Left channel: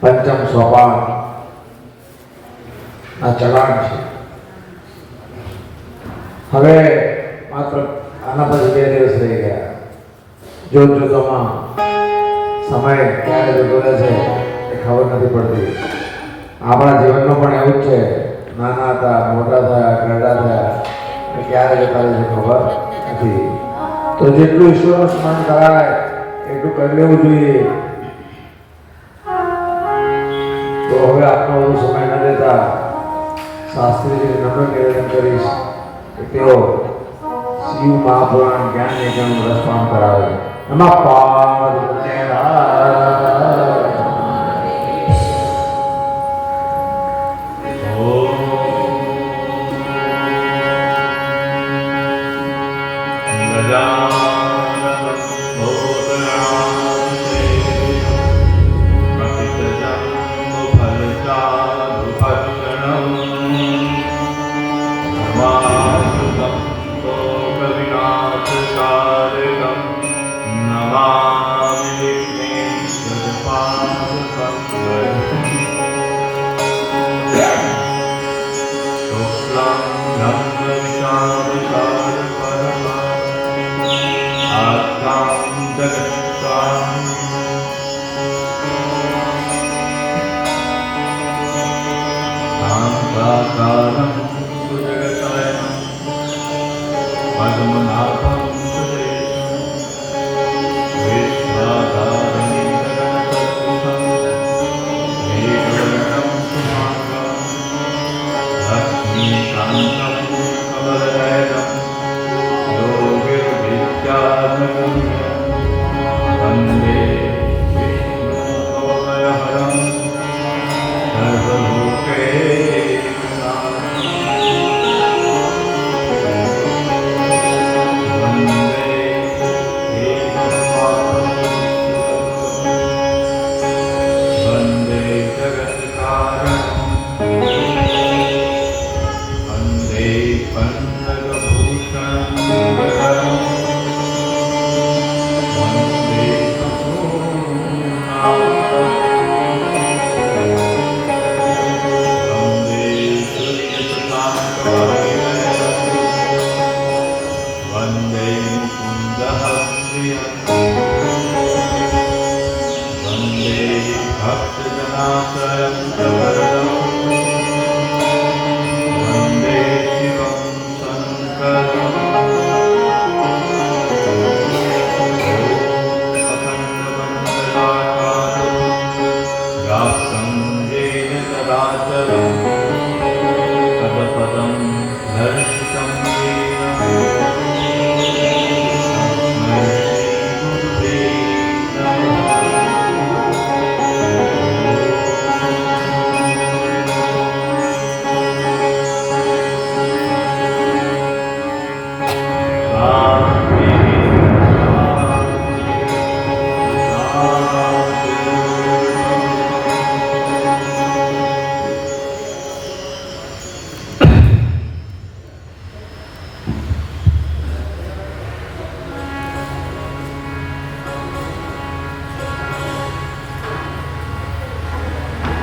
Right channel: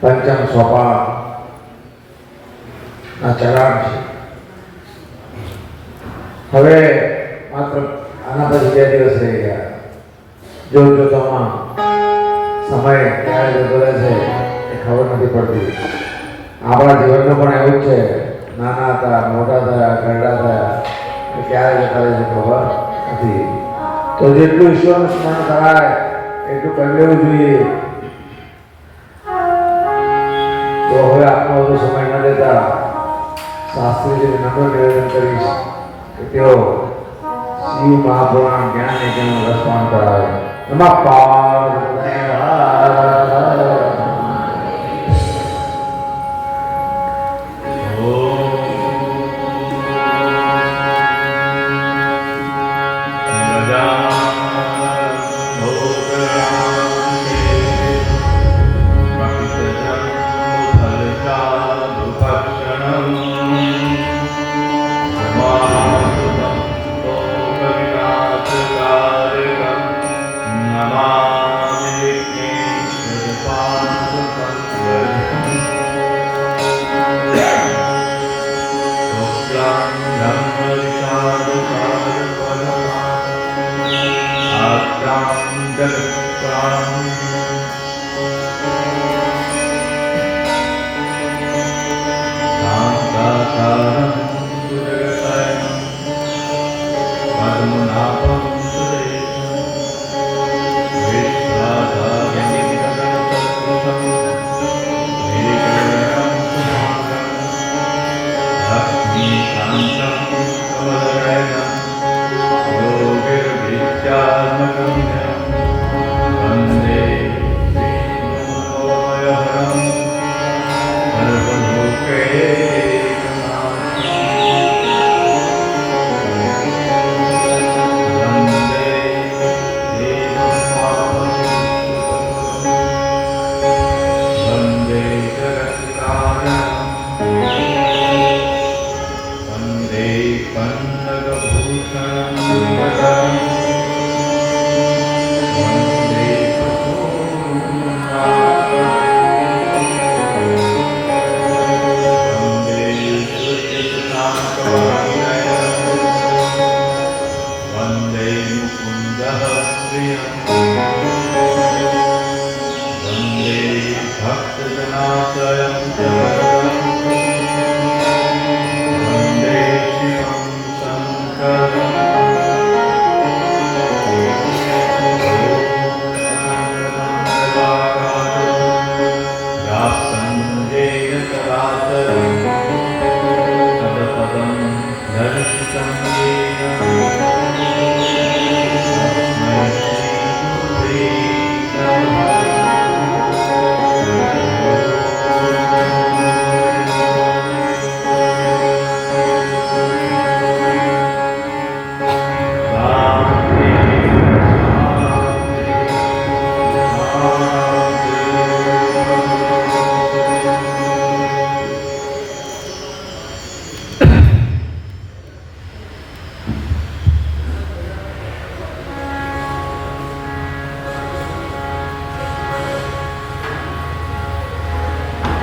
પંચમ સોપાન ના ચડાણ છે. હવે માત્ર આના પછી 2 દિવસ રહી ગયા. જોતજોતામાં સમય ક્યારે જતો રહે છે એ ખબર નથી પડતી. આપણા જીવનમાં પણ એવું જ છે. નાના હતા, મોટા થયા, ગરડા થયા, એ ક્યારે જતા રહે છે ખબર નથી. તો જેટલું ઈશ્વરનું સ્મરણ કરાય એટલું કરી લેવું જોઈએ. તો હવે આપનો વધુ સમય ન દેતા શાસ્ત્રીજીને નમ્ર નિવેદન કરીશ કે તેઓ શિવ મહાપુરાણ જ્ઞાન યજ્ઞનું રસપાન કરાવે. નમઃ પાર્વતી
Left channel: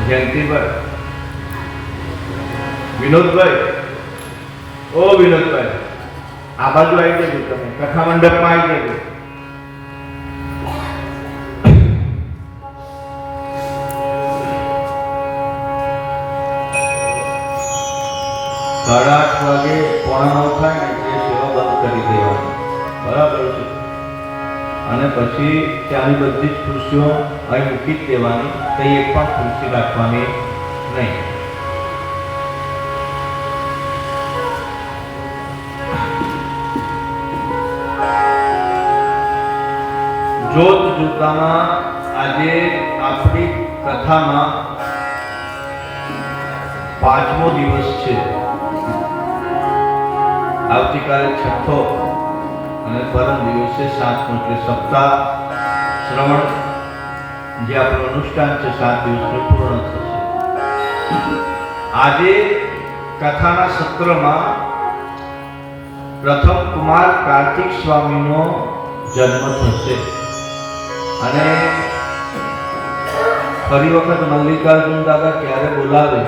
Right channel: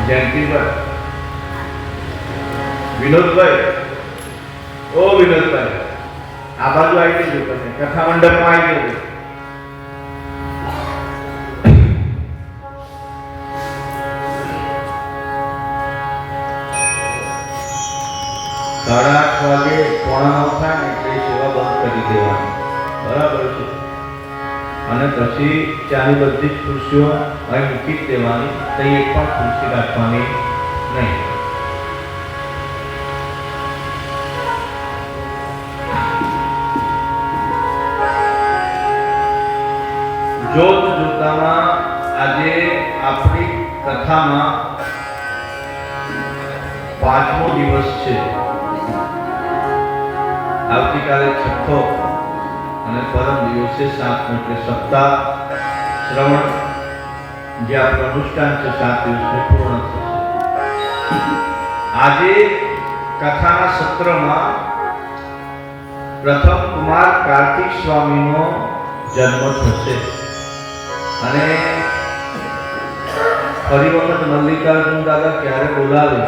જયંતિભાઈ, વિનોદભાઈ, ઓ વિનોદભાઈ, આ બાજુ આવી જજો. તમે કથા મંડપમાં આવી જજો. સાડા 8 વાગે 8:45 થાય ને એટલે સેવા બંધ કરી દેવાની. બરાબર છે? અને પછી ત્યાંની બધી જ ખુરશીઓ અહીં મૂકી જ દેવાની. તો એક પણ ખુરશી રાખવાની નહીં. જોત જોતામાં આજે આપણી કથામાં 5મો દિવસ છે. આવતીકાલે 6થો અને પરમ દિવસે 7મો એટલે સપ્તાહ શ્રવણ જે આપણું અનુષ્ઠાન છે 7 દિવસનું પૂર્ણ થશે. આજે કથાના સત્રમાં પ્રથમ કુમાર કાર્તિક સ્વામીનો જન્મ થશે અને ફરી વખત મલ્લિકાર્જુન દાદા ક્યારે બોલાવે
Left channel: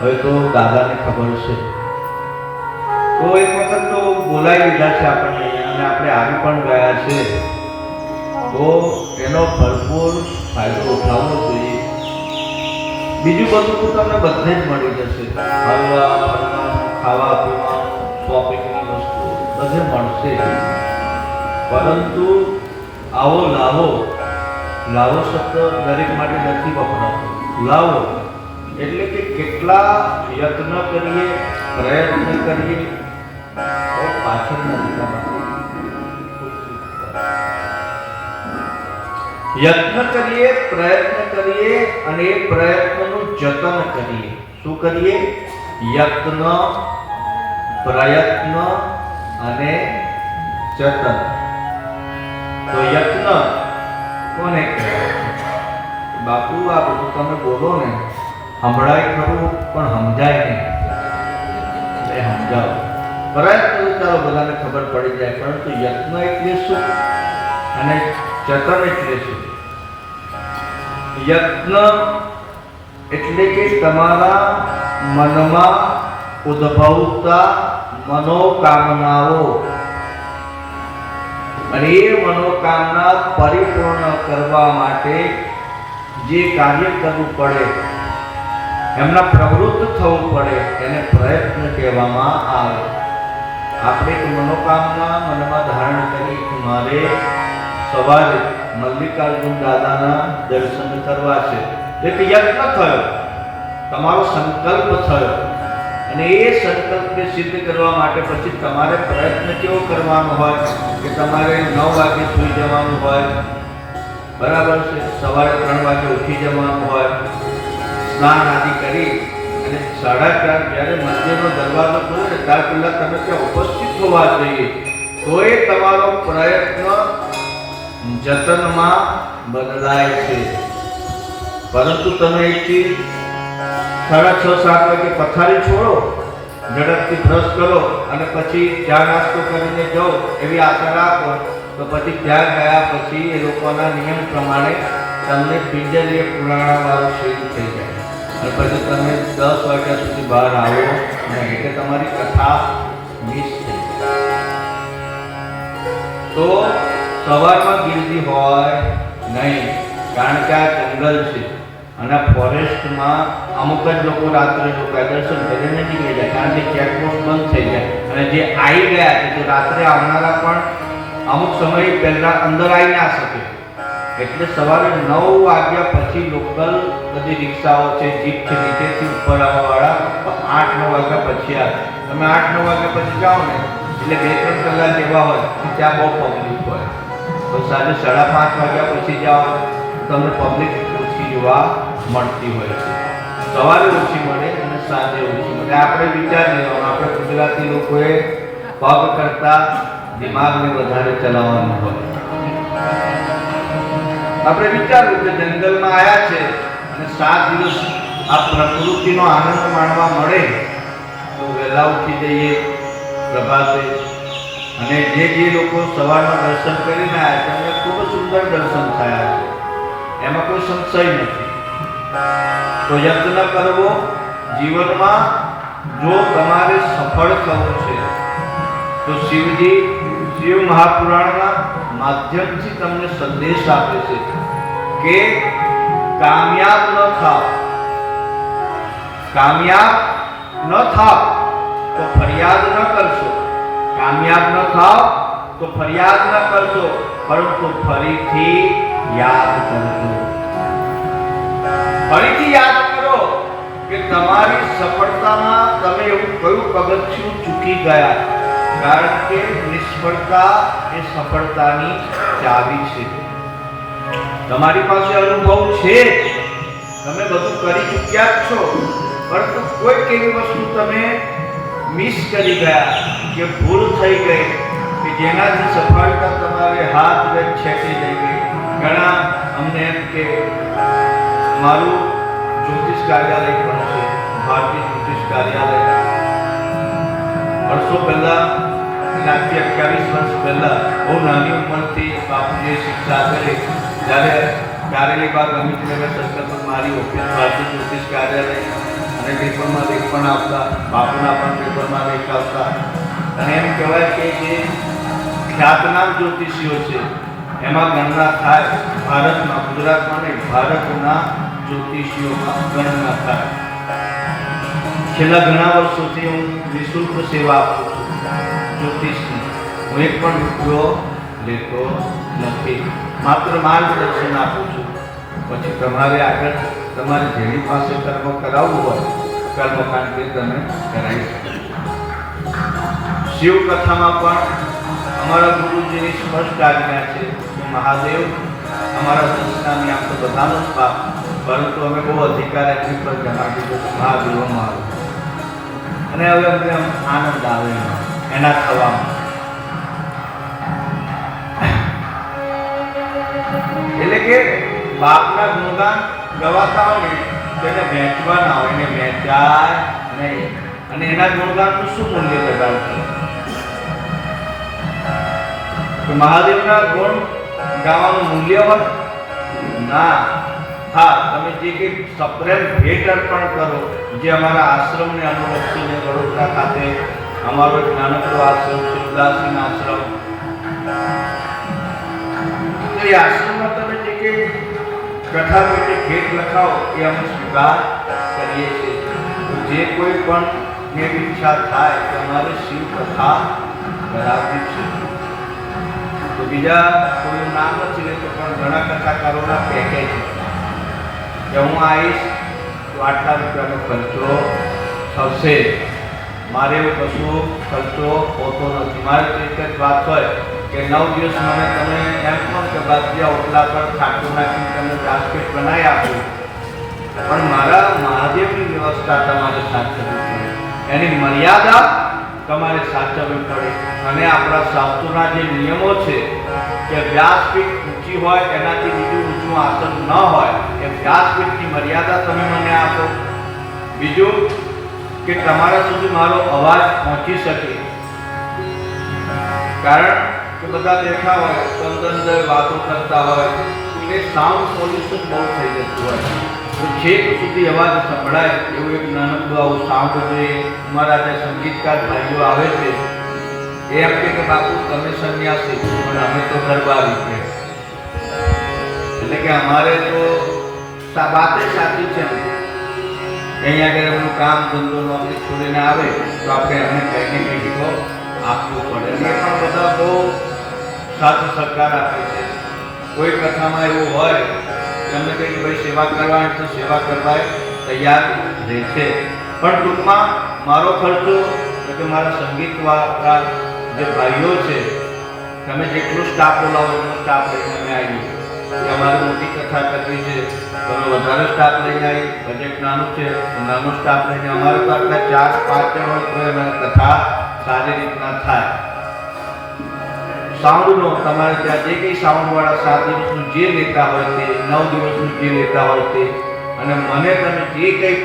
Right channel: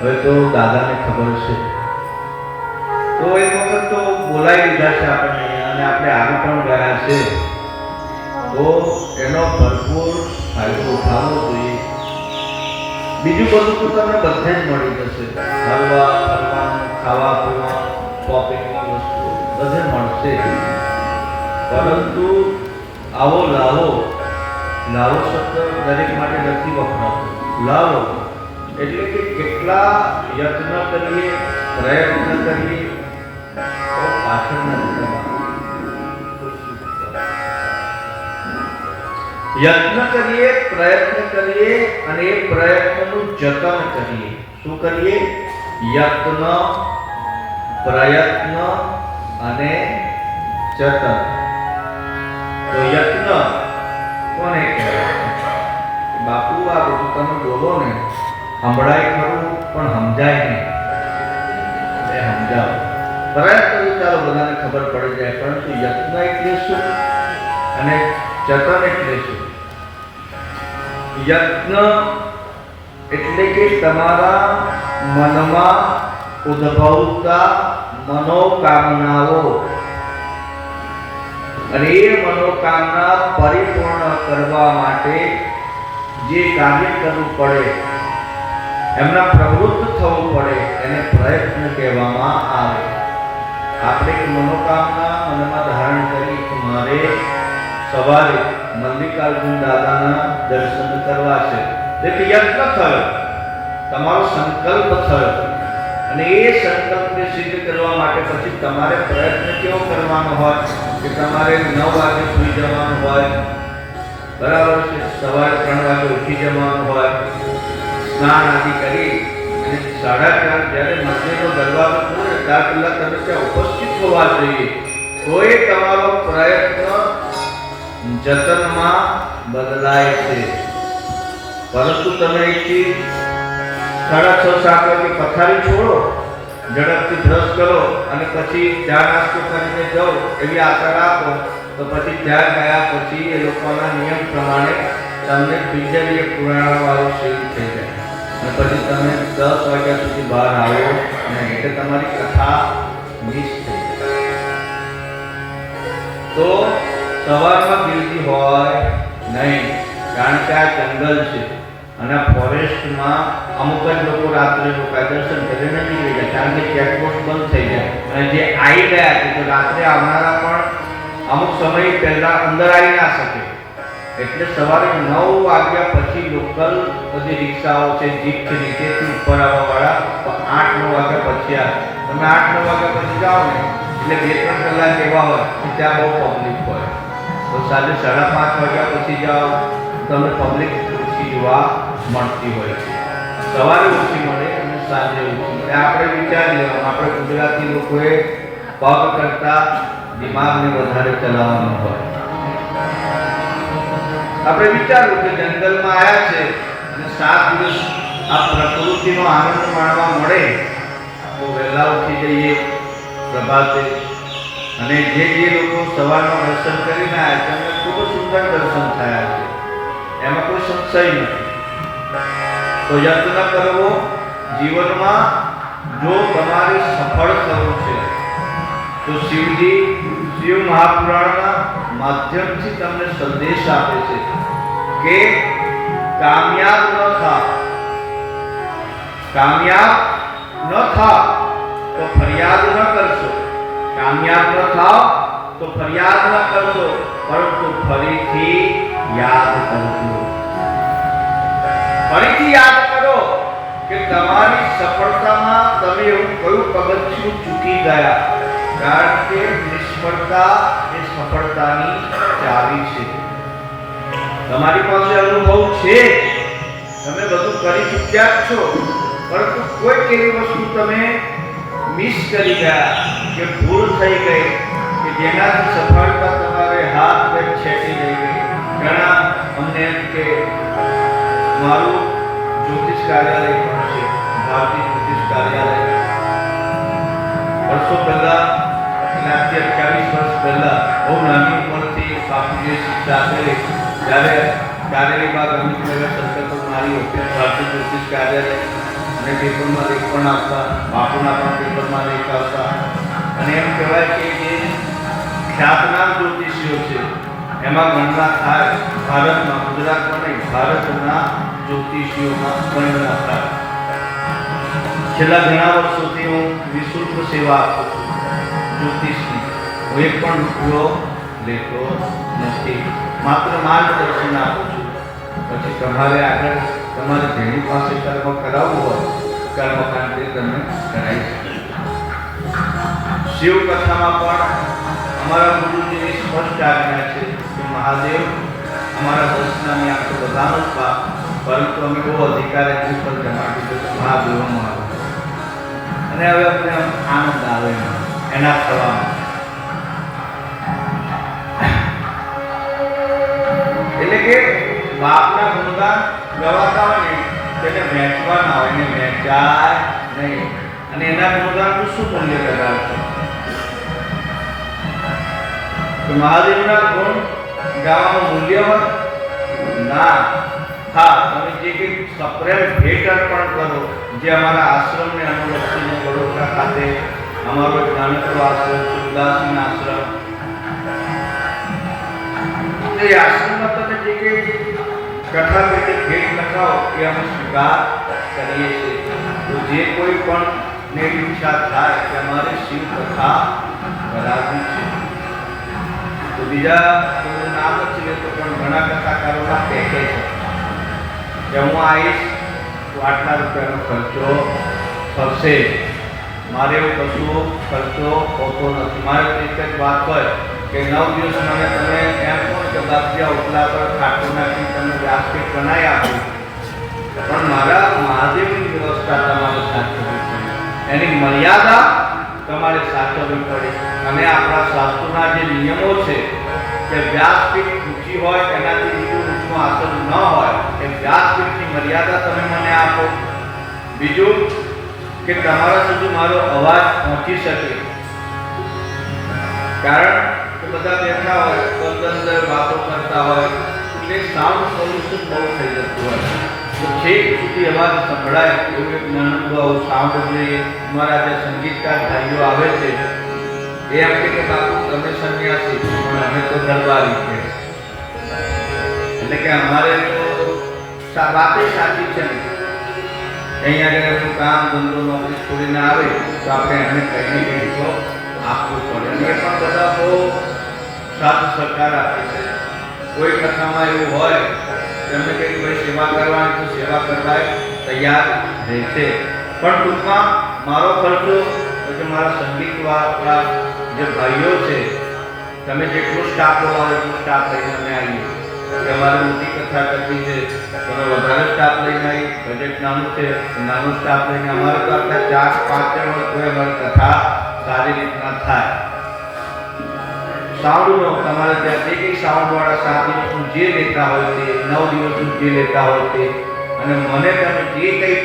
હવે તો દાદાને ખબર છે. તો એક વખત તો બોલાવી લીધા છે આપણને અને આપણે આવી પણ ગયા છે, તો એનો ભરપૂર ફાયદો ઉઠાવવો જોઈએ. બીજું બધું તો તમને બધે જ મળી જશે, હરવા ફરવાનું, ખાવા પીવાનું, શોપિંગની વસ્તુ બધે મળશે. પરંતુ આવો લાવો, લાવો શબ્દ દરેક માટે નથી વપરાતો. લાવો એટલે કે કેટલા યત્ન કરીએ, પ્રયત્ન કરીએ તો પાછળના દિશામાં યત્ન કરીએ, પ્રયત્ન કરીએ અને એ પ્રયત્નનું જતન કરીએ. શું કરીએ? યત્ન, પ્રયત્ન અને જતન. તો યત્ન કોને કહેવાય? બાપુ આ બધું તમે બોલો ને, સંભળાય ખરું પણ સમજાય નહીં, એ સમજાવો. પ્રયત્ન તો ચાલો બધાને ખબર પડી જાય, પરંતુ યત્ન એટલે શું અને જતન એટલે શું? યત્ન એટલે કે તમારા મનમાં ઉદ્ભવતા મનોકામનાઓ અને એ મનોકામના પરિપૂર્ણ કરવા માટે જે કાર્ય કરવું પડે, એમના પ્રવૃત્ત થવું પડે, એને પ્રયત્ન કહેવામાં આવે. આપણે એક મનોકામના મનમાં ધારણ કરી કે મારે સવારે મલ્લિકાર્જુન દાદાના દર્શન કરવા છે, એટલે યત્ન થયો, તમારો સંકલ્પ થયો અને એ સંકલ્પને સિદ્ધ કરવા માટે પછી તમારે પ્રયત્ન કેવો કરવાનો હોય કે તમારે 9 વાગે સૂઈ જવાનું હોય, બરાબર છે, સવારે 3 વાગે ઉઠી જવાનું હોય, સ્નાન આદિ કરી અને 4:30 જ્યારે મંદિરનો દરવાજો ખોલે ત્યાર પહેલા તમે ત્યાં ઉપસ્થિત હોવા જોઈએ. તો એ તમારો પ્રયત્ન જતનમાં બદલાય છે. પરંતુ તમે એકથી 6:30-7 વાગે પથારી છોડો, ઝડપથી બ્રશ કરો અને પછી ચા નાસ્તો કરીને જાઓ એવી આશા રાખો, તો પછી ત્યાં ગયા પછી એ લોકોના નિયમ પ્રમાણે તમને પિંજરીએ પુરાણવાળો શરીર થઈ જાય અને પછી તમે 10 વાગ્યા સુધી બહાર આવો અને એટલે તમારી કથા મિસ થઈ જાય. તો સવારમાં ગીર્દી હોય નહીં, કારણ કે આ જંગલ છે અને આ ફોરેસ્ટમાં અમુક જ લોકો રાત્રે રોકાય, દર્શન કરીને નીકળી જાય, કારણ કે ચેકપોસ્ટ બંધ થઈ જાય અને જે આવી ગયા છે તો રાત્રે આવનારા પણ અમુક સમય પહેલા અંદર આવી ના શકે. એટલે સવારે 9 વાગ્યા પછી લોકલ બધી રિક્ષાઓ છે, જીપ છે, નીચેથી ઉપર આવવાવાળા, તો 8-9 વાગ્યા પછી આવે. તમે 8-9 વાગ્યા પછી જાઓ ને એટલે 2-3 કલાક એવા હોય કે ત્યાં બહુ પબ્લિક હોય. તો સાંજે 5:30 વાગ્યા પછી જાઓ તમને પબ્લિક ઓછી જોવા મળતી હોય છે. સવારે ઓછી મળે અને સાંજે ઓછી મળે. આપણે વિચાર લેવાનું, આપણે ગુજરાતી લોકોએ પગ કરતા દિમાગને વધારે ચલાવવાનું હોય. આપણે વિચારવું કે જંગલમાં આવ્યા છે અને 7 દિવસ આ પ્રકૃતિનો આનંદ માણવા મળે તો વહેલા ઉઠી જઈએ પ્રભાતે. અને જે લોકો સવારમાં દર્શન કરીને આવ્યા તેમને ખૂબ સુંદર દર્શન થયા છે, એમાં કોઈ સંશય નથી. તો યત્ન કરવો જીવનમાં. જો તમારે સફળ થવું છે તો શિવજી શિવ મહાપુરાણના માધ્યમથી તમને સંદેશ આપે છે કે કામયાબ ન થાવ, કામયાબ ન થાવ તો ફરિયાદ ન કરશો, કામયાબ ન થાવ તો ફરિયાદ ન કરશો, પરંતુ ફરીથી યાદ કરજો. ફરીથી યાદ કરો કે તમારી સફળતામાં તમે એવું કયું પગથિયું ચૂકી ગયા, કારણ કે નિષ્ફળતા એ સફળતાની ચાવી છે. તમારી પાસે અનુભવ છે, તમે બધું કરી ચૂક્યા જ છો, પરંતુ કોઈક એવી વસ્તુ તમે મિસ કરી ગયા કે ભૂલ થઈ ગઈ કે જેનાથી સફળતા તમારે હાથ વેગ છેટી જઈ ગઈ. ઘણા અમને એમ કે મારું જ્યોતિષ કાર્યાલય પણ છે, ભારતીય જ્યોતિષ કાર્યાલય. વર્ષો પહેલા, આજથી 28 વર્ષ પહેલા બહુ નાની ઉંમરથી બાપુજીએ શિક્ષા આપેલી. જ્યારે કારેલી બાગ અમિત નગર અમારી ઓફિસ ભારતીય જ્યોતિષ કાર્યાલય અને પેપરમાં લેખ પણ આવતા, બાપુના પણ પેપરમાં લેખ આવતા. અને એમ કહેવાય કે જે ખ્યાતનામ જ્યોતિષીઓ છે એમાં ગણના થાય ભારતમાં, ગુજરાતમાં નહીં, ભારતના જ્યોતિષીઓમાં ગણના થાય. છેલ્લા ઘણા વર્ષોથી હું નિઃશુલ્ક સેવા આપું છું જ્યોતિષની. હું એક પણ રૂપિયો લેતો નથી, માત્ર માર્ગદર્શન આપું છું. પછી તમારે આગળ તમારે જેની પાસે કર્મ કરાવવું હોય કર્મકાંડ તમે કરાવી શકો. શિવકથામાં પણ અમારા ગુરુજીની સ્પષ્ટ આજ્ઞા છે કે મહાદેવ અમારા દર્શનામી આપ તો બધાનો જ બાપ, પરંતુ અમે બહુ અધિકાર એમની પર જમાવી દીધો મહાદેવો મારો. અને હવે અમને આનંદ આવે એના થવામાં. એટલે કે બાપના ગુણગાન ગવાતા હોય ને તેને વહેંચવાના હોય, એને વહેંચાય નહીં. અને એના ગુણગાનનું શું મૂલ્ય લગાવશે? કે મહાદેવના ગુણ ગાવાનું મૂલ્ય હોય ના. હા, તમે જે કંઈક સપ્રેમ ભેટ અર્પણ કરો, જે અમારા આશ્રમને અનુલક્ષીને વડોદરા ખાતે અમારો એક નાનકડો આશ્રમ છે, ઉદાસીન આશ્રમ. એ આશ્રમમાં તમે જે કંઈ કથા પેટે ભેટ લખાવો એ અમે સ્વીકાર કરીએ છીએ. તો જે કોઈ પણ ને ઈચ્છા થાય કે અમારી શિવ કથા કરાવવી છે તો બીજા કોઈનું નામ નથી લેતો, પણ ઘણા કથાકારોના પેકેજ કે હું આવીશ તો આટલા રૂપિયાનો ખર્ચો થશે. મારે એવું કશું ખર્ચો હોતો નથી. મારે તો એક જ વાત હોય કે 9 દિવસ મને તમે એમ કહો કે બાજ્યા ઓટલા પર ખાટું નાખીને તમે વ્યાસપીઠ બનાવી આપો, પણ મારા મહાદેવની વ્યવસ્થા તમારે સાચવવી પડે, એની મર્યાદા તમારે સાચવવી પડે. અને આપણા શાસ્ત્રોના જે નિયમો છે કે વ્યાસપીઠ ઊંચી હોય એનાથી બીજું ઊંચું આસન ન હોય, એ વ્યાસપીઠની મર્યાદા તમે મને આપો. બીજું કે તમારા સુધી મારો અવાજ પહોંચી શકે, કારણ કે બધા બેઠા હોય અંદર વાતો કરતા હોય એટલે સાઉન્ડ પોલ્યુશન બહુ થઈ જતું હોય. તો છેક સુધી અવાજ સંભળાય એવું એક નાનકડું આવું સાઉન્ડ જોઈએ. અમારા જે સંગીતકાર ભાઈઓ આવે છે એ એમ કે બાપુ તમે સંન્યાસી પણ અમે તો દરબારી છે. એટલે કે અમારે તો વાતે સાચી છે. અહીંયા આગળ એમનું કામ ધંધો નોકરી છોડીને આવે તો આપણે એમને કંઈ ને કંઈ તો આપવું પડે. અને એ પણ બધા બહુ સાથ સહકાર આપે છે. કોઈ કથામાં એવું હોય એમને કંઈ કે ભાઈ સેવા કરવાની તો સેવા કરવા તૈયાર રહે છે. પણ ટૂંકમાં મારો ખર્ચો કે મારા સંગીતવાળા જે ભાઈઓ છે તમે જેટલો સ્ટાફ બોલાવો એટલો સ્ટાફ લઈને અમે આવીએ. અમારે મોટી કથા કરવી છે તમે વધારે સ્ટાફ લઈને આવી, બજેટ નાનું છે તો નાનો સ્ટાફ લઈને અમારે તો આટલા 4-5 જણ હોય તો અમારી કથા સારી રીતના થાય. સાઉન્ડનો તમારે ત્યાં જે કંઈ સાઉન્ડવાળા 7 દિવસનું જે લેતા હોય તે, 9 દિવસનું જે લેતા હોય તે, અને મને તમે જે કંઈ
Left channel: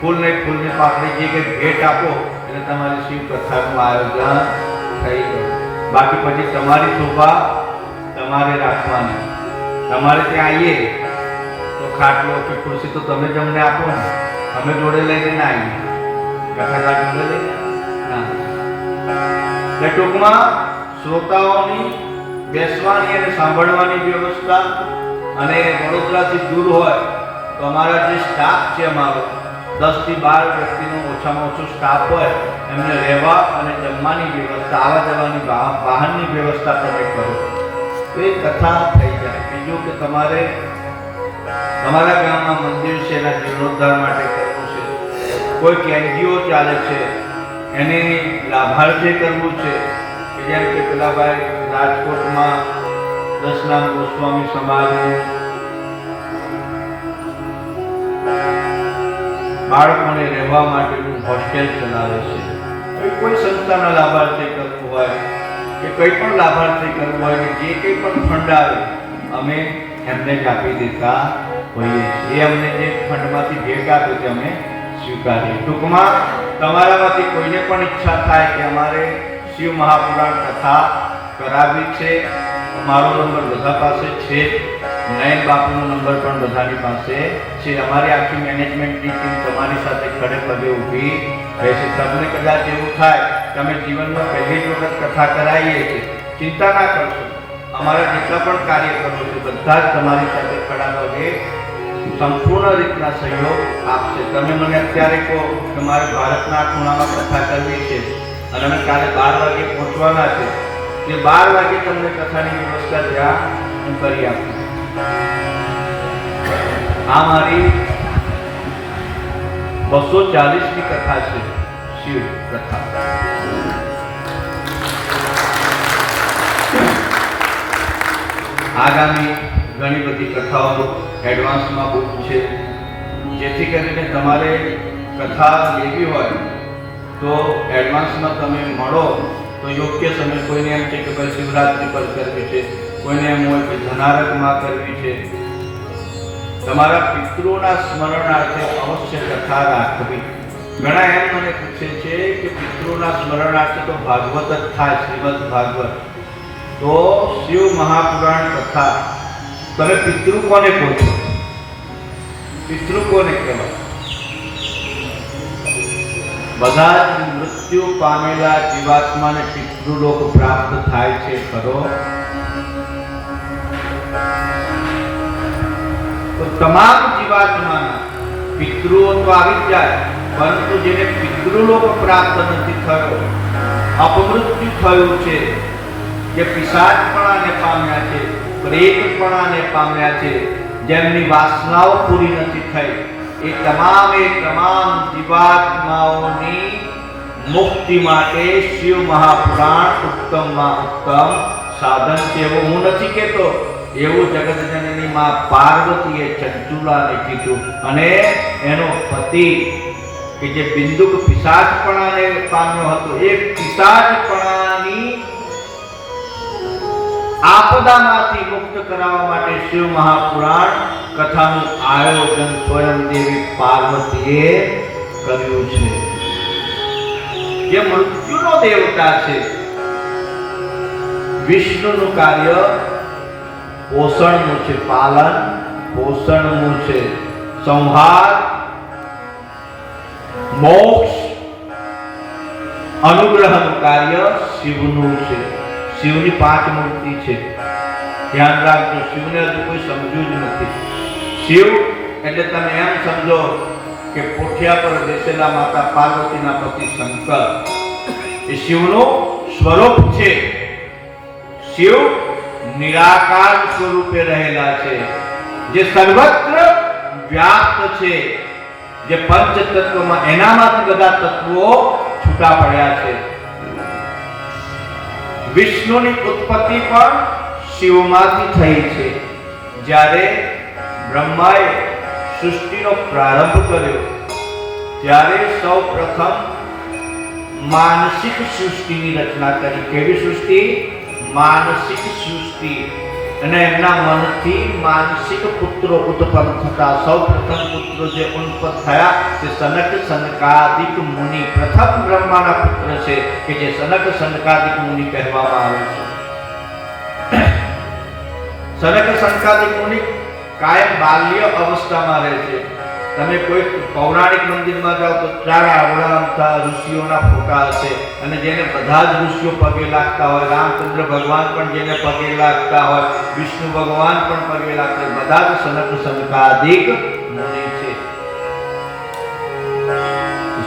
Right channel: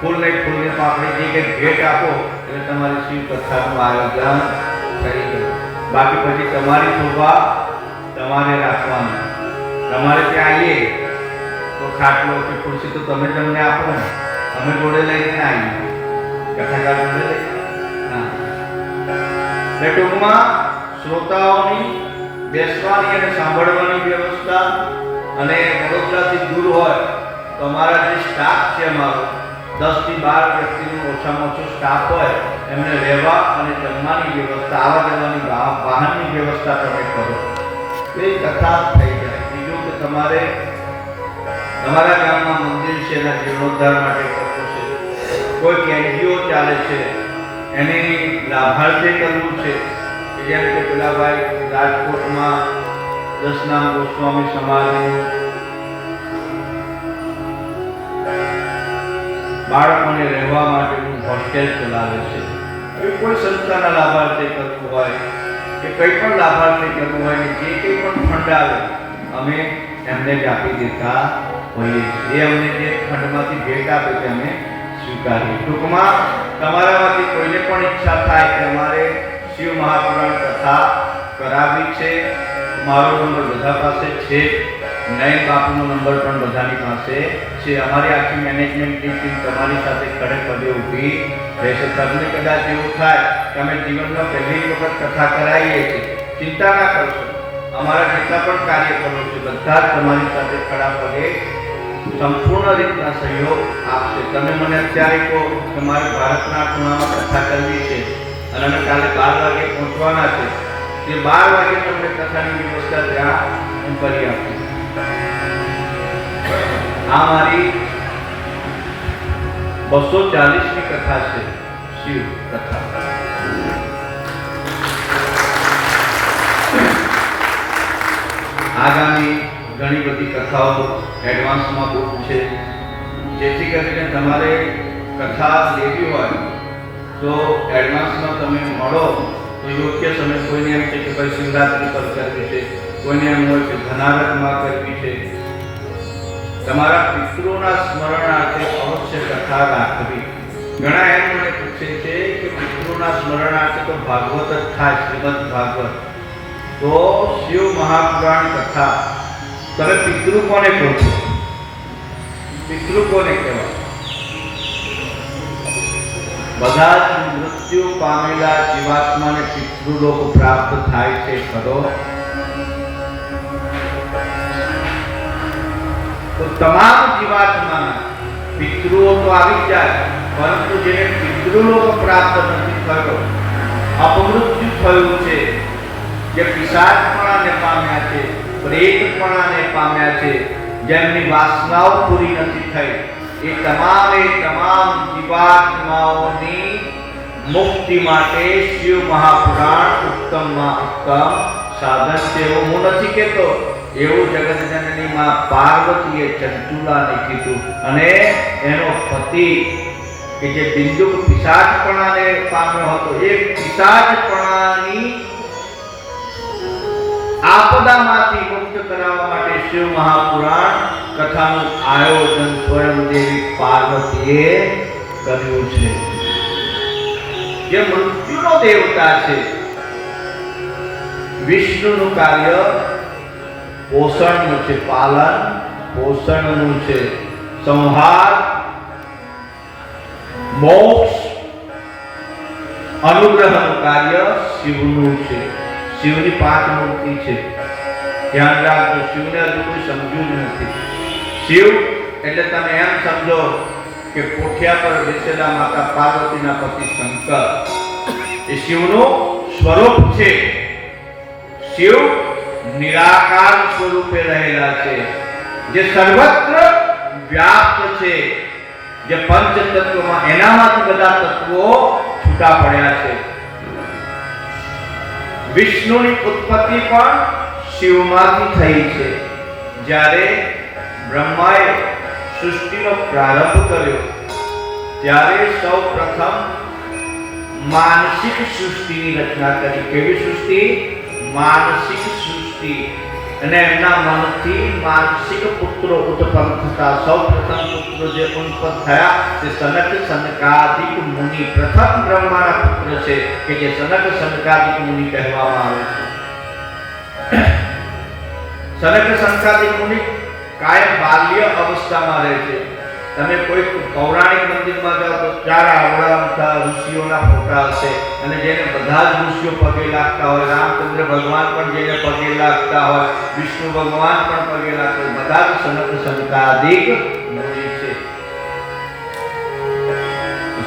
ફૂલની પાકડી જે કંઈ ભેટ આપો એટલે તમારી શિવ કથાનું આયોજન થઈ ગયું. બાકી પછી તમારી શોભા તમારે રાખવાની. તમારે ત્યાં આવીએ તો ખાટલો કે ખુરશી તો તમે જ અમને આપો ને, અમે જોડે લઈને ના આવીએ, કથાકાર જોડે લઈને ના. ટૂંકમાં શ્રોતાઓની બેસવાની અને સાંભળવાની વ્યવસ્થા, અને વડોદરાથી દૂર હોય તો અમારા જે સ્ટાફ છે અમારો 10 થી 12 વ્યક્તિનો ઓછામાં ઓછો સ્ટાફ હોય એમને રહેવા અને જમવાની વ્યવસ્થા, આવવા જવાની વાહનની વ્યવસ્થા તમે કરો તો એ કથા થઈ જાય. બીજું કે તમારે તમારા ગામમાં મંદિર છે એના જીર્ણોદ્ધાર માટે કરવું છે, કોઈક NGO ચાલે છે એને લાભાર્થે કરવું છે, જેમ કે પેલા ભાઈ રાજકોટમાં દશનામ ગોસ્વામી સમાજનું બાળકોને રહેવા માટેનું હોસ્ટેલ ચલાવે છે. કોઈ સંસ્થાના લાભાર્થે કરવું હોય કે કંઈ પણ લાભાર્થે કરવું હોય કે જે કંઈ પણ ફંડ આવે અમે એમને જ આપી દેતા હોઈએ છીએ. એ અમને જે ફંડમાંથી ભેટ આપે તે અમે સ્વીકારીએ. ટૂંકમાં તમારામાંથી કોઈને પણ ઈચ્છા થાય કે અમારે શિવ મહાપુરાણ કથા કરાવવી છે, મારો નંબર બધા પાસે છે, નયન બાપુનો નંબર પણ બધાની પાસે છે. અમારી આખી મેનેજમેન્ટની ટીમ તમારી સાથે ખડે પગે ઊભી રહેશે. તમને કદાચ એવું થાય કે અમે જીવનમાં પહેલી જ વખત કથા કરાવીએ છીએ, ચિંતા ના કરશો. અમારા જેટલા પણ કાર્યક્રમો છે બધા જ તમારી સાથે ખડા પગે સંપૂર્ણ રીતના સહયોગ આપશે. તમે મને અત્યારે કહો કે મારે ભારતના ખૂણામાં કથા કરવી છે અને અમે કાલે 12 વાગે પહોંચવાના છે, તે 12 વાગે તમને કથાની વ્યવસ્થા ત્યાં હું કરી આપીશ. આ મારી 240ની કથા છે, શિવ કથા. આગામી ઘણી બધી કથાઓ એડવાન્સમાં બુક છે, જેથી કરીને તમારે કથા લેવી હોય તો એડવાન્સમાં તમે મળો તો યોગ્ય સમય. કોઈને એમ છે કે ભાઈ શિવરાત્રી પર કરવી છે, કોઈને એમ હોય કે ધનારકમાં કરવી છે. તમારા પિતૃઓના સ્મરણાર્થે અવશ્ય કથા રાખવી. ઘણા એમ મને પૂછે છે કે પિતૃઓના સ્મરણાર્થે તો ભાગવત જ થાય, શ્રીમદ ભાગવત. તો શિવ મહાપુરાણ કથા તમે પિતૃ કોને કહો છો? પિતૃ કોને કહેવાય? બધા જ મૃત્યુ પામેલા જીવાત્માને પિતૃલોક પ્રાપ્ત થાય છે ખરો? તો તમામ જીવાત્માના પિતૃઓ તો આવી જાય, પરંતુ જેને પિતૃલોક પ્રાપ્ત નથી થયો, અપમૃત્યુ થયું છે, જે પિશાચપણાને પામ્યા છે, પ્રેતપણાને પામ્યા છે, જેમની વાસનાઓ પૂરી નથી થઈ, એ તમામ જીવાત્માઓની મુક્તિ માટે શિવ મહાપુરાણ ઉત્તમમાં ઉત્તમ સાધન છે. એવું હું નથી કહેતો, એવું જગતજનની માં પાર્વતીએ ચંચુલાને કીધું. અને એનો પતિ કે જે બિંદુક પિશાચપણાને પામ્યો હતો, એ પિશાચપણાની આપદામાંથી મુક્ત કરાવવા માટે શિવ મહાપુરાણ કથાનું આયોજન સ્વયં દેવી પાર્વતીએ કર્યું છે. જે મૃત્યુનો દેવતા છે, વિષ્ણુનું કાર્ય પોષણનું છે, પાલન પોષણનું છે, સંહાર, મોક્ષ, અનુગ્રહનું કાર્ય શિવનું છે. શિવની 5 મૂર્તિ છે, ધ્યાન રાખજો. શિવને હજુ કોઈ સમજ્યું જ નથી. શિવ એટલે તમે એમ સમજો કે પોઠિયા પર બેસેલા માતા પાર્વતીના પતિ શંકર એ શિવનું સ્વરૂપ છે. શિવ નિરાકાર સ્વરૂપે રહેલા છે, જે સર્વત્ર વ્યાપ્ત છે, જે પંચતત્વમાં એનામાંથી બધા તત્વો છૂટા પડ્યા છે. વિષ્ણુની ઉત્પત્તિ પણ શિવમાંથી થઈ છે. જ્યારે બ્રહ્માએ સૃષ્ટિનો પ્રારંભ કર્યો ત્યારે સૌ પ્રથમ માનસિક સૃષ્ટિની રચના કરી. કેવી સૃષ્ટિ? માનસિક સૃષ્ટિ. અને એમના મનથી માનસિક પુત્રો ઉત્પન્ન થતા. સૌ પ્રથમ પુત્રો જે ઉત્પન્ન થયા તે સનક સનકાદિક મુનિ. પ્રથમ બ્રહ્માના પુત્ર છે કે જે સનક સનકાદિક મુનિ કહેવામાં આવે છે. સનક સનકાદિક મુનિ કાયમ બાલ્ય અવસ્થામાં રહે છે. તમે કોઈ પૌરાણિક મંદિરમાં જાઓ તો 4 આવડા ઋષિઓના ફોટા હશે, અને જેને બધા જ ઋષિઓ પગે લાગતા હોય. રામચંદ્ર ભગવાન પણ જેને પગે લાગતા હોય, વિષ્ણુ ભગવાન પણ પગે લાગતા હોય, બધા જ સનક સનકાદિક મુનિ છે.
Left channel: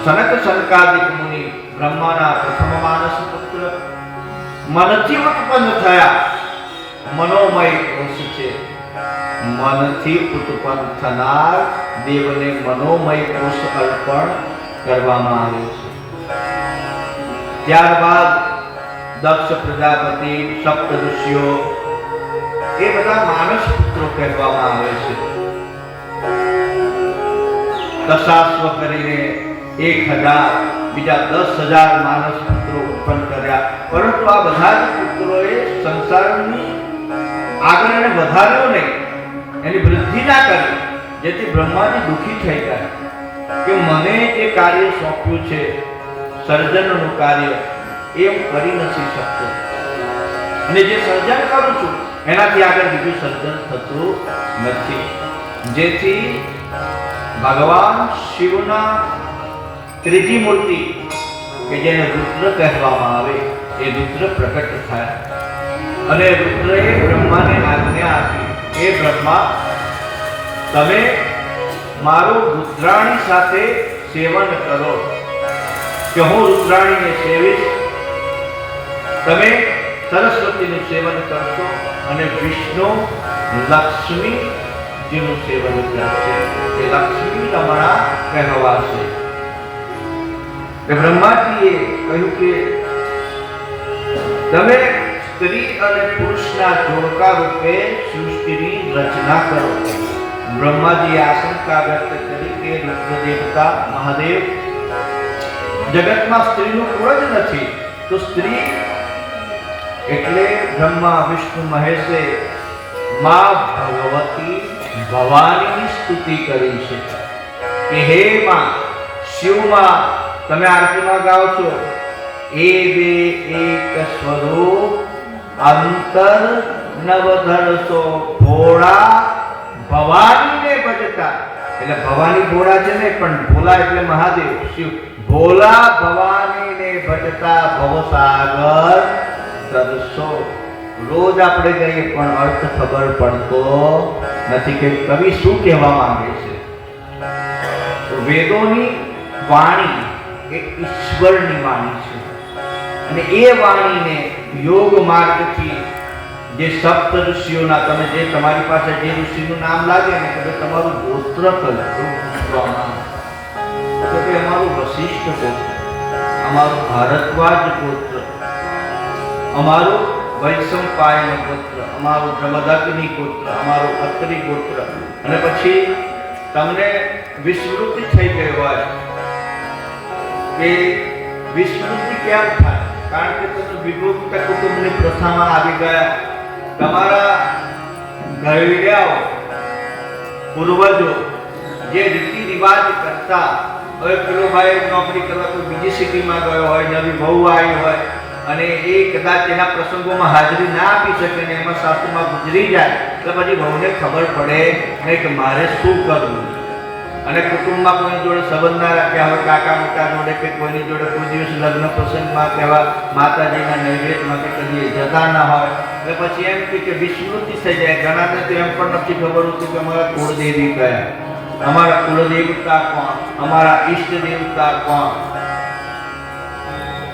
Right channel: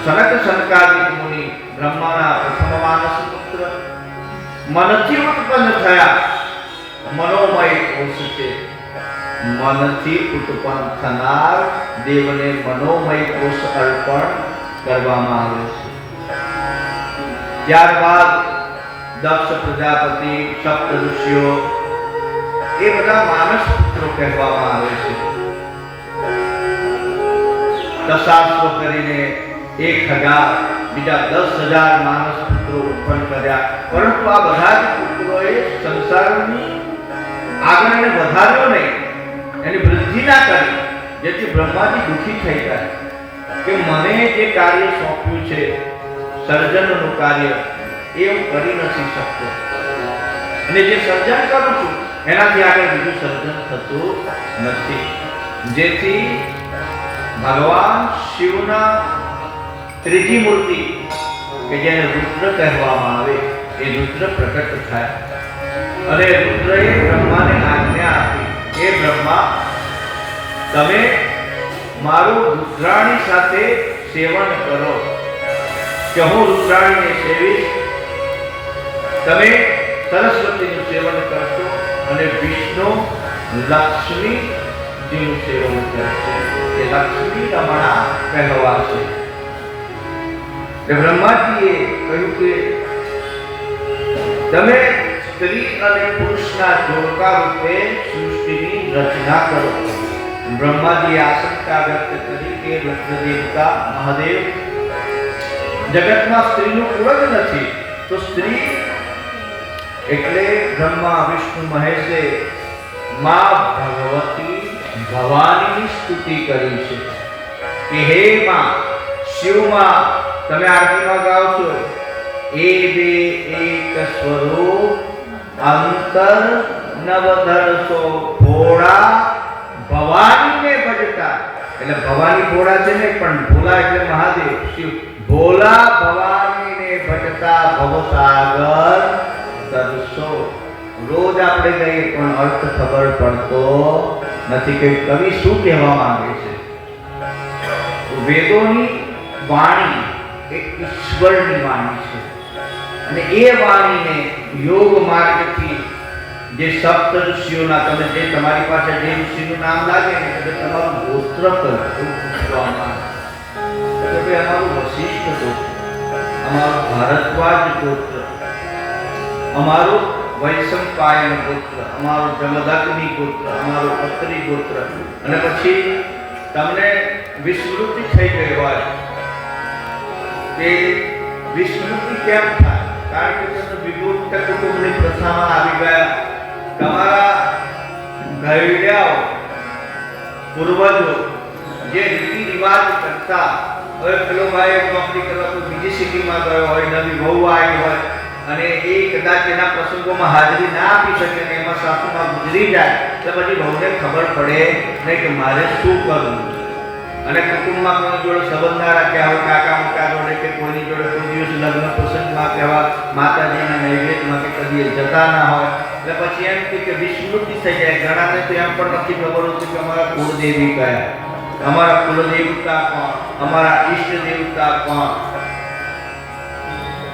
સનક સનકાદિક મુનિ બ્રહ્માના પ્રથમ માનસ પુત્ર, મનથી ઉત્પન્ન થયા. મનોમય કોષ છે. મનથી ઉત્પન્ન થનાર દેવને મનોમય કોષ અર્પણ કરવામાં આવે છે. ત્યારબાદ દક્ષ પ્રજાપતિ, સપ્ત ઋષિઓ, એ બધા માનસ પુત્રો કહેવામાં આવે છે. દશાશ્વ કરીને 1000 બીજા 10,000 માનસ પુત્રો ઉત્પન્ન કર્યા. પરંતુ આ બધા જ પુત્રોએ સંસારની આગળ એને વધાર્યો નહીં, એની વૃદ્ધિ ના કરી, જેથી બ્રહ્માજી દુઃખી થઈ ગયા કે મને જે કાર્ય સોંપ્યું છે, સર્જનનું કાર્ય, એ હું કરી નથી શકતો, અને જે સર્જન કરું છું એનાથી આગળ બીજું સર્જન થતું નથી, જેથી ભગવાન શિવના ત્રીજી મૂર્તિ કે જેને રુદ્ર કહેવામાં આવે એ રુદ્ર પ્રગટ થાય અને રુદ્રએ બ્રહ્માને આજ્ઞા આપી, હે બ્રહ્મા, તમે મારું રુદ્રાણી સાથે સેવન કરો કે હું રુદ્રાણીને સેવીશ, તમે સરસ્વતીનું સેવન કરશો અને વિષ્ણુ લક્ષ્મીજીનું સેવન કરશે, એ લક્ષ્મી રમણા કહેવાશે. બ્રહ્માજીએ કહ્યું કે તમે સ્ત્રી અને પુરુષના જોડકા રૂપે સૃષ્ટિની રચના કરો. બ્રહ્માજીએ આશંકા વ્યક્ત કરી કે રુદ્ર દેવતા મહાદેવ, જગતમાં સ્ત્રીનું કોઈ જ નથી, તો સ્ત્રી એટલે બ્રહ્મા વિષ્ણુ મહેશે માં ભગવતી ભવાનીની સ્તુતિ કરી છે કે હે માં શિવમાં, તમે આરતીમાં ગાઓ છો, એ બે એક સ્વરૂપ અંતર નવધરસો ભોળા ભવાનીને ભજતા. એટલે ભવાની ભોળા છે ને, પણ ભોલા એટલે મહાદેવ શિવ. ભોલા ભવાનીને ભજતા ભવસાગર તરસો. રોજ આપણે કહીએ પણ અર્થ ખબર પડતો નથી કે કવિ શું કહેવા માંગે છે. વેદોની વાણી એ ઈશ્વરની વાણી છે અને એ વાણીને યોગ માર્ગથી જે સપ્ત ઋષિઓના, તમે જે તમારી પાસે જે ઋષિનું નામ લાગે ને તમે તમારું ગોત્ર પૂછવામાં આવે, અમારું વશિષ્ઠ ગોત્ર, અમારું ભારદ્વાજ ગોત્ર, અમારું વૈશંપાયન ગોત્ર, અમારું જમદગ્નિ ગોત્ર, અમારું અત્રિ ગોત્ર, અને પછી તમને વિસ્મૃતિ થઈ ગઈ હોય કે વિસ્મૃતિ કેમ થાય? કારણ કે તમે વિભક્ત કુટુંબની પ્રથામાં આવી ગયા. તમારા ઘરડિયાઓ પૂર્વજો જે રીતિ રિવાજ કરતા, હવે પેલો ભાઈ નોકરી કરવા તો બીજી સિટીમાં ગયો હોય, નવી વહુ આવી હોય અને એ કદાચ એના પ્રસંગોમાં હાજરી ના આપી શકે ને એમાં સાસુમાં ગુજરી જાય, તો પછી વહુને ખબર પડે ને કે મારે શું કરવું. અને કુટુંબમાં કોઈ જોડે સંબંધ ના રાખ્યા હોય, કાકા મોટા જોડે કે કોઈની જોડે કોઈ દિવસ લગ્ન પ્રસંગમાં કહેવા માતાજીના નૈવેદ્યમાં કે કદી જતા ના હોય, એટલે પછી એમ કે વિસ્મૃતિ થઈ જાય. ઘણાને તો એમ પણ નથી ખબર હોતી કે અમારા કુળદેવી કયા, અમારા કુલદેવતા કોણ, અમારા ઈષ્ટ દેવતા કોણ.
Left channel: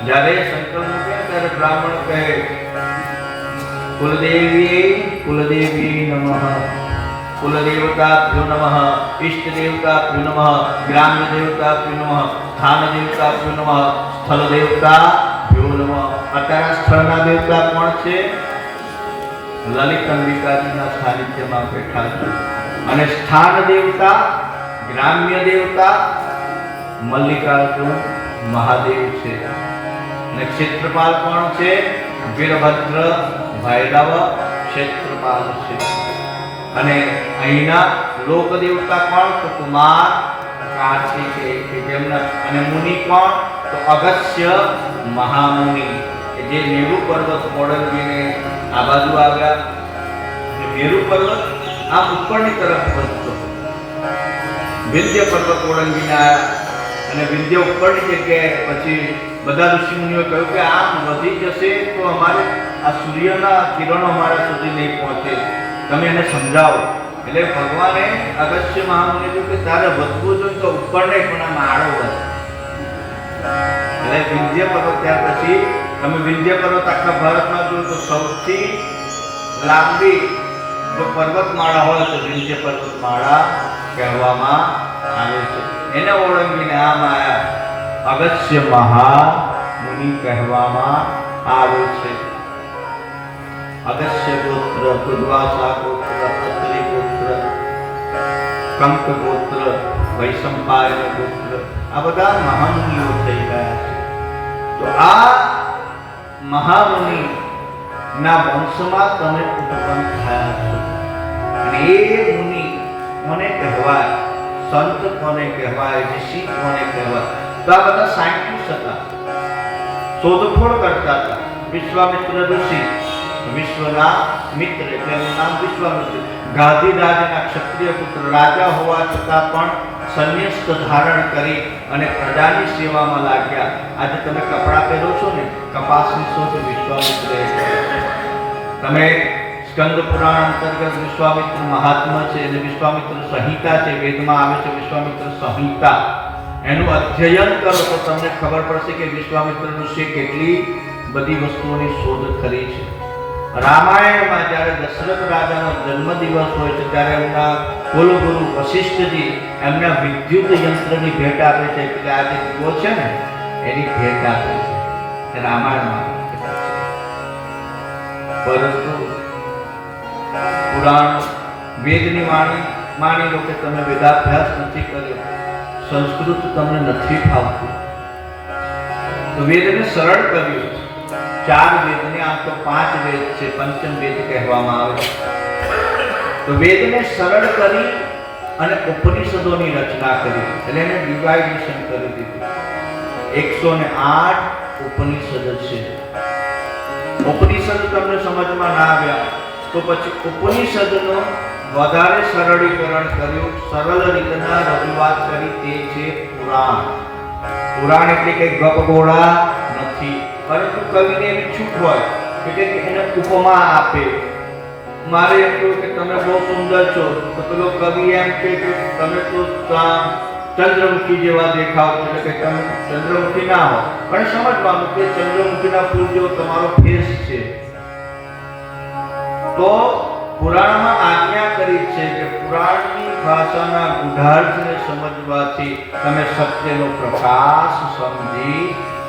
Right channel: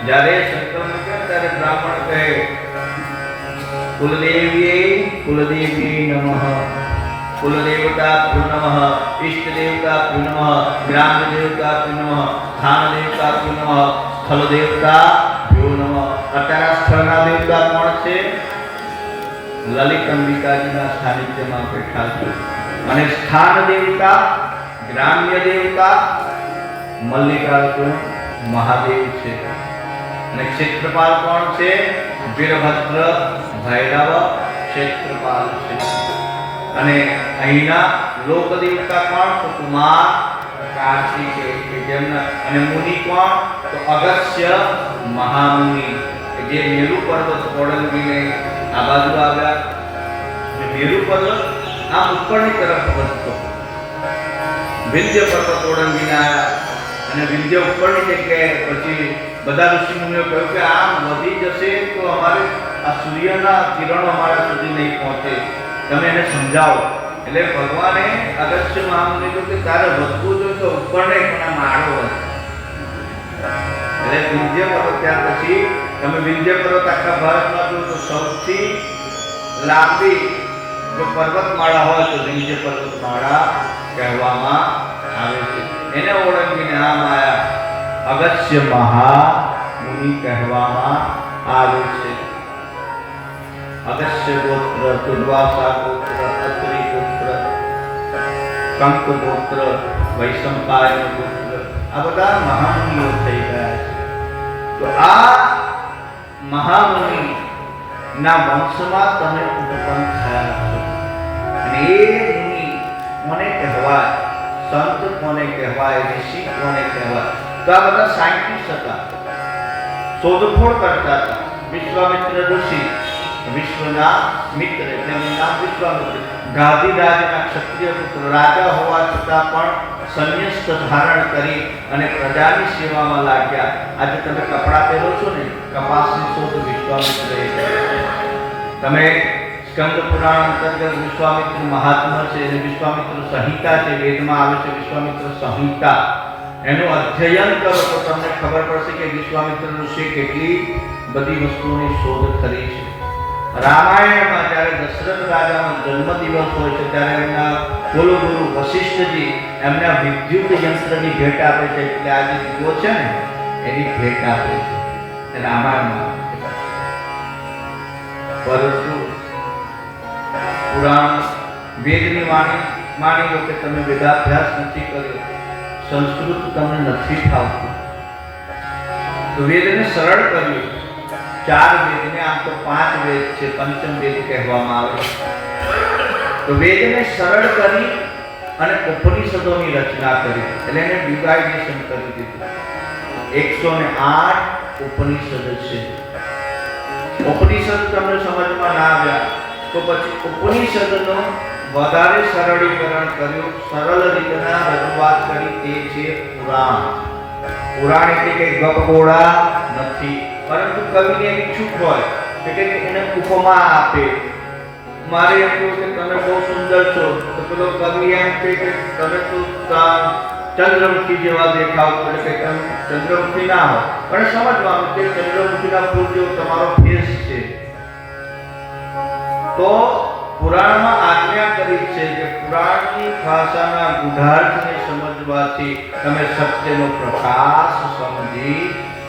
જ્યારે સંકલ્પ મૂકે ત્યારે બ્રાહ્મણ કહે કુલદેવી નમઃ, કુલદેવતાભ્યો નમઃ, ઈષ્ટ દેવતાભ્યો નમઃ, ગ્રામ્ય દેવતાભ્યો નમઃ, સ્થાન દેવતાભ્યો નમઃ, સ્થળ દેવતાભ્યો નમઃ. અત્યારે સ્થળના દેવતા કોણ છે? લલિત અંબિકાજીના સાનિધ્યમાં બેઠા છે. અને સ્થાન દેવતા, ગ્રામ્ય દેવતા મલ્લિકાર્જુન મહાદેવ છે. અને ક્ષેત્રપાલ કોણ છે? વીરભદ્ર ભૈરવ ક્ષેત્રપાલ છે. અને અહીંના લોક દેવતા કોણ? તો કુમાર કાર્તિકેય કે જેમના. અને મુનિ કોણ? તો અગસ્ત્ય મહામુનિ કે જે મેરુ પર્વત ઓળંગીને આ બાજુ આવ્યા. મેરુ પર્વત આ ઉપરની તરફ વધતો, વિંધ્ય પર્વત ઓળંગીને આવ્યા અને વિંધ્ય ઉપરની જગ્યાએ પછી બધા ઋષિમુનિઓ કહ્યું કે આમ વધી જશે તો અમારે આ સૂર્યના કિરણો અમારા સુધી નહીં પહોંચે, તમે એને સમજાવો. એટલે ભગવાને અગસ્ત્ય મહામુનિ કહ્યું કે તારે વધવું જોઈએ તો ઉપર નહીં પણ આ માળો વધે. એટલે વિંધ્ય પર્વત, ત્યાર પછી તમે વિંધ્ય પર્વત આખા ભારતમાં જો તો સૌથી લાંબી જો પર્વતમાળા હોય તો વિંધ્ય પર્વતમાળા કહેવામાં આવે છે. એને ઓળંગીને આમ આયા અગસ્ત્ય મહામુનિ કહેવામાં આવે છે. અગસ્ત્ય ગોત્ર, દુર્વાસા ગોત્ર, અત્રિ ગોત્ર, કંક ગોત્ર, વૈશંપાયન ગોત્ર, આ બધા મહામુનિઓ થઈ ગયા છે. તો આ મહામુનિ ના વંશમાં તમે ઉત્પન્ન થયા છો. અને એ મુનિ કોને કહેવાય? સંત કોને કહેવાય? ઋષિ કોને કહેવાય? તો આ બધા સાયન્ટિસ્ટ હતા, શોધખોળ કરતા હતા. વિશ્વામિત્ર ઋષિ વિશ્વના મિત્ર એટલે એનું નામ વિશ્વામિત્ર. ગાંધીરાજના ક્ષત્રિય પુત્ર, રાજા હોવા છતાં પણ સંન્યસ્ત ધારણ કરી અને પ્રજાની સેવામાં લાગ્યા. આજે તમે કપડાં પહેરો છો ને, કપાસની શોધ વિશ્વામિત્રએ કરી. તમે સ્કંદ પુરાણ અંતર્ગત વિશ્વામિત્ર મહાત્મા છે અને વિશ્વામિત્ર સંહિતા છે, વેદમાં આવે છે વિશ્વામિત્ર સંહિતા. એનું અધ્યયન કરો તો તમને ખબર પડશે કે વિશ્વામિત્ર ઋષિએ કેટલી બધી વસ્તુઓની શોધ કરી છે. રામાયણમાં જ્યારે દશરથ રાજાનો જન્મદિવસ હોય છે ત્યારે એમના કુલગુરુ વશિષ્ઠજી એમના વિદ્યુત યંત્રની ભેટ આપે છે. એટલે આ જે દીવો છે ને એની ભેટ આપે છે રામાયણમાં. પરંતુ પુરાણ વેદની માની લો કે તમે વેદાભ્યાસ નથી કર્યો, સંસ્કૃત તમને નથી ફાવતું, તો વેદને સરળ કર્યું. 4 વેદને, આમ તો 5 વેદ છે, પંચમ વેદ કહેવામાં આવે છે. તો વેદને સરળ કરી અને ઉપનિષદોની રચના કરી, એટલે એને ડિવાઇડેશન કરી દીધું. 108 ઉપનિષદ છે. ઉપનિષદ તમને સમજમાં ના આવ્યા તો પછી ઉપનિષદનું વધારે સરળીકરણ કર્યું, સરળ રીતના રજૂઆત કરી, તે છે પુરાણ. પુરાણ એટલે કે ગપગોળા નથી, પરંતુ કવિને એવી છૂટ હોય કે એને ઉપમા આપે. મારે એમ કહ્યું કે તમે બહુ સુંદર છો, તો પેલો કવિ એમ કે તમે તો ચંદ્રમુખી જેવા દેખાવ, એટલે કે તમે ચંદ્રમુખી ના હો, પણ સમજવાનું કે ચંદ્રમુખીના ફૂલ જેવો તમારો ફેસ છે. તો પુરાણમાં આજ્ઞા કરી છે કે પુરાણની ભાષાના ગુઢાર્થને સમજવાથી તમે સત્યનો પ્રકાશ સમજી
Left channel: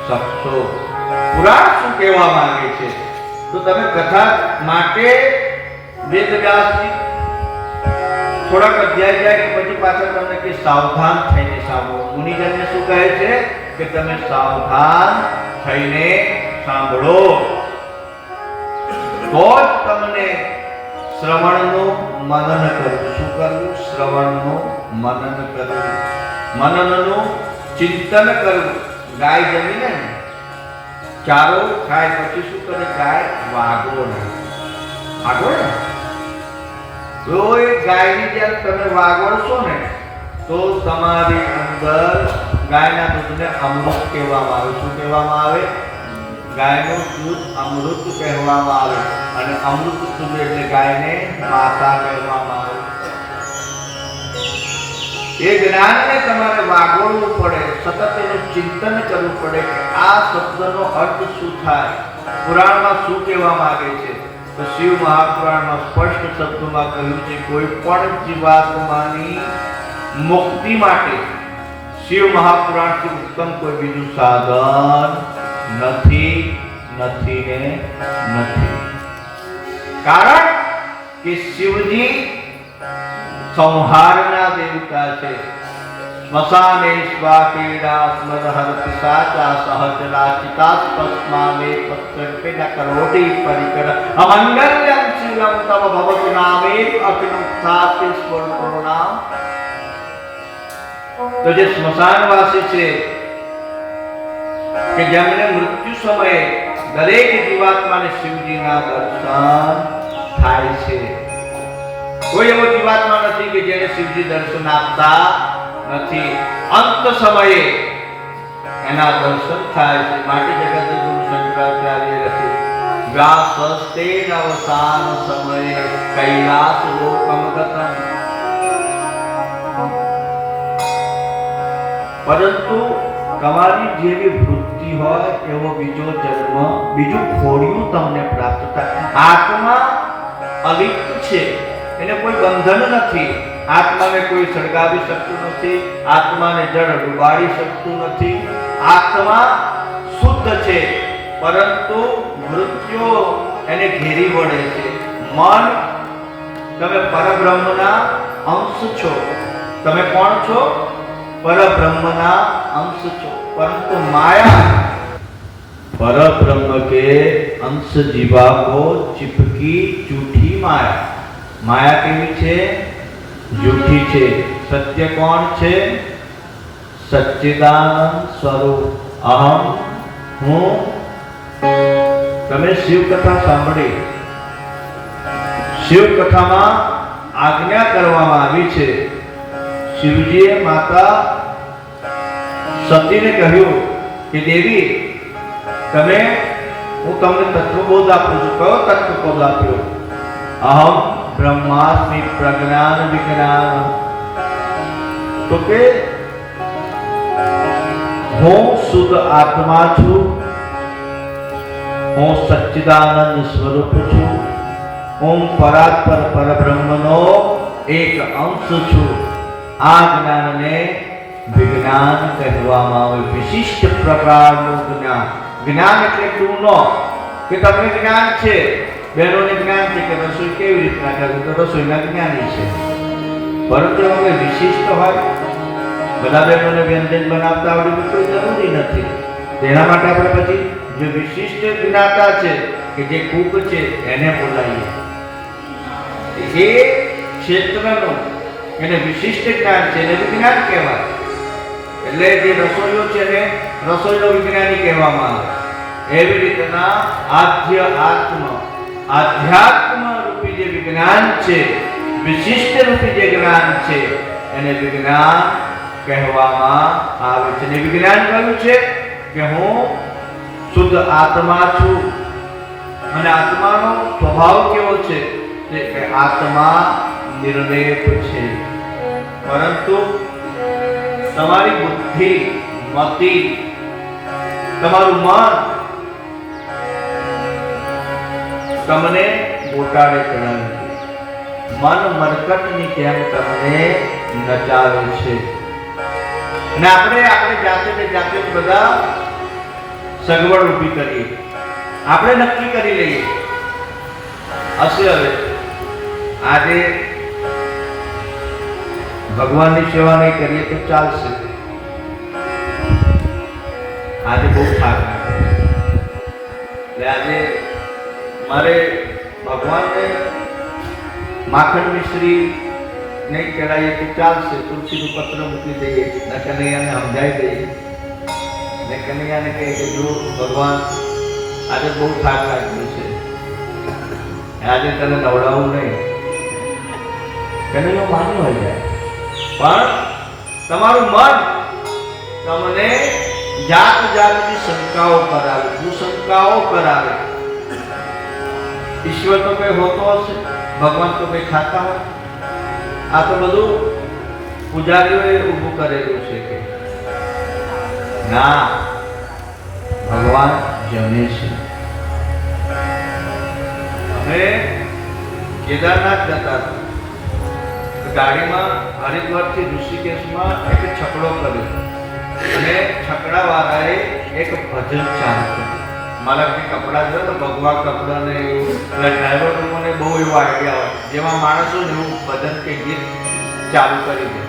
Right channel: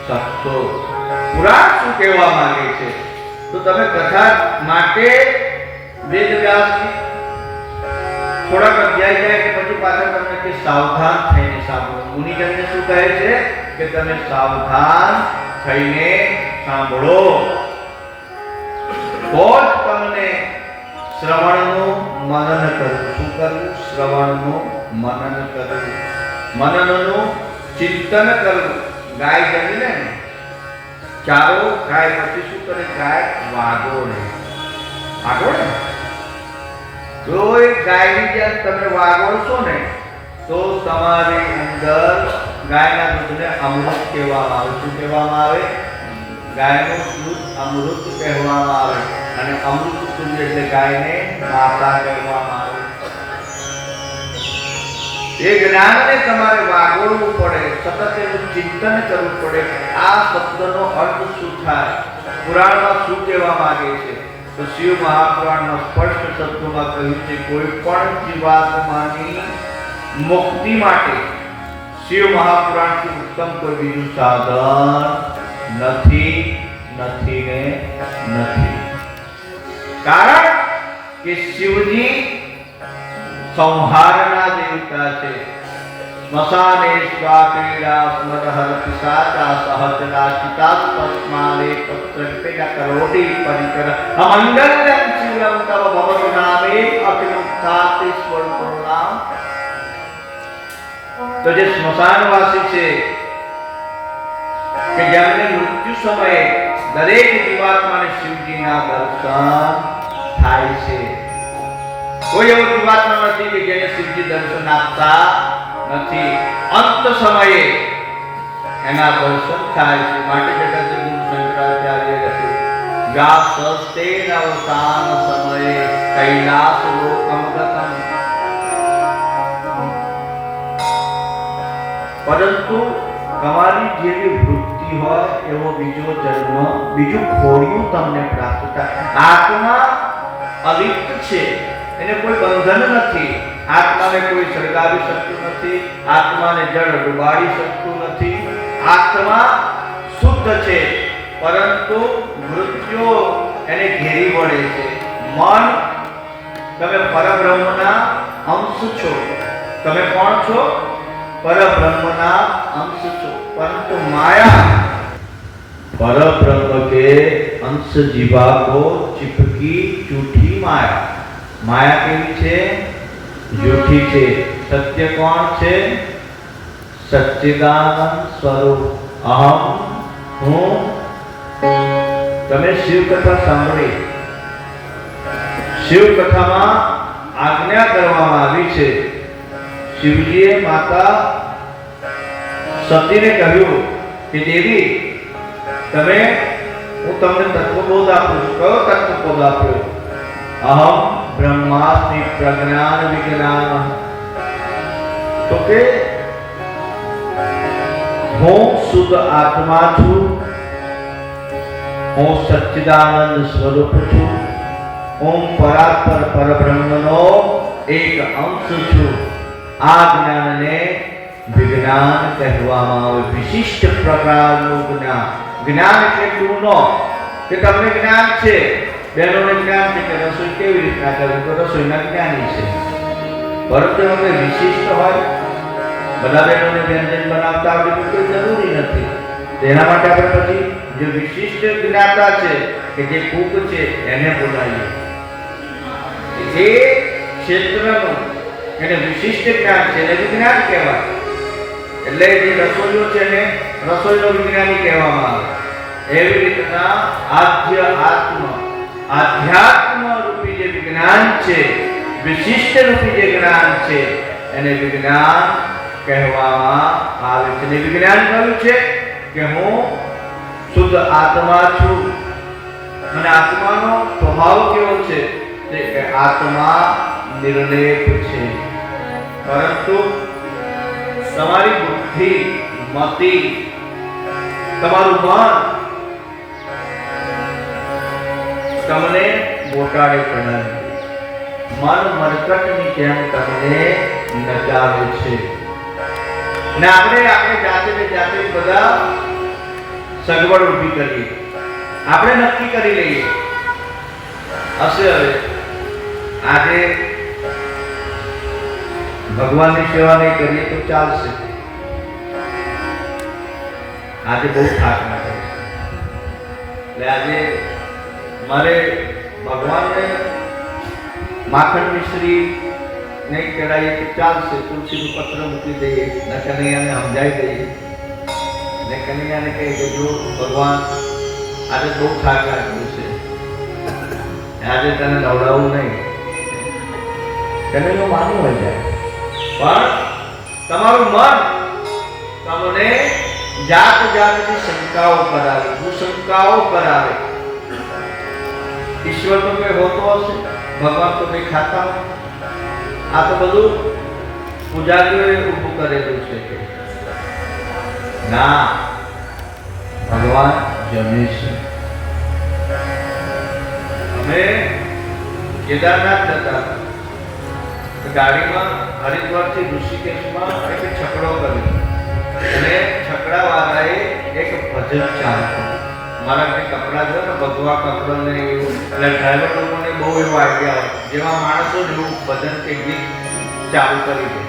શકશો. પુરાણ શું કહેવા માંગે છે તો તમે કથા માટે વેદવ્યાસજી થોડાક અધ્યાય જાય પછી પાછળ તમને કે સાવધાન થઈને સાંભળો. મુનિજનને શું કહે છે કે તમે સાવધાન થઈને સાંભળો, તો જ તમને શ્રવણનું મનન કરવું. શું કરવું? શ્રવણનું મનન કરવું, મનનનું ચિંતન કરવું. ગાય જમી લે ને, ચારો ખાય પછી શું કરે? ગાય વાગો ને, વાગો ને. રોજ ગાયની જેમ તમે વાગો છો ને તો તમારી અંદર ગાયના દૂધને અમૃત કહેવામાં આવે. શું કહેવામાં આવે? ગાયનું દૂધ અમૃત કહેવામાં આવે, અને અમૃત દૂધ એટલે ગાયને માતા કહેવામાં આવે. એ જ્ઞાનને તમારે વાગોળવું પડે, સતત એનું ચિંતન કરવું પડે કે આ શબ્દનો અર્થ શું થાય, પુરાણમાં શું કહેવા માંગે છે. તો શિવ મહાપુરાણમાં સ્પષ્ટ શબ્દોમાં કહ્યું છે કોઈ પણ જીવાત્માની મુક્તિ માટે શિવ મહાપુરાણથી ઉત્તમ કોઈ બીજું સાધન નથી, નથી ને નથી. કારણ કે શિવજી સંહારના દેવતા છે. સ્મશાને સ્વાપીડા સ્મદહરતિ સાચા સહજલા ચિતાસ્પસ્માને પત્રકે ન કરોટી પરિકર અમંગલ્યમ શિવમ તવ ભવતુ નામે અખિલુત્થાતે સ્વરૂપના. તો જે સ્મશાનવાસી છે કે જેમને મૃત્યુ સમયે દરેક જીવાત્માને શિવજીના દર્શન થાય છે. કોઈ એવો જીવાત્મા નથી કે જેને શિવજી દર્શન આપતા નથી. અંત સમયે એના દર્શન થાય છે. માટે જગતગુરુ શંકરાચાર્ય લખ્યું વ્યાસસ્તે અવસાન સમયે કૈલાસ લોકમ ગતમ. પરંતુ તમારી જેવી વૃત્તિ હોય એવો બીજો જન્મ, બીજું ખોડિયું તમને પ્રાપ્ત થાય. આત્મા અલિપ્ત છે, એને કોઈ બંધન નથી. આત્માને કોઈ સળગાવી શકતું નથી, આત્માને જળ ડુબાડી શકતું નથી. આત્મા શુદ્ધ છે, પરંતુ મૃત્યુ એને ઘેરી વળે છે. મન, તમે પરબ્રહ્મના અંશ છો. તમે કોણ છો? परब्रह्मना अंश छो, परंतु माया परब्रह्म के अंश जीवा को चिपकी झूठी माया. माया केवी छे? झूठी छे. सत्य कोण छे? सच्चिदानंद स्वरूप अहम हूँ. તમે શિવ કથા સાંભળી શિવ કથામાં આજ્ઞા કરવામાં આવી છે. શિવજીએ માતા સતીને કહ્યું કે દેવી, તમે હું તમને તત્વબોધ આપું છું. કયો તત્વબોધ આપ્યો? અહમ બ્રહ્માસ્મિ પ્રજ્ઞાન વિજ્ઞાન. તો કે હું શુદ્ધ આત્મા છું, હું સચ્ચિદાનંદ સ્વરૂપ છું, હું પરાત્પર પરબ્રહ્મનો એક અંશ છું. આ જ્ઞાનને વિજ્ઞાન કહેવામાં આવે. વિશિષ્ટ પ્રકારનું જ્ઞાન. જ્ઞાન એટલે તું કે તમને જ્ઞાન છે, બહેનોને જ્ઞાન છે કે રસોઈ કેવી રીતના કરવી, તો રસોઈના જ્ઞાની છે. પરંતુ એમાં વિશિષ્ટ હોય, બધા બહેનોને વ્યંજન બનાવતા આવડે કોઈ જરૂરી નથી. તેના માટે આપણે પછી જે વિશિષ્ટ જ્ઞાતા છે કે જે કુક છે એને બોલાવીએ. એ ક્ષેત્રનું એને વિશિષ્ટ જ્ઞાન છે, એને વિજ્ઞાન કહેવાય. એટલે જે રસોઈયો છે ને રસોઈનો વિજ્ઞાની કહેવામાં આવે. એવી રીતના આધ્યાત્મ રૂપી જે વિજ્ઞાન છે, વિશિષ્ટ રૂપી જે જ્ઞાન છે, એને વિજ્ઞાન કહેવામાં આવે છે. ને વિજ્ઞાન કહ્યું છે કે હું શુદ્ધ આત્મા છું. અને આત્માનો સ્વભાવ કેવો છે? કે આત્મા નિર્લેપ છે. પરંતુ તમારી બુદ્ધિ, મતિ, તમારું મન તમને બોટાડે ચડાવે. મન મરકટની જેમ તમને નચાવે છે. અને આપણે જાતે બધા સગવડ ઊભી કરીએ. આપણે નક્કી કરી લઈએ હશે હવે આજે ભગવાનની સેવા નહીં કરીએ તો ચાલશે. આજે બહુ થાક ના કરે. એટલે આજે મારે ભગવાનને માખણ મિશ્રી નહીં ચડાવીએ તો ચાલશે. તુલસીનું પત્ર મૂકી દઈએ, ને કનૈયાને સમજાવી દઈએ, ને કનૈયાને કહીએ કે જો ભગવાન આજે બહુ થાક લાગ્યો છે, આજે તને નવડાવવું નહીં. કનૈયો માની હોય જાય. પણ તમારું મન તમને જાતની શંકાઓ કરાવે, કુશંકાઓ કરાવે. ઈશ્વર તો કઈ હોતો હશે, ભગવાન તો કઈ ખાતા હોય. આ તો બધું પૂજારીઓએ ઊભું કરેલું છે કે ના, ભગવાન જમે છે. અમે કેદારનાથ જતા હતા. ગાડીમાં હરિદ્વારથી ઋષિકેશમાં એક છકડો કર્યો અને છકડા વાળાએ એક ભજન ચાલુ કર્યું. મારા કંઈ કપડાં છે તો ભગવા કપડાં ને એવું, એટલે ડ્રાઈવર લોકોને બહુ એવો આઈડિયા હોય, જેમાં માણસો ને એવું ભજન કે ગીત ચાલુ કરી દે.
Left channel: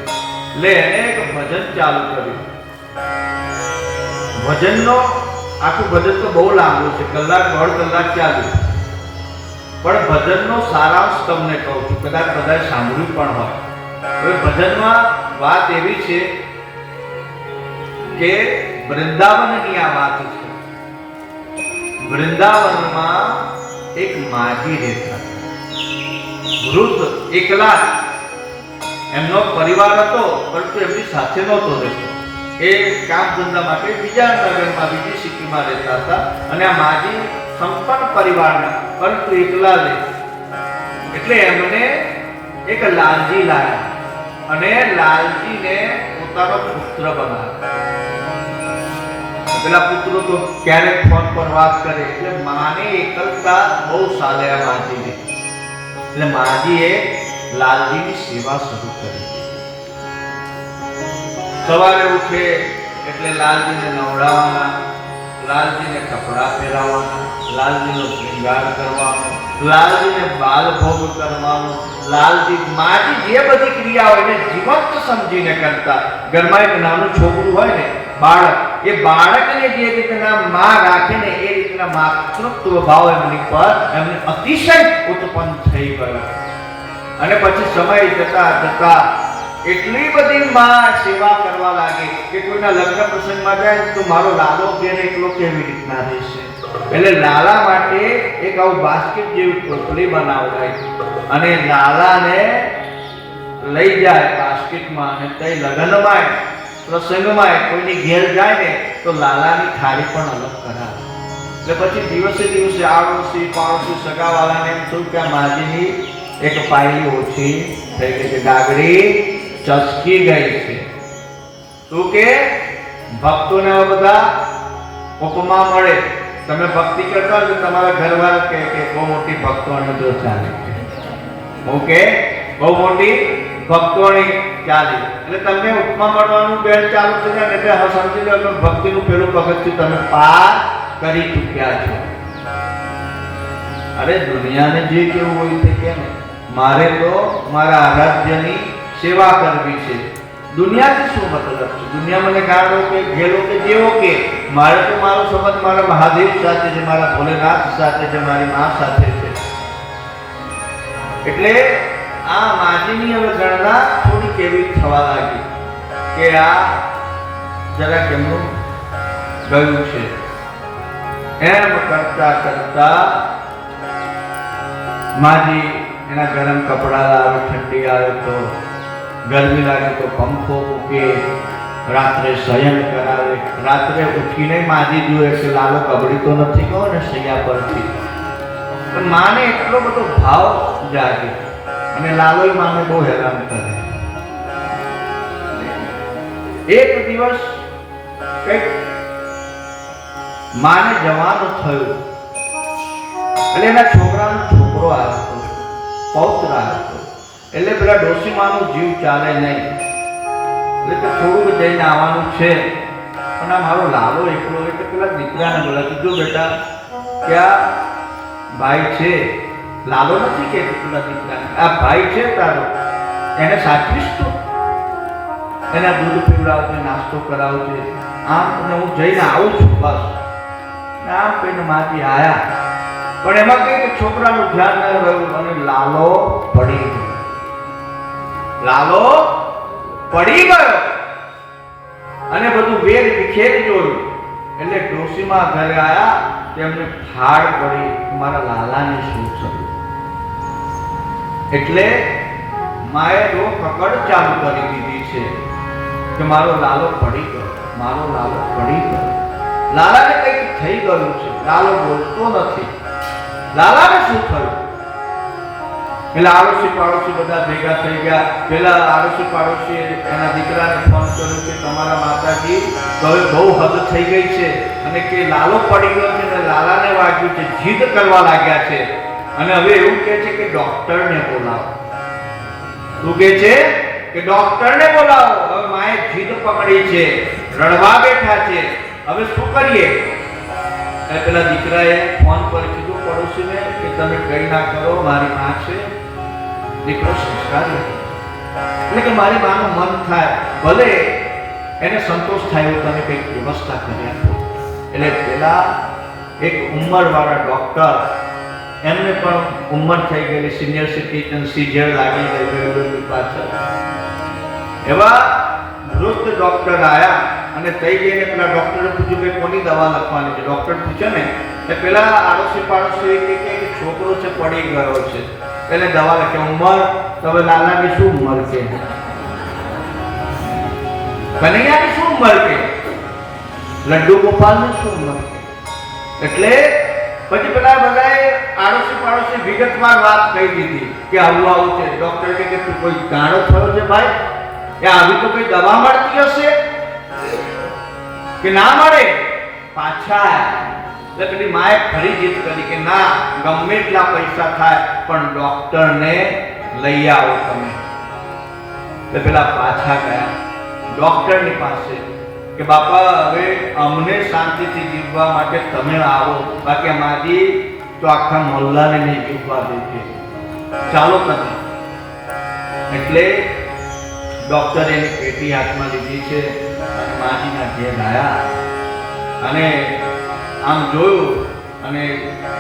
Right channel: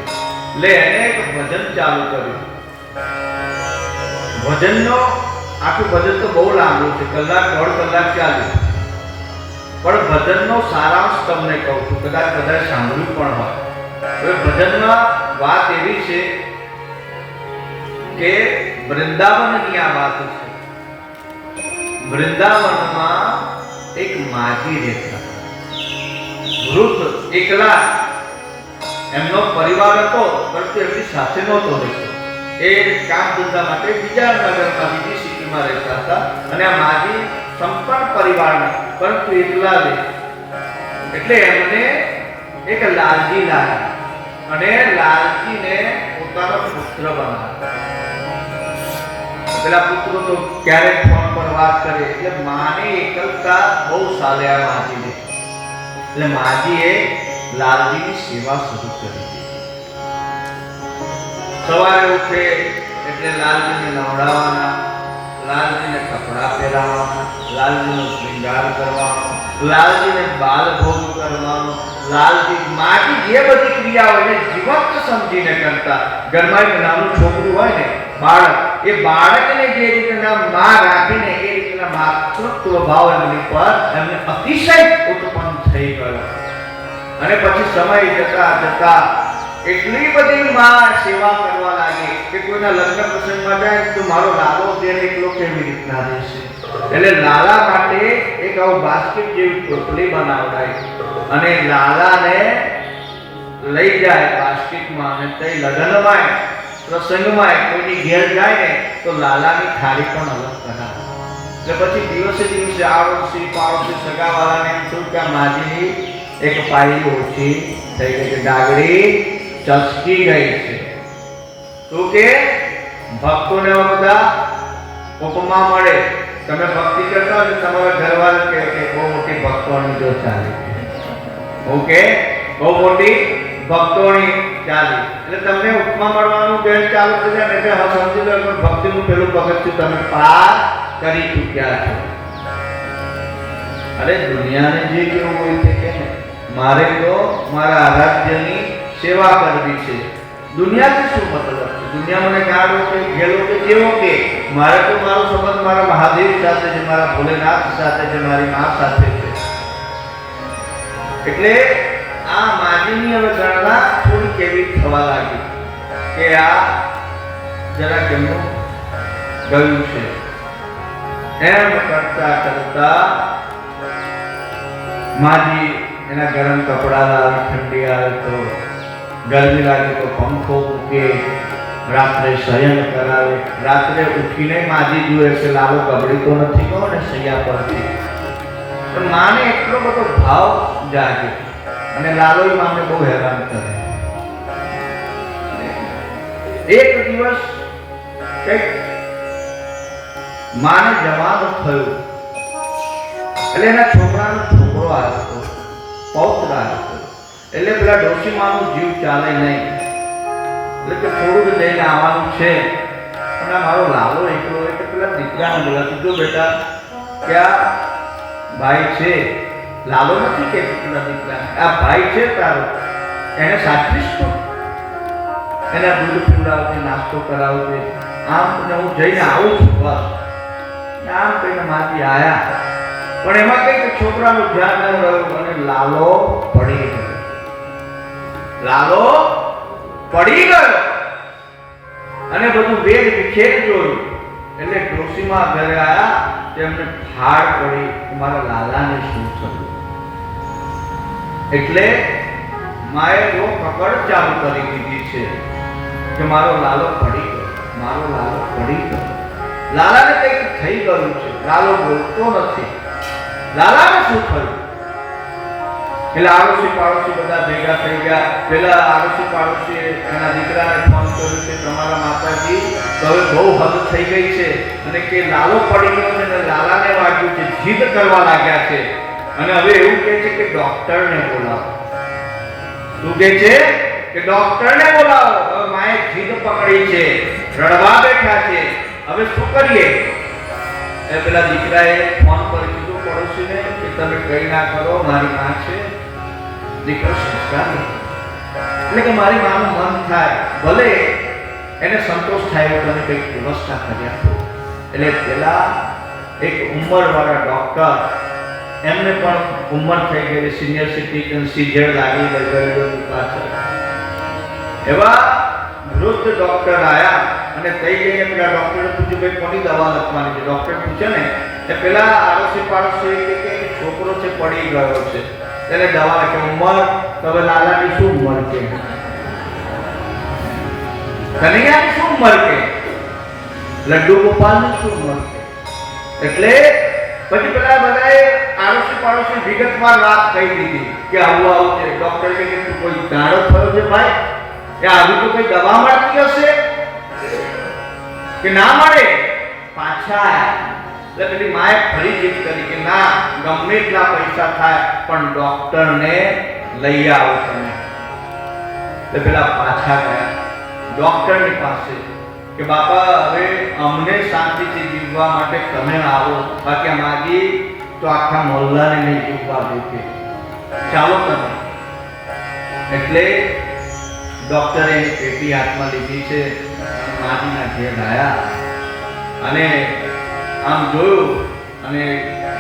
એટલે એને એક ભજન ચાલુ કર્યું. ભજનનો આખું ભજન તો બહુ લાંબુ છે, કલાક દોઢ કલાક ચાલ્યું. પણ ભજનનો સારાંશ તમને કહું છું, કદાચ સાંભળ્યું પણ હોય. હવે ભજનમાં વાત એવી છે કે વૃંદાવનની આ વાત છે. વૃંદાવનમાં એક માજી રહેતા, વૃદ્ધ, એકલા. એમનો પરિવાર હતો પરંતુ એમની સાથે નહોતો રહેતો. એ કામ ધંધા માટે બીજા નગરમાં, બીજી સિટીમાં રહેતા હતા. અને આ માજી સંપન્ન પરિવારના, પરંતુ એકલા રહે. એટલે એમને એક લાલજી લાવ્યા અને લાલજીને પોતાનો પુત્ર બનાવ્યો. પેલા પુત્રો તો ક્યારેક ફોન પર વાત કરે, એટલે માને એકલતા બહુ સાલે આ માજીને. એટલે માજીએ લાલજીની સેવા શરૂ કરી. સવારે ઉઠે એટલે લાલજીને નવડાવવાના, લાલજીને કપડાં પહેરાવવાના, લાલજીનો શૃંગાર કરવાનો, લાલજીને બાલ ભોગ કરવાનો. લાલજી માજી જે બધી ક્રિયાઓ એને જીવંત સમજીને કરતા. ઘરમાં એક નાનું છોકરું હોય ને, બાળક, એ બાળકને જે રીતના માં રાખે ને એ રીતના માતૃત્વ ભાવ એમની પર એમને અતિશય ઉત્પન્ન થઈ ગયો. અને પછી સમય જતા એટલી બધી માં સેવા કરવા લાગી કે કોઈના લગ્ન પ્રસંગમાં જાય તો મારો લાલો તેને એકલો કેવી રીતના રહેશે. એટલે લાલા માટે એક આવું બાસ્કેટ જેવી ટોપલી બનાવડાય અને લાલાને લઈ જાય બાસ્કેટમાં, અને તે લગ્નમાં પ્રસંગમાં કોઈની ઘેર જાય ને તો લાલાની થાળી પણ અલગ કરાવે. એટલે પછી દિવસે દિવસે આડોશી પાડોશી સગાવાલાને એમ થયું કે આ માજીની એક પાયલી ઓછી થઈ ગઈ છે, ડાગડી ચસકી ગઈ છે. શું કે ભક્તોને બધા ઉપમા મળે, તમે ભક્તિ કરતા હોય તમારા ઘરવાળા કે બહુ મોટી ભક્તોની જો ચાલે છે, ઓકે બહુ મોટી ભક્તોની ચાલે, એટલે તમને ઉપમા મળવાનું બેન ચાલુ થઈ જાય ને એટલે સમજી લો ભક્તિનું પેલું પગથિયું તમે પાર કરી ચૂક્યા છો. અરે દુનિયાને જે કેવું હોય તે કે મારે તો મારા આરાધ્યની સેવા કરવી છે. દુનિયાથી શું મતલબ છે? દુનિયા મને ગાળો કે ગેલો કે જેવો કે મારે તો મારો સંબંધ મારા મહાદેવ સાથે છે, મારા ભોલેનાથ સાથે છે, મારી મા સાથે છે. એટલે આ માજીની હવે ગણના થોડી કેવી થવા લાગી કે આ જરા કેમનું ગયું છે. એમ કરતા કરતા માજી એના ગરમ કપડા લાવે, ઠંડી આવે તો ગરમી લાગે તો પંખો મૂકે, રાત્રે શયન કરાવે. રાત્રે ઉઠીને માજી જુએ કે લાલો કબડી તો નથી કહો ને સૈયા પરથી. તો માને એટલો બધો ભાવ જાગે અને લાલો માને બહુ હેરાન કરે. એક દિવસ કઈક માને જવાનું થયું એટલે એના છોકરાનો છોકરો આવ્યો, પૌત્ર આવ્યો. એટલે પેલા ડોશી માનો જીવ ચાલે નહીં, એટલે કે થોડુંક જઈને આવવાનું છે, પણ આ મારો લાલો એકલો. એટલે પેલા દીકરાને બોલા કીધું બેટા ક્યાં ભાઈ છે, લાલો નથી કે પેલા દીકરા, આ ભાઈ છે તારો, એને સાચવીશ તું, એના દૂધ પીવડાવજે, નાસ્તો કરાવજે, આમ તને હું જઈને આવું છું બસ. આમ કહીને માથી આયા, પણ એમાં કઈ છોકરાનું ધ્યાન ન રહ્યું અને લાલો પડી ગયો. લાલો પડી ગયો અને બધું વેગ વિખેર જોયું. એટલે ડોશીમાં ઘરે આવ્યા, તેમને ફાડ પડી મારા લાલાને શું થયું. એટલે માએ જો પકડ ચાલુ કરી દીધી છે કે મારો લાલો પડી ગયો, મારો લાલો પડી ગયો. લાલાને કંઈક થઈ ગયું છે, લાલો બોલતો નથી. લાલાને શું થયું? એટલે આડોશી પાડોશી બધા ભેગા થઈ ગયા. પેલા આડોશી પાડોશી એના દીકરાને ફોન કર્યો કે તમારા માતાજી તો હવે બહુ હદ થઈ ગઈ છે અને કે લાલો પડી ગયો છે અને લાલાને વાગ્યું છે, જીદ કરવા લાગ્યા છે અને હવે એવું કહે છે કે ડોક્ટરને બોલાવો. શું કહે છે કે ડોક્ટરને બોલાવો. હવે માએ જીદ પકડી છે, રડવા બેઠા છે, હવે શું કરીએ? પેલા દીકરાએ ફોન પર કીધું પડોશીને કે તમે કઈ ના કરો, મારી માં છે. દીકરો સંસ્કાર નથી, એટલે કે મારી માનું મન થાય, ભલે એને સંતોષ થાય એવું તમે કંઈક વ્યવસ્થા કરી આપો. એટલે પેલા એક ઉંમરવાળા ડોક્ટર, એમને પણ ઉંમર થઈ ગયેલી, સિનિયર સિટીઝન, સીઝર લાગી ગયેલી પાછળ, એવા વૃદ્ધ ડોક્ટર આયા અને તઈ જઈને પેલા ડોક્ટરે પૂછ્યું કે કોની દવા લખવાની છે. ડોક્ટર પૂછે ને એ પેલા આડોશી પાડોશી કે છોકરો છે પડી ગયો છે, એને દવા લખે. ઉંમર તો હવે લાલાની શું ઉંમર છે, કનૈયાની શું ઉંમર કે, લડ્ડુ ગોપાલની શું ઉંમર છે. એટલે પછી પેલા બધાએ આડોશી પાડોશી વિગતવાર વાત કહી દીધી કે આવું આવું છે. ડોક્ટર કે તું કોઈ ગાળો થયો છે ભાઈ, એ આવી તો કઈ દવા મળતી હશે કે ના મળે? પાછા એટલે પેલી માએ ફરી જીદ કરી કે ના, ગમે એટલા પૈસા થાય પણ ડોક્ટરને લઈ આવો તમે. એટલે પેલા પાછા ગયા ડોક્ટરની પાસે કે બાપા હવે અમને શાંતિથી જીવવા માટે તમે આવો, બાકી માજી તો આખા મોહલ્લાને નહીં જીવવા દે, ચાલો તમે. એટલે ડોક્ટરે એની પેટી હાથમાં લીધી છે, માજીના ઘેર આવ્યા અને આમ જોયું અને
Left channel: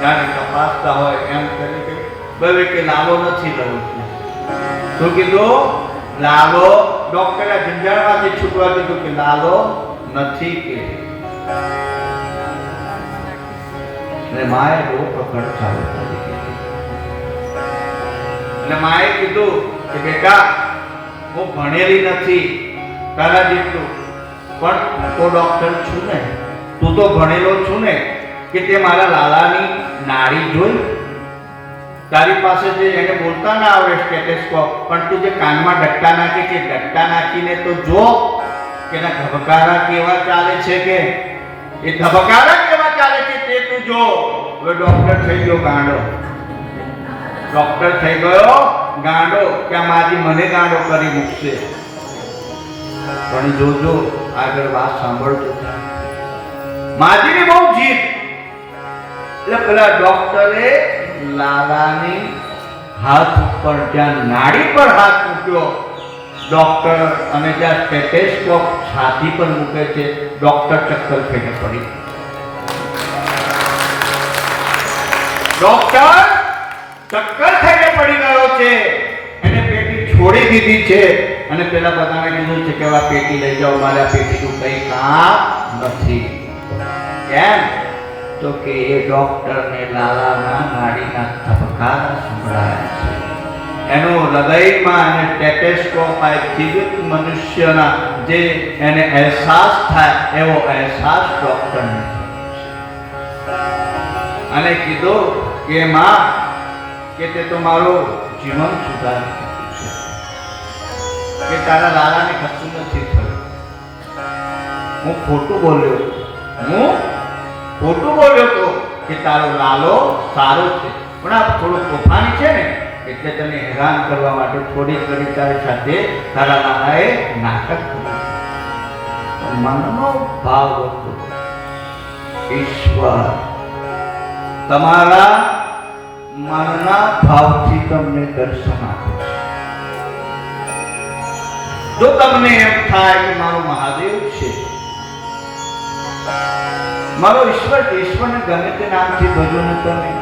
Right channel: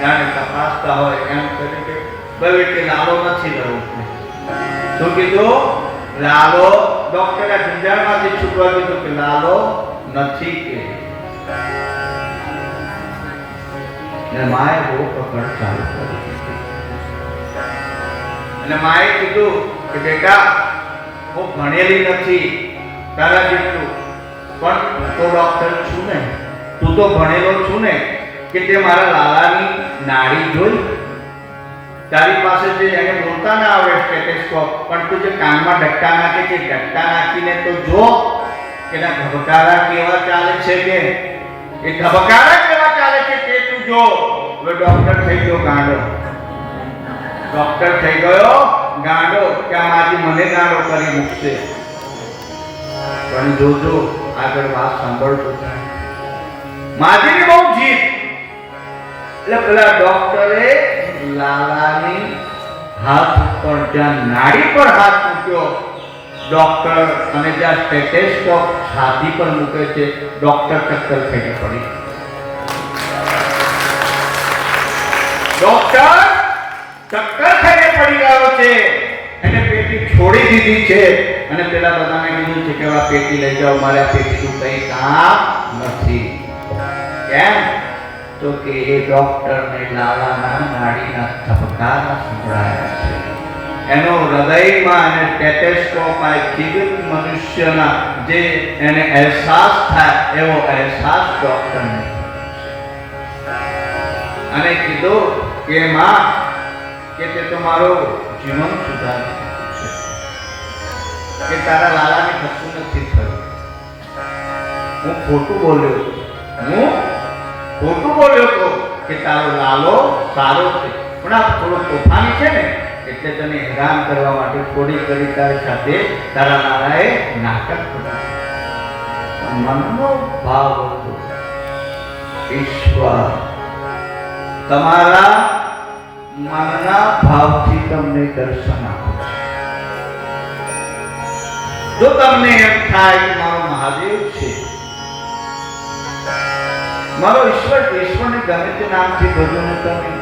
જાણે તપાસતા હોય એમ કરી કે કહ્યું કે લાલો નથી રહ્યો. શું કીધું? લાલો. ડોક્ટરે ઝંઝાળમાંથી છૂટવા કીધું કે લાલો નથી કે. અને માએ બહુ પકડ ચાલુ કરી દીધી. અને માએ કીધું કે બેટા હું ભણેલી નથી તારા જેટલું, પણ હું તો ડોક્ટર છું ને, તું તો ભણેલો છું ને, કે તે મારા લાલાની નાડી જોઈ, તારી પાસે જે એને બોલતા ના આવે સ્ટેથોસ્કોપ, પણ તું જે કાનમાં ડટ્ટા નાખે છે ડટ્ટા નાખીને તો જો કે ના ધબકારા કેવા ચાલે છે, કે એ ધબકારા કેવા ચાલે છે તે તું જો. હવે ડોક્ટર થઈ ગયો ગાંડો, ડોક્ટર થઈ ગયો ગાંડો, કે આ મારી મને ગાંડો કરી મૂકશે. પણ જોજો આગળ વાત સાંભળજો. માજીની બહુ જીત, એટલે પેલા ડોક્ટરે લાલાની હાથ ઉપર જ્યાં નાડી પર હાથ મૂક્યો ડોક્ટર, અને જ્યાં સ્ટેથોસ્કોપ છાતી પર મૂકે છે ડોક્ટર ચક્કર થઈને પડી. ડોક્ટર ચક્કર થઈને પડી ગયો છે, એને પેટી છોડી દીધી છે, અને પેલા બધાને કીધું છે કે આ પેટી લઈ જાઓ, મારે આ પેટીનું કઈ કામ નથી. કેમ? તો કે એ ડોક્ટરને લાલાના નાડીના ધબકારા સંભળાયા છે, એનો હૃદયમાં અને સ્ટેથોસ્કોપ આ જીવિત મનુષ્યના જે એને અહેસાસ થાય એવો અહેસાસ ડોક્ટરને. અને કીધું કે માં કે તે તો મારો જીવન સુધારી દીધું છે, કે તારા લાલાને કશું નથી થયું. હું ખોટું બોલ્યો, હું ખોટું બોલ્યો તો કે તારો લાલો સારો છે, પણ આ થોડો તોફાની છે ને, એટલે તને હેરાન કરવા માટે થોડી ઘડી તારી સાથે તારા લાલાએ નાટક કર્યું. મનનો ભાવ હતો ઈશ્વર તમારા મનના ભાવથી તમને દર્શન આપે છે. જો તમને એમ થાય કે મારો મહાદેવ છે, મારો ઈશ્વર, ઈશ્વરને ગમે તે નામથી ભજો ને તમે,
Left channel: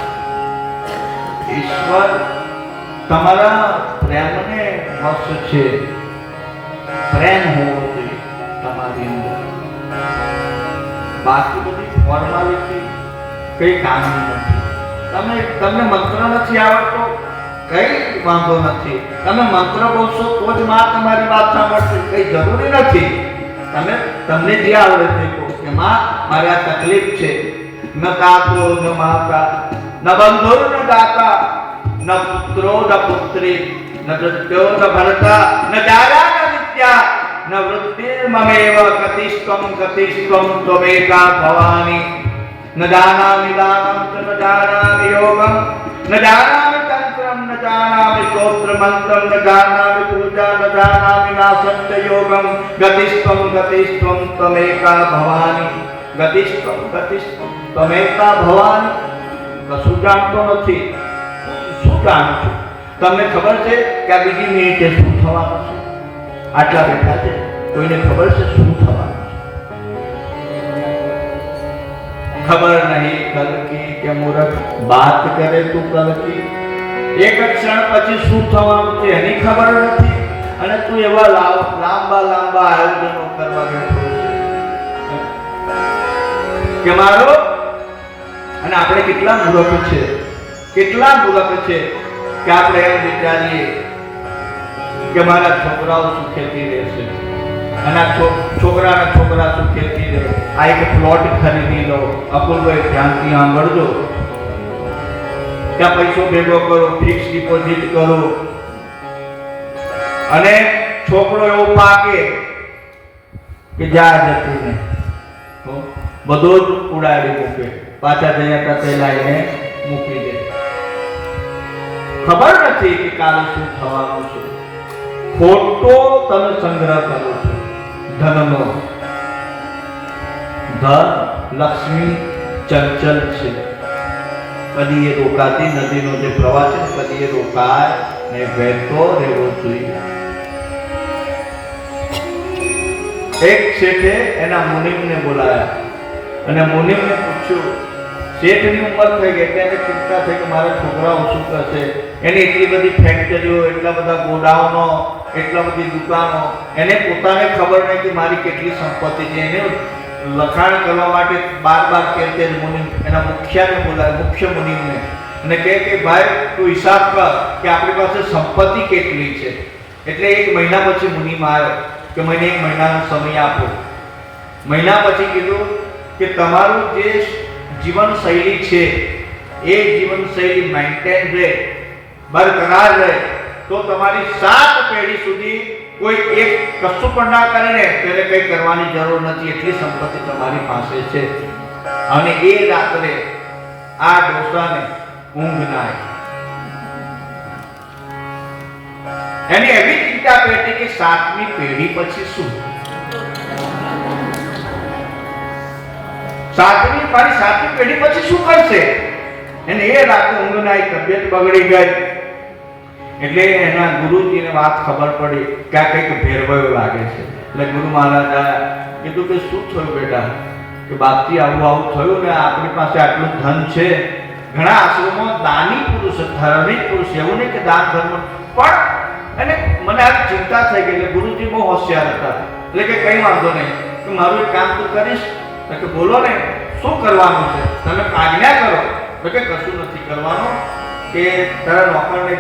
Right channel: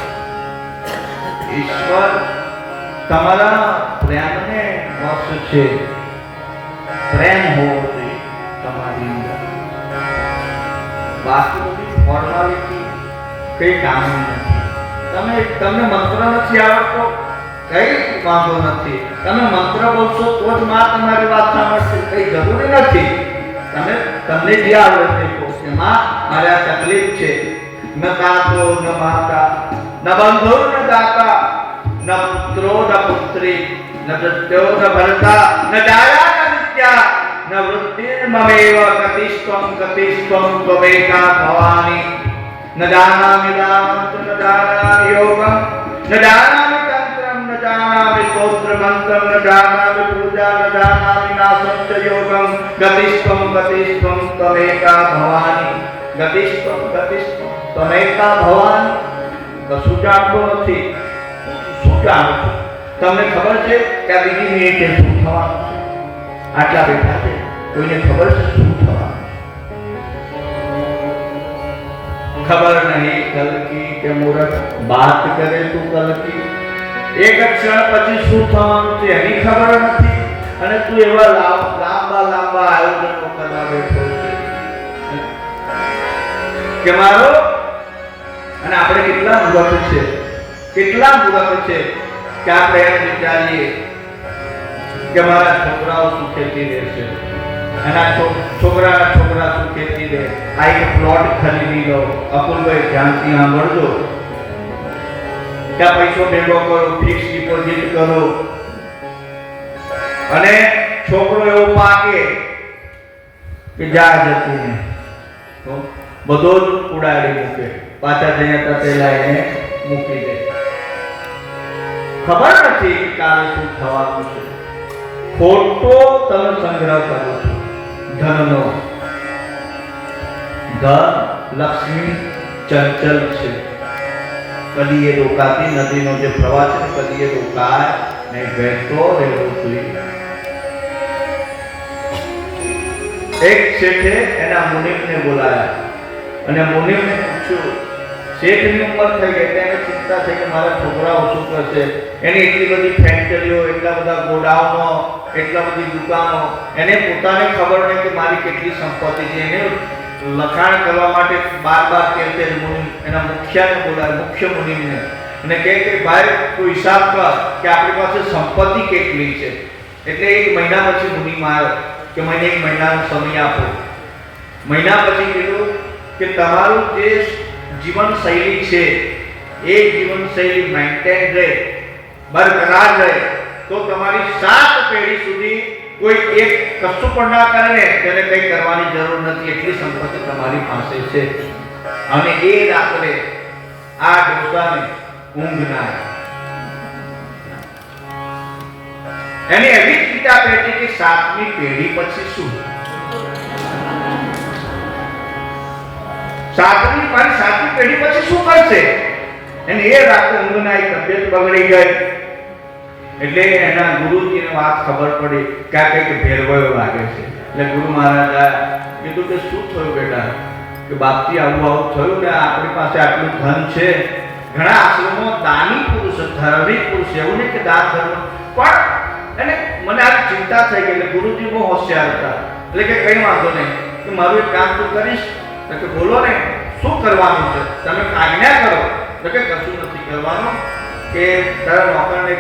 ઈશ્વર તમારા પ્રેમને વશ છે. પ્રેમ હોવો જોઈએ તમારી અંદર, બાકી બધી ફોર્માલિટી કઈ કામની નથી. તમને મંત્ર નથી આવડતો, કઈ વાંધો નથી, તમે મંત્ર બોલશો તો જ માં તમારી વાત સાંભળશે, કઈ જરૂરી નથી. તમને જે આવડે છે કે માં મારે આ તકલીફ છે, ન કાતો ન માતા ન બંધો ન દાતા ન પુત્રો ન પુત્રી ન પ્રત્યો ન ભરતા ન દાયા ન વિદ્યા ન વૃત્તિર્મમેવ કતિષ્કમ ત્વમેકા ભવાની ન જાનામિ દાનંત ન જાનામિ યોગમ ન જાનામિ તંત્રમ ન જાનામિ સ્તોત્ર મંત્રમ ન જાનામિ પૂજા ન જાનામિ નાસત્ય યોગમ ગતિષ્કમ ત્વમેકા ભવાની ગતિષ્કમ ત્વમેકા ભવાની. કશું જાણતો નથી, શું જાણું છું? તમને ખબર છે કે આ બીજી મિનિટે શું થવાનું છે? આટલા બેઠા છે, કોઈને ખબર છે શું થવાનું છે? ખબર નહીં કલ કી કે મૂરખ બાત કરે તું કલ કી. એક ક્ષણ પછી શું થવાનું છે એની ખબર નથી, અને તું એવા લાંબા આયોજનો કરવા બેઠો કે મારો. અને આપણે કેટલા મૂર્ખ છે કે આપણે એમ વિચારીએ કે મારા છોકરાઓ સુખેથી રહેશે, અને આ છોકરાના છોકરા સુખેથી રહે. આ એક પ્લોટ ખરીદી લો, અપૂર્વભાઈ ધ્યાનથી સાંભળજો, ત્યાં પૈસો ભેગો કરો, ફિક્સ ડિપોઝિટ કરો, અને છોકરો એવો પાકે કે જા જતી ને બધો જ ઉડાડી મૂકે, પાછા જયા પેલા એને મૂકી દે. ખબર નથી કે કાલે શું થવાનું છે. ખોટો તમે સંગ્રહ કરો છો ધનનો. ધન લક્ષ્મી ચંચલ છે, કદી એ રોકાતી નદીનો જે પ્રવાહ છે કદી એ રોકાય ને વહેતો રહેવો જોઈએ. એક શેઠે એના મુનિમને બોલાયા અને મુનિમને પૂછ્યું, શેઠની ઉંમર થઈ ગઈ એટલે એને ચિંતા થઈ કે મારા છોકરાઓ શું કરશે. એની એટલી બધી ફેક્ટરીઓ, એટલા બધા ગોડાઉનો, એટલા બધી દુકાનો, એને પોતાને ખબર નહીં કે મારી કેટલી સંપત્તિ છે. એને લખાણ કરવા માટે બાર તેર મુનિ એના મુખ્યને બોલાય, મુખ્ય મુનિમને અને કહે કે ભાઈ તું હિસાબ કર કે આપણી પાસે સંપત્તિ કેટલી છે. એટલે 1 મહિના પછી મુનિમાં આવ્યો કે મને 1 મહિનાનો સમય આપો. મહિના પછી કીધું કે તમારું જે જીવનશૈલી છે એ જીવનશૈલી મેન્ટેન રહે, બરકરાર રહે, તો તમારી 7 પેઢી સુધી કોઈ એક કશું પણ ના કરે ને તેને કંઈ કરવાની જરૂર નથી, એટલી સંપત્તિ તમારી પાસે છે. અને એ રાત્રે આ ડોસાને ઊંઘ ના આવી. એની એવી ચિંતા પેટી કે 7મી પેઢી પછી શું, મારી 7મી પેઢી પછી શું કરશે. એને એ રાતે ઊંઘ ના આવી, તબિયત બગડી ગઈ. એટલે એના ગુરુજીને વાત ખબર પડી કે આ કંઈક ભેરવાયો લાગે છે. એટલે ગુરુ મહારાજ આયા, કીધું કે શું થયું બેટા? કે બાપજી આવું થયું ને આપણી પાસે આટલું ધન છે, ઘણા આશ્રમમાં દાની પુરુષ, ધાર્મિક પુરુષ, એવું નહીં કે દાન ધર્મ, પણ અને મને આ ચિંતા થઈ ગઈ. એટલે ગુરુજી બહુ હોશિયાર હતા. એટલે કે કઈ વાંધો નહીં, કે મારું એક કામ તું કરીશ. તો કે બોલો ને, શું કરવાનું છે? તમે આજ્ઞા કરો. તો કે કશું નથી કરવાનું, કે તારા નોકરને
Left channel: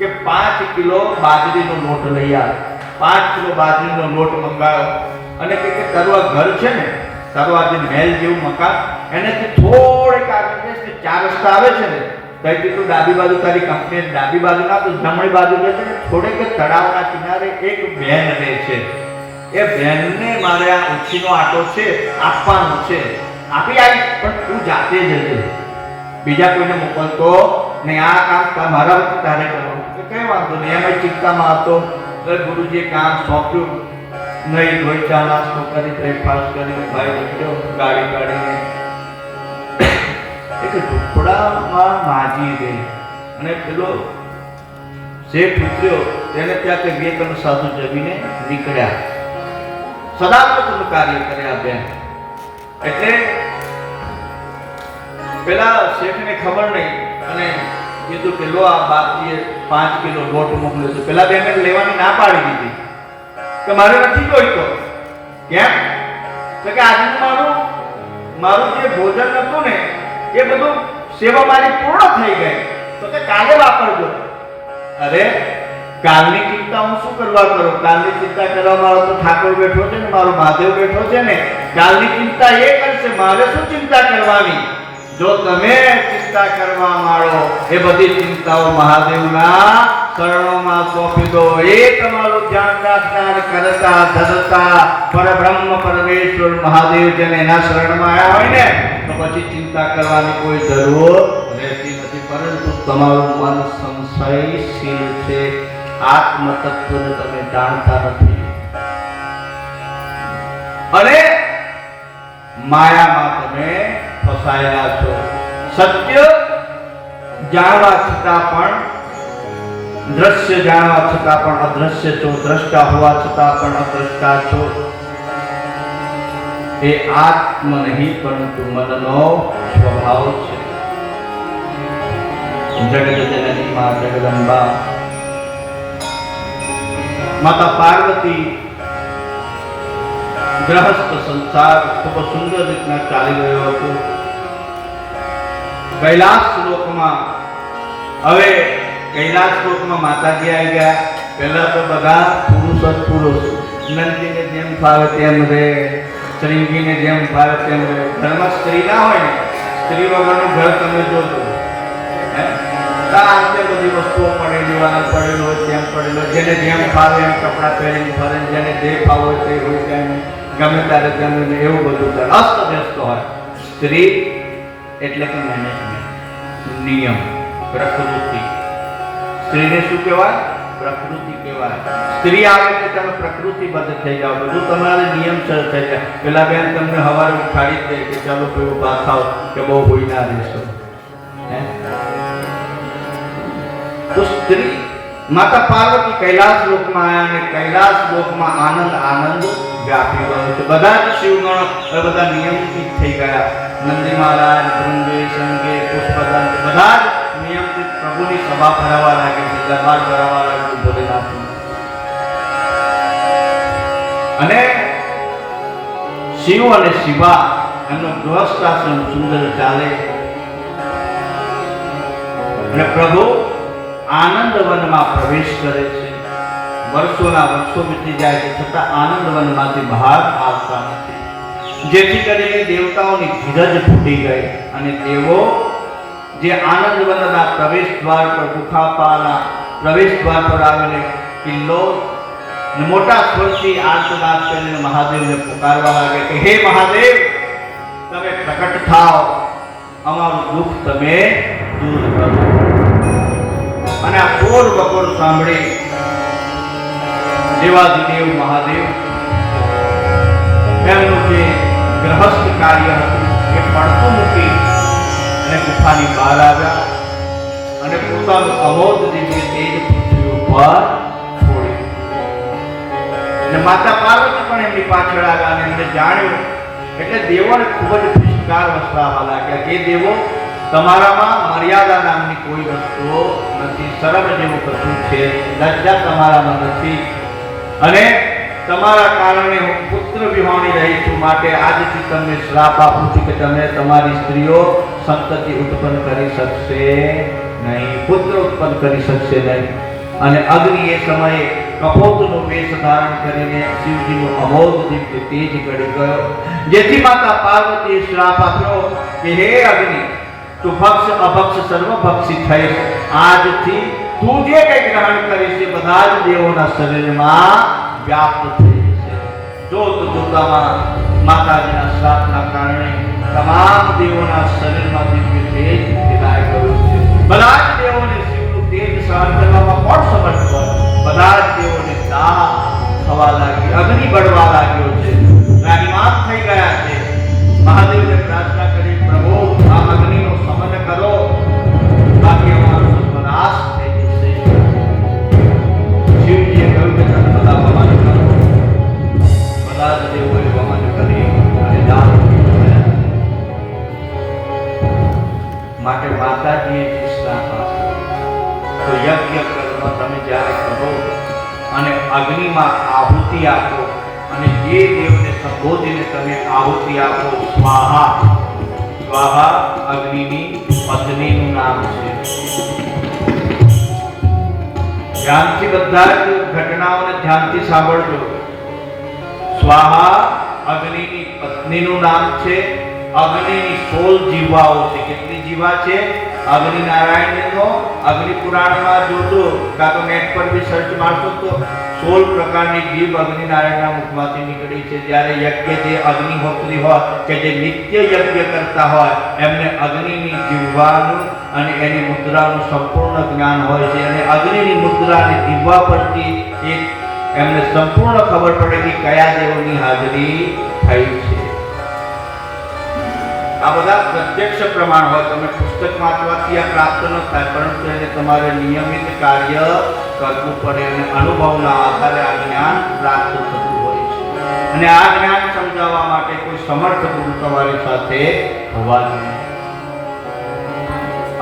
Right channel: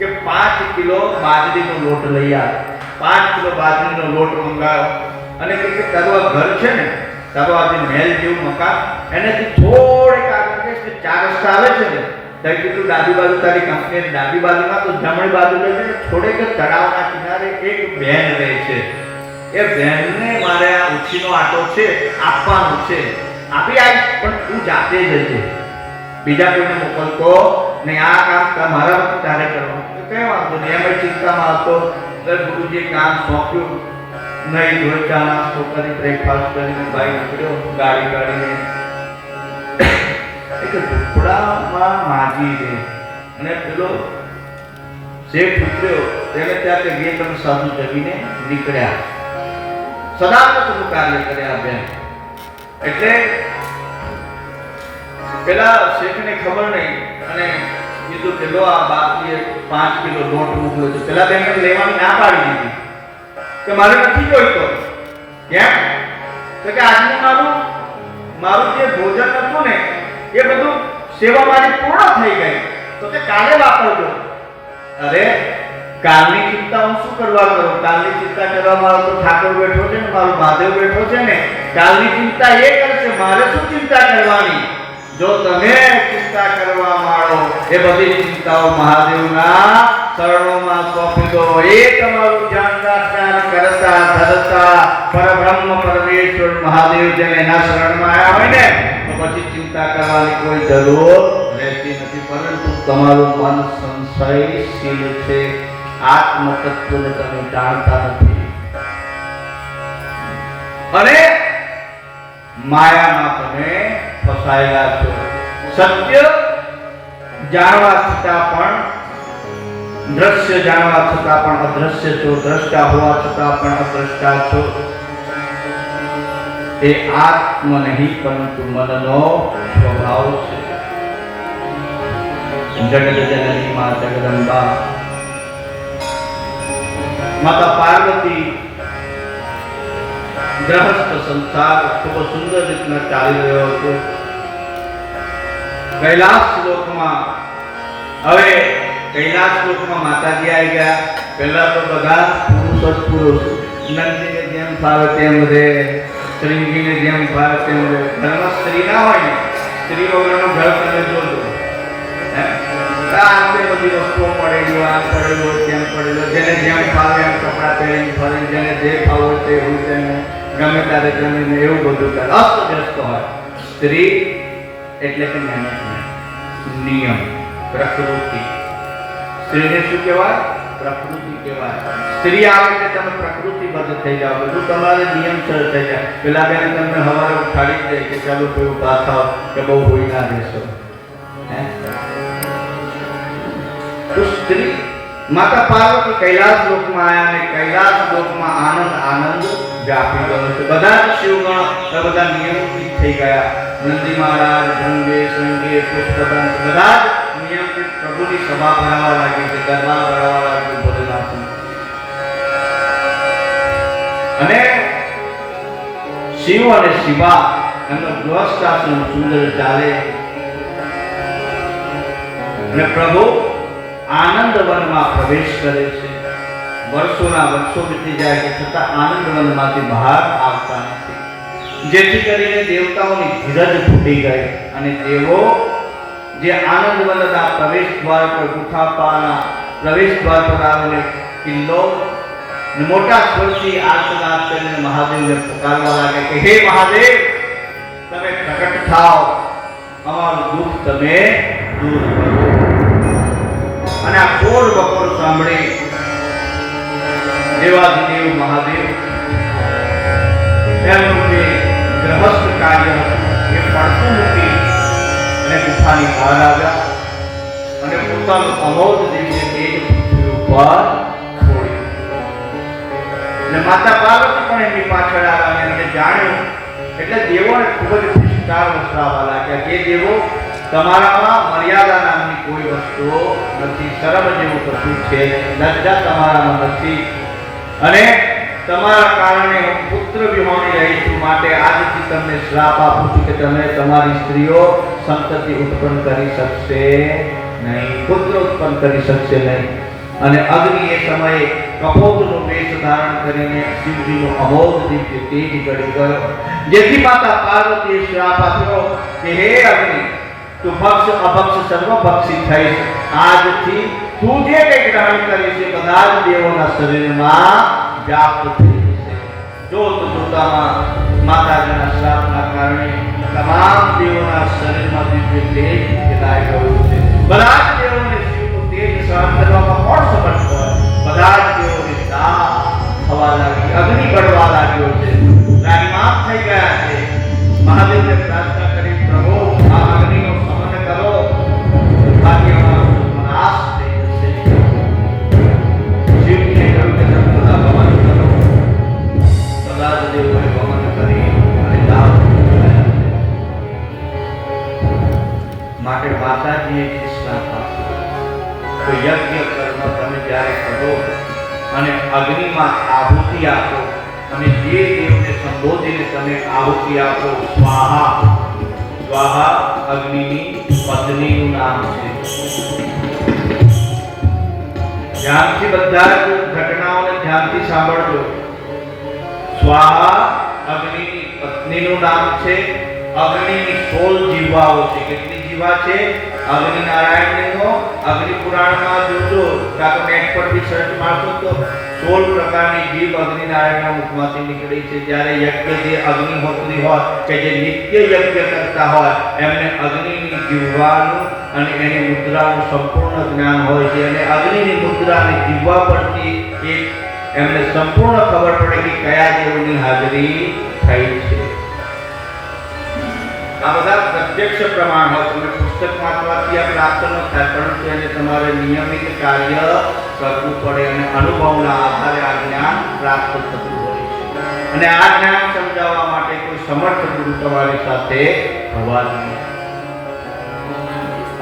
કે 5 કિલો બાજરીનો લોટ લઈ આવ. 5 કિલો બાજરીનો લોટ મંગાવો અને કે તારું આ ઘર છે ને, તારું આ જે મહેલ જેવું મકાન, એને થોડીક આગળ જઈશ કે 4 રસ્તા આવે છે ને, ત્યાંથી તું ડાબી બાજુ તારી કંપનીની ડાબી બાજુમાં તું જમણી બાજુ જશે ને, થોડેક તળાવના કિનારે એક બહેન રહે છે. એ બહેનને મારે આ ઉછીનો આટો છે આપવાનો છે, આપી આવીશ, પણ તું જાતે જજે, બીજા કોઈને મોકલતો નહીં. આ કામ મારા વખતે તારે કરવાનું. કઈ વાંધો નહીં. એમ ચિંતામાં હતો. ગુરુજીએ કામ સોંપ્યું. નહીં ધોઈ ચા નાસ્તો કરી, બ્રેકફાસ્ટ કરીને ભાઈ નીકળ્યો ગાડી કાઢીને. એક ઝૂંપડામાં માજી રહે અને પેલો શેઠ ઉતર્યો, તેને ત્યાં કે 2-3 સાધુ જમીને નીકળ્યા. સદાવ્રતનું કાર્ય કર્યા બેન. એટલે પેલા શેઠને ખબર નહીં અને કીધું કે લો આ બાપજીએ 5 કિલો લોટ મોકલ્યો છે. પેલા બેનને લેવાની ના પાડી દીધી કે મારે નથી જોઈતો. કેમ? તો કે આજનું મારું જે ભોજન હતું ને એ બધું સેવા મારી પૂર્ણ થઈ ગઈ, તો કે કાલે વાપરજો. અરે કાલની ચિંતા હું શું કરવા કરું? કાલની ચિંતા કરવામાં તો ઠાકોર બેઠો છે ને, મારો મહાદેવ બેઠો છે ને, કાલની ચિંતા એ કરશે, મારે શું ચિંતા કરવાની? જો તમે ચિંતા કરવા માંડો, એ બધી ચિંતાઓ મહાદેવના ચરણોમાં સોંપી દો. એ તમારું ધ્યાન રાખતા કરતા ધરતા પરબ્રહ્મ પરમેશ્વર મહાદેવ જેને એના શરણમાં આવ્યા હોય ને, તો પછી ચિંતા કરવાની કોઈ જરૂર રહેતી નથી. પરંતુ તમારું મન સંશયશીલ છે, આત્મ તત્વને તમે જાણતા નથી અને માયામાં તમે ફસાયેલા છો. સત્ય જાણવા છતાં પણ, દ્રશ્ય જાણવા છતાં પણ અદ્રશ્ય છો, દ્રષ્ટા હોવા છતાં પણ અદ્રષ્ટા છો. એ આત્મ નહીં પરંતુ મનનો સ્વભાવ છે. જગત જનની માં જગદંબા માતા પાર્વતી ગ્રહસ્થ સંસાર ખૂબ સુંદર રીતના ચાલી રહ્યો હતો. કૈલાસ લોકમાં હવે કૈલાસ લોકમાં માતાજી આવી ગયા. પહેલા તો બધા પુરુષ જ પુરુષ, નંદીને જેમ ફાવે તેમ રહે, શ્રીજીને જેમ ફાવે તેમ રહે. ઘરમાં સ્ત્રી ના હોય ને, સ્ત્રી વગરનું ઘર તમે જોજો. બધી વસ્તુઓ પડેલી, આ પડેલો તેમ પડેલો, જેને જેમ ફાવે એમ કપડાં પહેરીને ફરે, જેને જે ફાવે તે તેને ગમે ત્યારે જમીને એવું બધું કરે, અસ્તવ્યસ્ત હોય. સ્ત્રી એટલે કે મેનેજમેન્ટ, નિયમ, પ્રકૃતિ. સ્ત્રીને શું કહેવાય? પ્રકૃતિ કહેવાય. સ્ત્રી આવે એટલે તમે પ્રકૃતિબદ્ધ થઈ જાઓ, બધું તમારે નિયમસર થઈ જાય. પેલા બેન તમને સવારે ઉઠાડી દે કે ચાલો કોઈ ઉભા થાવ કે બહુ હોઈ ના દેશો. તો સ્ત્રી માતા પાર્વતી કૈલાસ લોકમાં આવ્યા અને કૈલાસ લોકમાં આનંદ વ્યાપી ગયો છે. બધા જ શિવગણ બધા નિયમિત થઈ ગયા. નંદી મહારાજ, ભૃંગે, સંગે, પુષ્પદંત બધા જ નિયમિત પ્રભુની સભા ભરાવા લાગે છે, દરબાર ભરાવા લાગે ભોલેનાથ. અને શિવ અને શિવા એમનો ગૃહસ્થાશ્રમ સુંદર ચાલે. અને પ્રભુ આનંદ વનમાં પ્રવેશ કરે છે. વર્ષોના વર્ષો વીતી જાય છે છતાં આનંદ વનમાંથી બહાર આવતા નથી, જેથી કરીને દેવતાઓની ધીરજ ફૂટી ગઈ અને તેઓ જે આનંદ વનના પ્રવેશ દ્વાર પર ગુફાપાના પ્રવેશ દ્વાર પર આવીને કિલ્લો મોટા સ્વરથી આર્તનાદ કરીને મહાદેવને પુકારવા લાગે કે હે મહાદેવ, તમે પ્રગટ થાઓ, અમારું દુઃખ તમે દૂર કરો. અને આ કોર બકોર સાંભળી દેવાધિદેવ મહાદેવ તેમનું જે ગ્રહસ્થ કાર્ય હતું એ પડતું મૂકી અને ગુફાની બહાર આવ્યા અને પોતાનું અમોઘ દિવ્ય તેજ પૃથ્વી ઉપર છોડ્યું. અને માતા પાર્વતી પણ એમની પાછળ આવ્યા અને એમને જાણ્યું એટલે દેવોને ખૂબ જ ધિક્કાર વસાવવા લાગ્યા કે દેવો, તમારામાં મર્યાદા નામની કોઈ વસ્તુઓ નથી, શરમ જેવું કશું છે, લજ્જા તમારામાં નથી અને તમારા કારણે હું પુત્ર વિહોણી રહી છું. માટે આજથી તમને શ્રાપ આપું છું કે તમે તમારી સ્ત્રીઓ સંતતિ ઉત્પન્ન કરી શકશે નહીં, પુત્ર ઉત્પન્ન કરી શકશે નહીં. અને અગ્નિ એ સમયે કપોતનો વેશ ધારણ કરીને શિવજીનું અમોઘ દિવ્ય તેજ ગળી ગયો, જેથી માતા પાર્વતીએ શ્રાપ આપ્યો કે હે અગ્નિ, તું ભક્ષ અભક્ષ સર્વભક્ષી થઈશ. આજથી તું જે કંઈ ગ્રહણ કરીશ તે બધા જ દેવોના શરીરમાં વ્યાપ્ત થઈ જશે. જોતામાં માતાજીના શ્રાપના કારણે તમામ દેવોના શરીરમાં દિવ્ય તેજ ફેલાઈ ગયું છે. બધા જ દેવોને શિવનું તેજ સહન કરવામાં કોણ સમર્થ હોય? બધા જ દેવોને તાપ થવા લાગી, અગ્નિ બળવા લાગ્યો છે, રાગીમામ થઈ ગયા છે. મહાદેવને પ્રાર્થના કરી, પ્રભુ આ અગ્નિનો શમન કરો, બાકી અમારો નાશ થઈ જશે. શિવજીએ કહ્યું કે તમે બધા શમન કરો. બધા જ દેવોએ વમન કરી અને દાન કર્યા. માટે માતાજીએ જે શ્રાપ આપ્યો તો યજ્ઞ કર્મ તમે જ્યારે કરો અને અગ્નિમાં આહુતિ આપો અને જે દેવને સંબોધીને તમે આહુતિ આપો, સ્વાહા, સ્વાહા અગ્નિની પત્નીનું નામ છે. ધ્યાનથી બધા જ ઘટનાઓને ધ્યાનથી સાંભળજો. સ્વાહા અગ્નિની પત્નીનું નામ છે. અગ્નિની 16 જીવાઓ છે. કેટલી જીવા છે? અગ્નિ નારાયણનો અગ્નિ પુરાણમાં જોજો, કાં તો નેટ પર બી સર્ચ મારશો તો 16 પ્રકારની જીવ અગ્નિ નારાયણના મુખમાંથી નીકળી છે. જ્યારે યજ્ઞ જે અગ્નિહોત્રી હોય કે જે નિત્ય યજ્ઞ કરતા હોય એમને અગ્નિની જીવવાનું અને એની મુદ્રાનું સંપૂર્ણ જ્ઞાન હોય છે. અને અગ્નિની મુદ્રાની જીવવા પરથી એક એમને સંપૂર્ણ ખબર પડે કે કયા દેવની હાજરી થઈ છે. આ બધા પ્રત્યક્ષ પ્રમાણ હોય. તમે પુસ્તક વાંચવાથી આ પ્રાપ્ત ન થાય, પરંતુ એને તમારે નિયમિત કાર્ય કરવું પડે અને અનુભવના આધારે આ જ્ઞાન પ્રાપ્ત થતું હોય છે. અને આ જ્ઞાન સમજાવવા માટે કોઈ સમર્થ ગુરુ તમારી સાથે હોવા જોઈએ.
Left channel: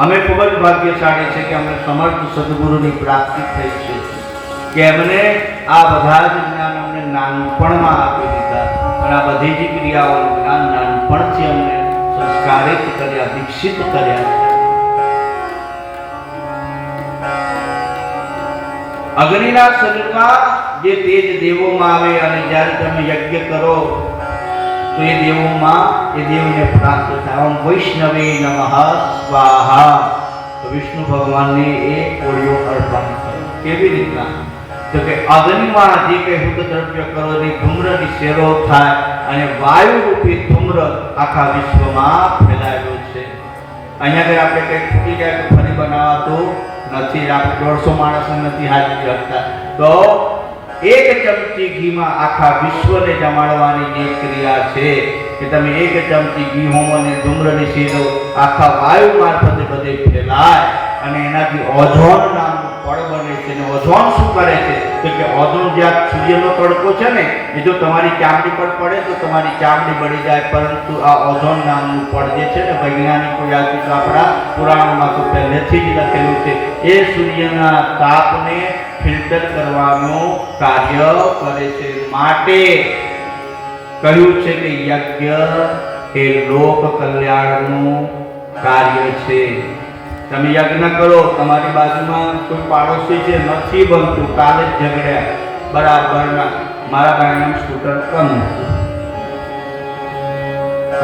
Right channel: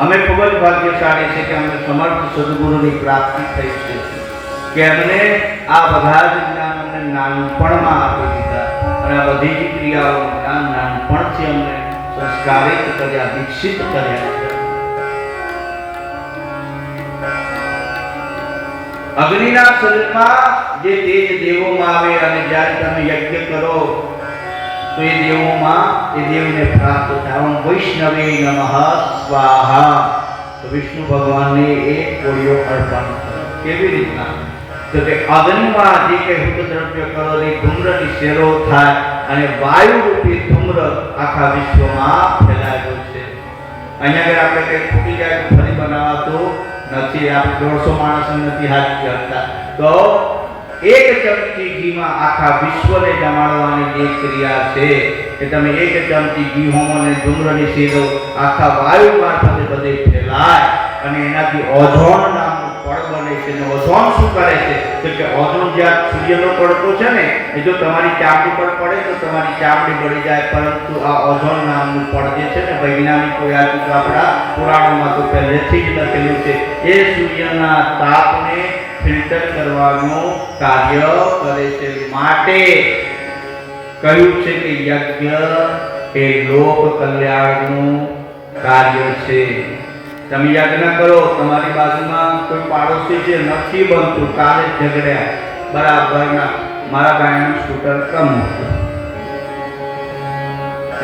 અમે ખૂબ જ ભાગ્યશાળી છે કે અમને સમર્થ સદગુરુની પ્રાપ્તિ થઈ છે કે અમને આ બધા જ જ્ઞાનોને નાનપણમાં આપી દીધા અને આ બધી જ ક્રિયાઓનું જ્ઞાન નાનપણથી અમને સંસ્કારિત કર્યા, દીક્ષિત કર્યા. અગ્નિના શરીરમાં જે તેજ દેવોમાં આવે અને જ્યારે તમે યજ્ઞ કરો તો એ દેવોમાં એ દેવને પ્રાપ્ત થાય. ઓમ વૈષ્ણવે નમઃ સ્વાહા. તો વિષ્ણુ ભગવાનને એ કોળીઓ અર્પણ કરે. કેવી રીતના? તો કે અગ્નિમાં જે કંઈ હુત દ્રવ્ય કરો એ ધૂમ્રની શેરો થાય અને વાયુ રૂપી ધૂમ્ર આખા વિશ્વમાં ફેલાયેલો છે. અહીંયા આપણે કંઈક ફૂટી જાય તો ફરી બનાવાતું નથી. આપણે 150 માણસો નથી હાજર કરતા. તો એક ચમચી ઘીમાં આખા વિશ્વને જમાડવાની જે ક્રિયા છે કે તમે એક ચમચી ઘી હોમ અને ધૂમ્રની શેરો આખા વાયુ મારફતે બધે ફેલાય અને એનાથી ઓઝોન નામનું પડ બને છે. અને ઓઝોન શું કરે છે તો કે ઓઝોન જ્યાં સૂર્યનો તડકો છે ને એ જો તમારી ચામડી પર પડે તો તમારી ચામડી બળી જાય, પરંતુ આ ઓઝોન નામનું પડ જે છે ને વૈજ્ઞાનિકો યાદ તો આપણા પુરાણોમાં તો પહેલેથી જ લખેલું છે, એ સૂર્યના તાપને ફિલ્ટર કરવાનું કાર્ય કરે છે. માટે કહ્યું છે કે યજ્ઞ એ લોક કલ્યાણનું કાર્ય છે. તમે યજ્ઞ કરો, તમારી બાજુમાં કોઈ પાડોશી છે, નથી બનતું, કાલે જ ઝઘડ્યા, બરાબરના મારા ભાઈનું સ્કૂટર કમ હતું,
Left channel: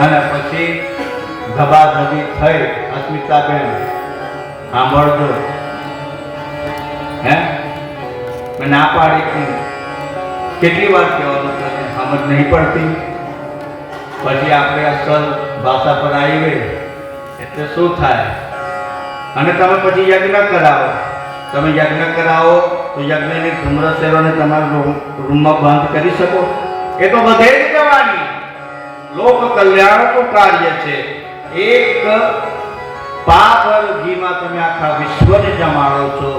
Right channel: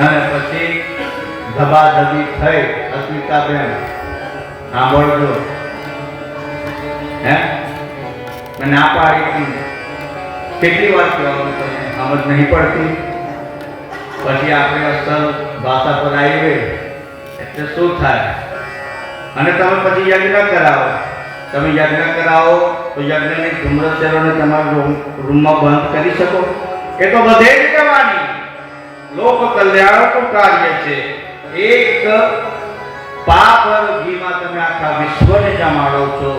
અને પછી ધબાધબી થઈ. અસ્મિતાબેન સાંભળજો, હે મેં ના પાડી પણ કેટલી વાર કહેવાનું તમને સમજ નહીં પડતી. પછી આપણે અસલ ભાષા પર આવીએ એટલે શું થાય? અને તમે પછી યજ્ઞ કરાવો. તમે યજ્ઞ કરાવો તો યજ્ઞની ધૂમ્રસેરોને તમારા રૂમમાં બંધ કરી શકો? એ તો બધે જ કરવાની. લોક કલ્યાણનું કાર્ય છે. એક પાપ ઘીમાં તમે આખા વિશ્વને જમાડો છો.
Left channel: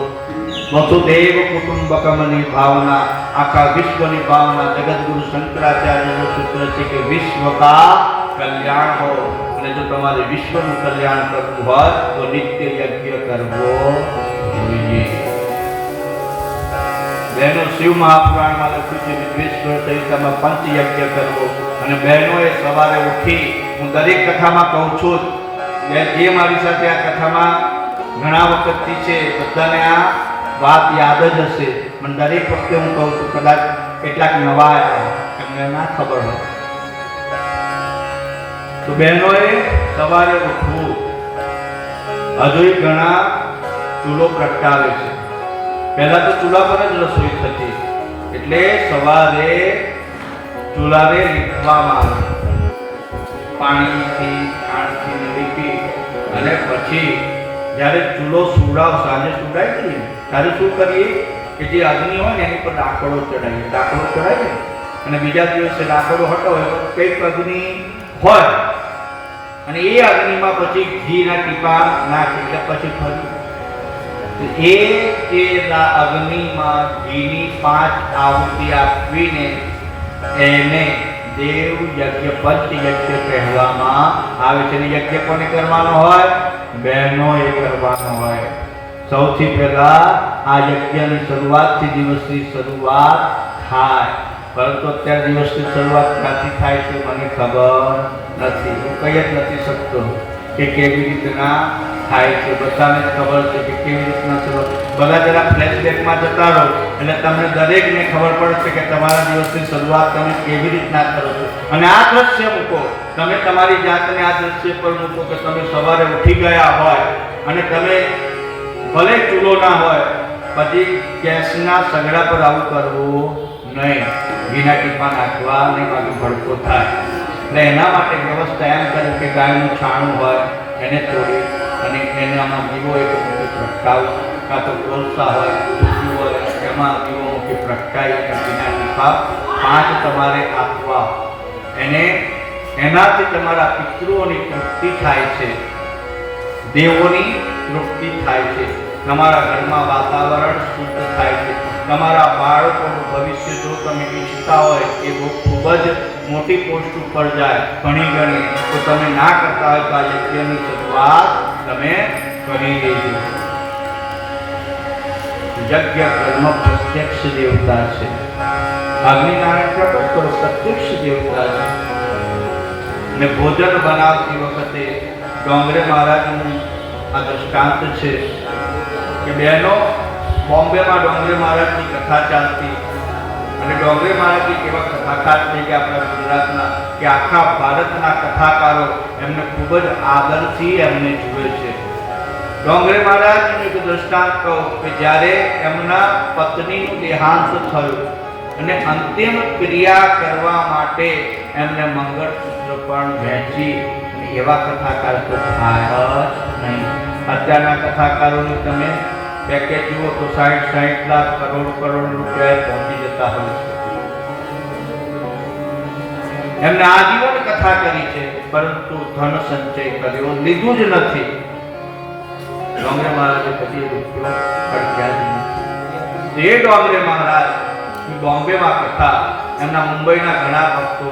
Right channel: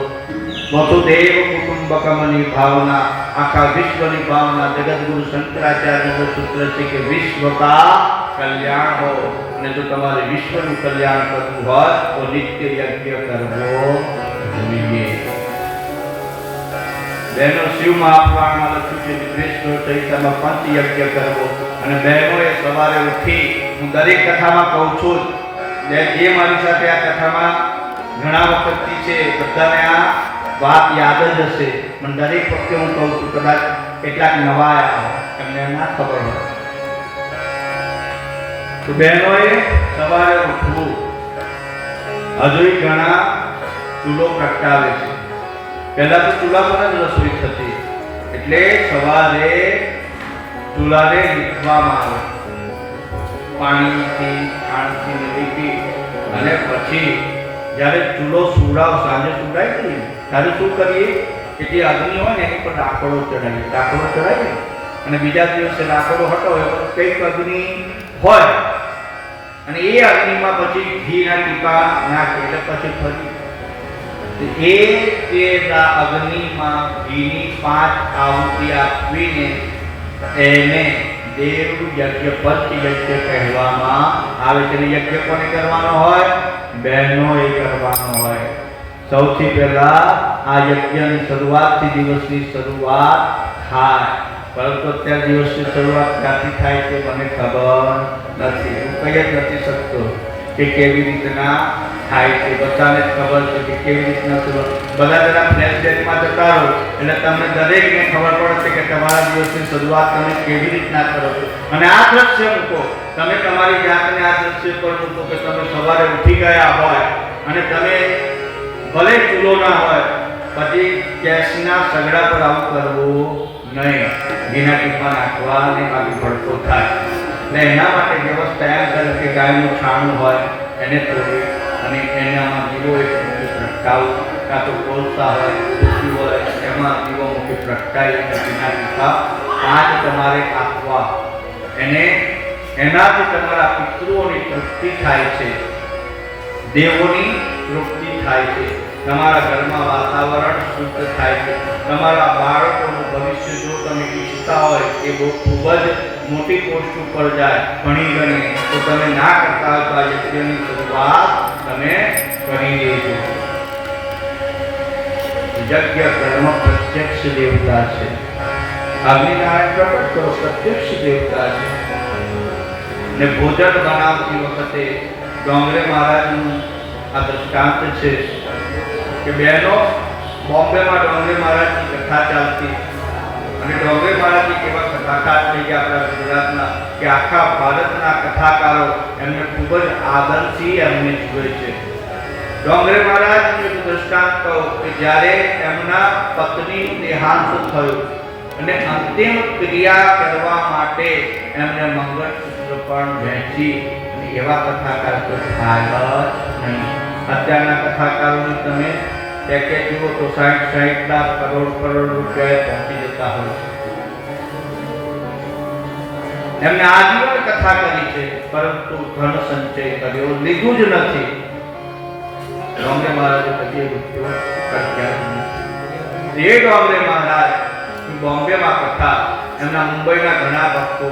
વસુદેવ કુટુંબકમની ભાવના, આખા વિશ્વની ભાવના. જગતગુરુ શંકરાચાર્યનું સૂત્ર છે કે વિશ્વ કા કલ્યાણ હો. અને જો તમારે વિશ્વનું કલ્યાણ કરવું હોય તો નિત્ય યજ્ઞ કરવો જોઈએ. બહેનો, શિવ મહાપુરાણમાં લખ્યું છે વિશ્વેશ્વર સહિતમાં પંચ યજ્ઞ કરવો. અને બહેનોએ સવારે ઉઠી, હું દરેક કથામાં કહું છું, જે મારી સાથે આ કથામાં ઘણા વખતથી છે, બધાને આ વાત યાદ જ હશે, પણ દરેક વખતે હું કહું છું, કદાચ કેટલાક નવા આવ્યા એમને ના ખબર હોય તો બહેનોએ સવારે ઉઠવું. હજુ ઘણા ચૂલો પ્રગટાવે છે. પહેલા તો ચૂલા પર જ રસોઈ થતી, એટલે સવારે ચૂલાને લીધવામાં આવે, પાણીથી ખાંડથી લીધી, અને પછી જ્યારે ચૂલો સાંજે સુવડાય ને ત્યારે શું કરીએ કે જે અગ્નિ હોય ને એની પર લાકડો ચડાવીએ, અને બીજા દિવસે લાકડો હટાવે કંઈક અગ્નિ હોય, અને એ અગ્નિમાં પછી ઘીના ટીપા નાખી, એટલે પછી ફરી અગ્નિમાં ઘીની 5 આહુતિ આપીને એને દેવ યજ્ઞ પંચ યજ્ઞ કહેવામાં આવે છે. યજ્ઞ કોને કરવાનો હોય? બહેનોએ કરવાનો હોય. સૌથી પહેલા આ યજ્ઞની શરૂઆતથી દિવસની શરૂઆત થાય, પરંતુ અત્યારે દિવસની શરૂઆત ક્યાંથી થાય છે મને ખબર નથી. હું કહી જ નથી શકતો કે કેવી રીતના થાય છે. બધાને જ ખબર છે કે કેવી રીતના શરૂઆત. બધા જરા ફ્લેશબેકમાં જતા રહો એટલે તમને દરેકને ખબર પડશે કે તમારા દિવસની શરૂઆત તમે કેવી રીતના કરો છો. અને આ દ્રશ્ય મૂકો, તમે તમારી જાતને આ દ્રશ્ય પર મૂકો કે તમે સવારે ઉઠી ગયા હોય અને તમે ભલે ચૂલો ના હોય, પછી ગેસના સગડા પર આવું કરવું નહીં. ઘીના ટીપા નાખવા અને કાપી ભડકો થાય. એટલે એના માટે વ્યવસ્થા એમ કરે કે ગાયનું છાણું હોય એને તોડી અને એનામાં દીવો એક પ્રગટાવું, કાં તો કોલસા હોય, તુલસી હોય, એમાં દીવો મૂકી પ્રગટાવી અને ઘીના ટીપા 5 તમારે આપવા. એનાથી તમારા પિતૃઓની તૃપ્તિ થાય છે, દેવોની તૃપ્તિ થાય છે, તમારા ઘરમાં વાતાવરણ શુદ્ધ થાય છે, તમારા બાળકોનું ભવિષ્ય જો તમે ઈચ્છતા હોય કે બહુ ખૂબ જ મોટી પોસ્ટ ઉપર જાય ઘણી તો તમે ના કરતા હોય તો આ યજ્ઞની શરૂઆત તમે કરી દેજો. યજ્ઞ કર્મ પ્રત્યક્ષ દેવતા છે. અગ્નિનારાયણ પ્રગટ કરો પ્રત્યક્ષ દેવતા છે. ને ભોજન બનાવતી વખતે ડોંગરે મહારાજનું આ દ્રષ્ટાંત છે કે બહેનો, બોમ્બેમાં ડોંગરે મહારાજની કથા ચાલતી, અને ડોંગરે મહારાજની કેવા કથાકાર થઈ ગયા આપણા ગુજરાતના કે આખા ભારતના કથાકારો એમને ખૂબ જ આદરથી એમને જુએ છે. ડોંગરે મહારાજનું એક દ્રષ્ટાંત કહું કે જ્યારે એમના પત્નીનું દેહાંત થયું અને અંતિમ ક્રિયા કરવા માટે એમને મંગળસૂત્ર પણ વહેંચી, અને એવા કથાકાર તો થાય જ નહીં. અત્યારના કથાકારોને તમે પેકેજ જુઓ તો 60 લાખ કરોડ રૂપિયા પહોંચી જતા હોય છે. એમને આજીવન કથા કરી છે, પરંતુ ધન સંચય કર્યો લીધું જ નથી. ડોંગરે મહારાજે પછી રૂપિયો ખર્ચ્યા જ નથી. એ ડોંગરે મહારાજ બોમ્બેમાં કથા, એમના મુંબઈના ઘણા ભક્તો,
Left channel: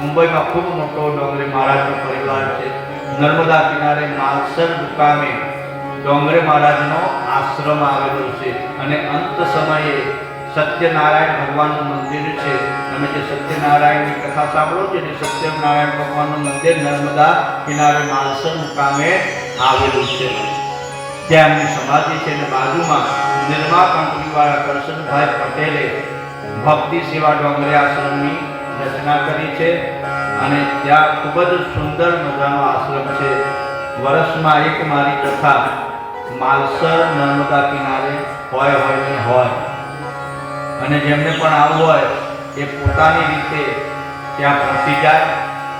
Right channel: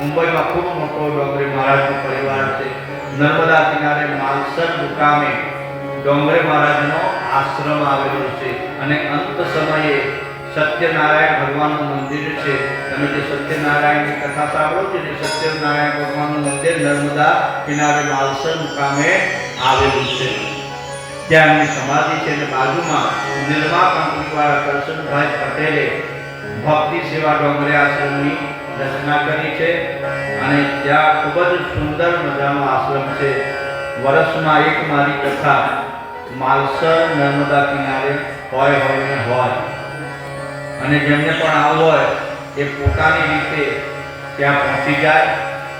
મુંબઈમાં ખૂબ મોટો ડોંગરે મહારાજનો પરિવાર છે. નર્મદા કિનારે માલસર મુકામે ડોંગરે મહારાજનો આશ્રમ આવેલો છે, અને અંત સમયે સત્યનારાયણ ભગવાનનું મંદિર છે. તમે જે સત્યનારાયણની કથા સાંભળો છો ને, સત્યનારાયણ ભગવાનનું મંદિર નર્મદા કિનારે માલસર મુકામે આવેલું છે. ત્યાં એમની સમાધિ છે અને બાજુમાં નિર્મા કંપનીવાળા કરશનભાઈ પટેલે ભક્તિ સેવા ડોંગરે આશ્રમની રચના કરી છે અને ત્યાં ખૂબ જ સુંદર મજાનો આશ્રમ છે. વર્ષમાં એક મારી કથા માલસર નર્મદા કિનારે હોય અને જેમને પણ આવવું હોય એ પોતાની રીતે ત્યાં પહોંચી જાય.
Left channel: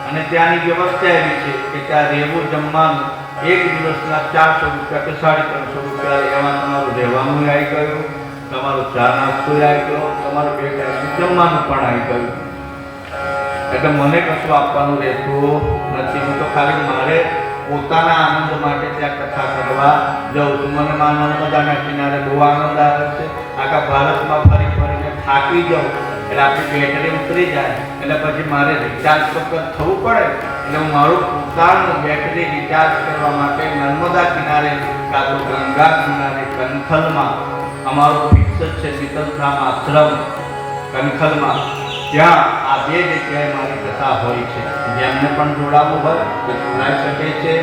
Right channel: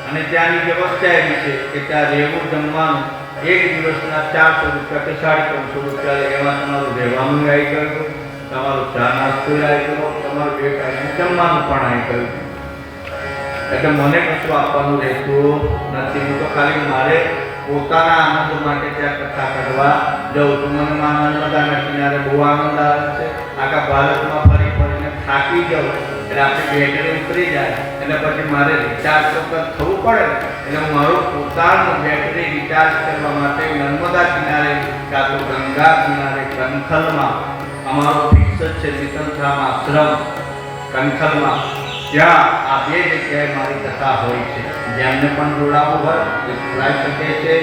અને ત્યાંની વ્યવસ્થા એવી છે કે ત્યાં રહેવું જમવાનું એક દિવસના 400 રૂપિયા કે 350 રૂપિયા, એમાં તમારું રહેવાનું આવી ગયું, તમારું ચા નાસ્તો આવી ગયો, તમારું 2 ટાઈમનું જમવાનું પણ આવી ગયું. એટલે મને કશું આપવાનું રહેતું નથી. હું તો ખાલી મારે પોતાના આનંદ માટે ત્યાં કથા કરવા જાઉં છું. મને નર્મદાના કિનારે બહુ આનંદ આવે છે. આખા ભારતમાં ફરી ફરીને થાકી જાઉં એટલે આપણી બેટરી ઉતરી જાય એટલે પછી મારે રિચાર્જ થવું પડે. એટલે હું મારું પોતાનું બેટરી રિચાર્જ કરવા માટે નર્મદા કિનારે કાં તો ગંગા કિનારે કનખલમાં અમારું ફિક્સ જ છે શીતલધામ આશ્રમ કનખલમાં, જ્યાં આ 2 જગ્યાએ મારી કથા હોય છે. જેમને પણ જોડાવું હોય તે જોડાઈ શકે છે.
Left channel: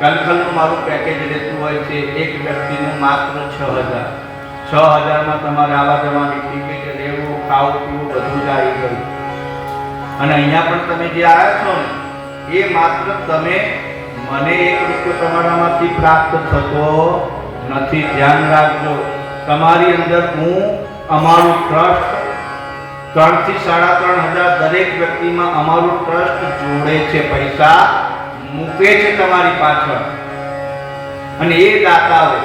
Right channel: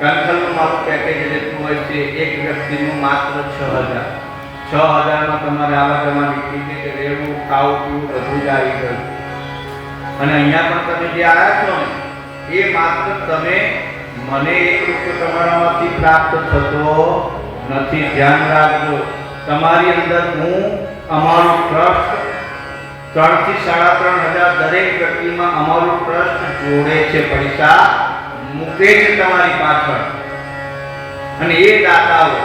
કનખલનું મારું પેકેજ રહેતું હોય છે એક વ્યક્તિનું માત્ર 6,000. 6,000માં તમારે આવા જવાની ટિકિટ, રહેવું, ખાવું પીવું બધું જ આવી ગયું. અને અહીંયા પણ તમે જે આવ્યા છો ને એ માત્ર તમે મને 1 રૂપિયો તમારામાંથી પ્રાપ્ત થતો નથી. ધ્યાન રાખજો. તમારી અંદર હું અમારું ટ્રસ્ટ 3,000 થી 3,500 દરેક વ્યક્તિમાં અમારું ટ્રસ્ટ જોડે છે, પૈસા મૂકે છે તમારી પાછળ. અને એ દાતાઓ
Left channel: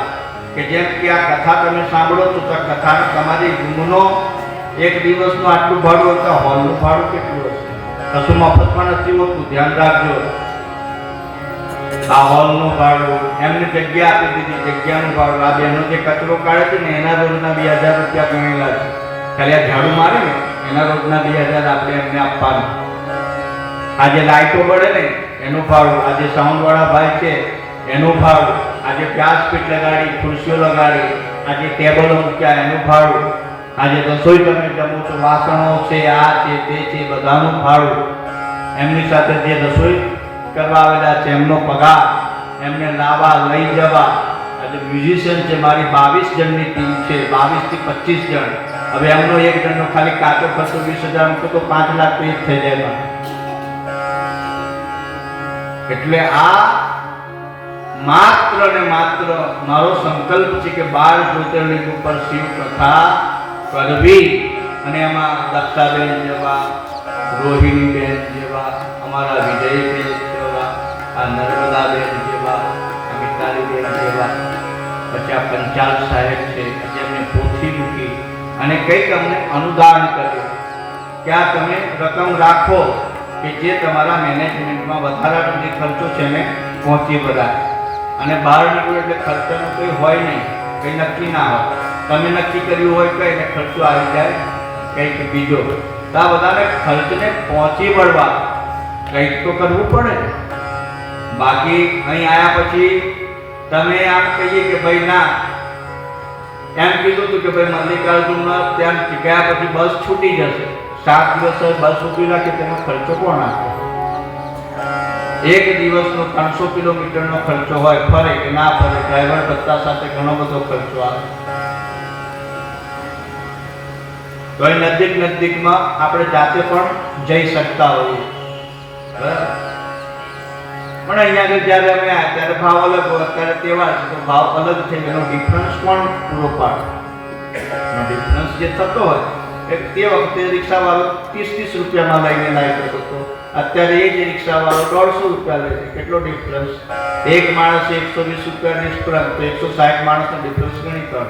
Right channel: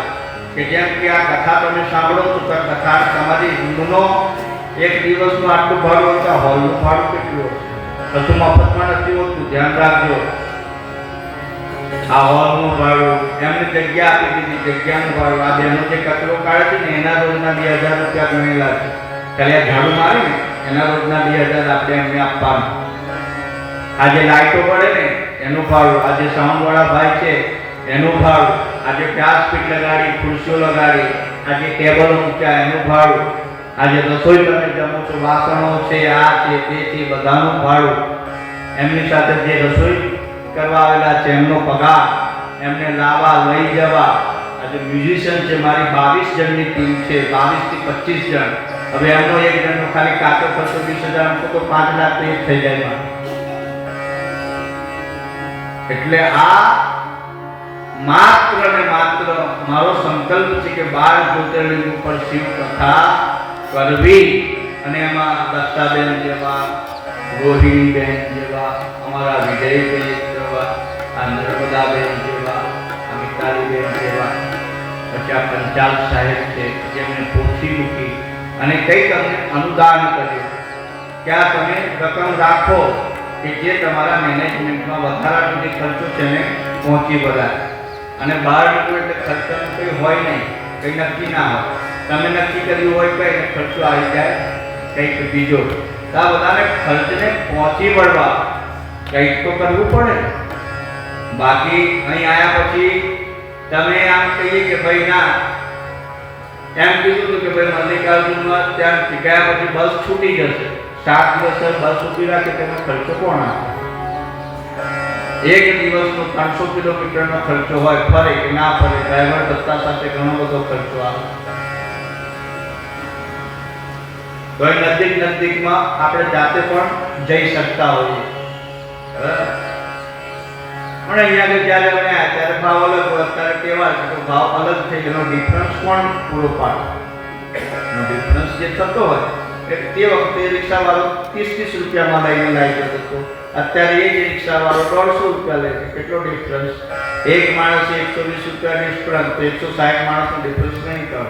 કે જેમ કે આ કથા તમે સાંભળો છો તો કથા તમારી રૂમનો એક દિવસનું આટલું ભાડું હતા, હોલનું ભાડું કેટલું હશે? કશું મફતમાં નથી હોતું. ધ્યાન રાખજો. આ હોલનું ભાડું, એમને જગ્યા આપી દીધી, જગ્યાનું ભાડું. આ બેનો જે કચરો કાઢે છે ને એના રોજના 2,000 રૂપિયા ગણેલા છે. ખાલી આ ઝાડુ મારે ને એના રોજના 2,000 આપણે એમને આપવાનું. આ જે લાઇટો પડે ને એનું ભાડું, આ જે સાઉન્ડવાળા ભાઈ છે એનું ભાડું, આ જે વ્યાસપીઠ લગાડી, ખુરશીઓ લગાડી, આ જે ટેબલો મૂક્યા એનું ભાડું, આ જે રસોઈ તમે જમો છો, વાસણો છે, આ છે તે છે, બધાનું ભાડું, એમની સાથે જે રસોઈ કરવા આવેલા છે એમનો પગાર, એમને લાવવા લઈ જવા. આજે મ્યુઝિશિયન છે, મારી 22 જણની ટીમ છે, 22 થી 25 જણ. હવે એમનો એક જણનો ખાલી કાચો ખર્ચો 20,000 છે તો 5 લાખ તો થઈ જાય. એટલે આ માત્ર ને માત્ર મારો સંકલ્પ છે કે 12 જ્યોતિર્લિંગ ઉપર શિવ કથા કરવી. અને એમાં દક્ષાબેન જેવા, રોહિણીબેન જેવા, અમારા વિજયબેન જેવા, આ નર્મદાબેન જેવા, આ મિતાલીબેન જેવા, પછી આ પંચાલ સાહેબ છે જેમને પોથી મૂકી અને કંઈક અમને અનુદાન કર્યું કે આ તમે રકમ રાખો કે જે તમારા મેનેજમેન્ટમાં વધારાનો જે ખર્ચો છે ને પહોંચી બધા. અને બહાર નીકળો એટલે ખર્ચાનો કંઈ હોય નહીં, કંઈ નક્કી ના હોય. તમે નક્કી કર્યું હોય કંઈ ને ખર્ચો આવી જાય કંઈક બીજો. તો આ બધાને ખર્ચને પહોંચી વળવા કંઈક તો કરવું પડે. બાકી અહીં આવ્યા પછી તમે આમ કહીએ કે ભાઈ ના, એમ કીધું હતું કે ભાઈ મલ્લિકાર્જુનમાં ત્યાં ગયા પછી બસ છૂટી જશે, 7 દિવસ બસ ઊભી રાખે તેનો ખર્ચો કોણ આપે? એક દિવસનો 300 કિલોમીટરનો ખર્ચો હોય, ફરે કે ના ફરે, ડ્રાઈવર ભત્તા સાથે ઘણો બધો ખર્ચો આવે. તો એ નજીકમાં આપણે જાતે પણ જઈ શકતા હોઈએ. પણ અહીંયા જ્યારે અમે આવ્યા ત્યારે ભાવ અલગ હોય, અત્યારે તહેવાર છે તો ભાવ અલગ થઈ ગયો. ડિફરન્સ કોણ પૂરો પાડે? ડિફરન્સ જે થતો હોય તે વખતે રિક્ષાવાળો 30 રૂપિયામાં લઈને લાવી હતો, અત્યારે એ જ રિક્ષાવાળો 150 રૂપિયા લે છે. કેટલો ડિફરન્સ? એક માણસે 120 રૂપિયા ડિફરન્સ, તો 160 માણસનો ડિફરન્સ ગણી કરો.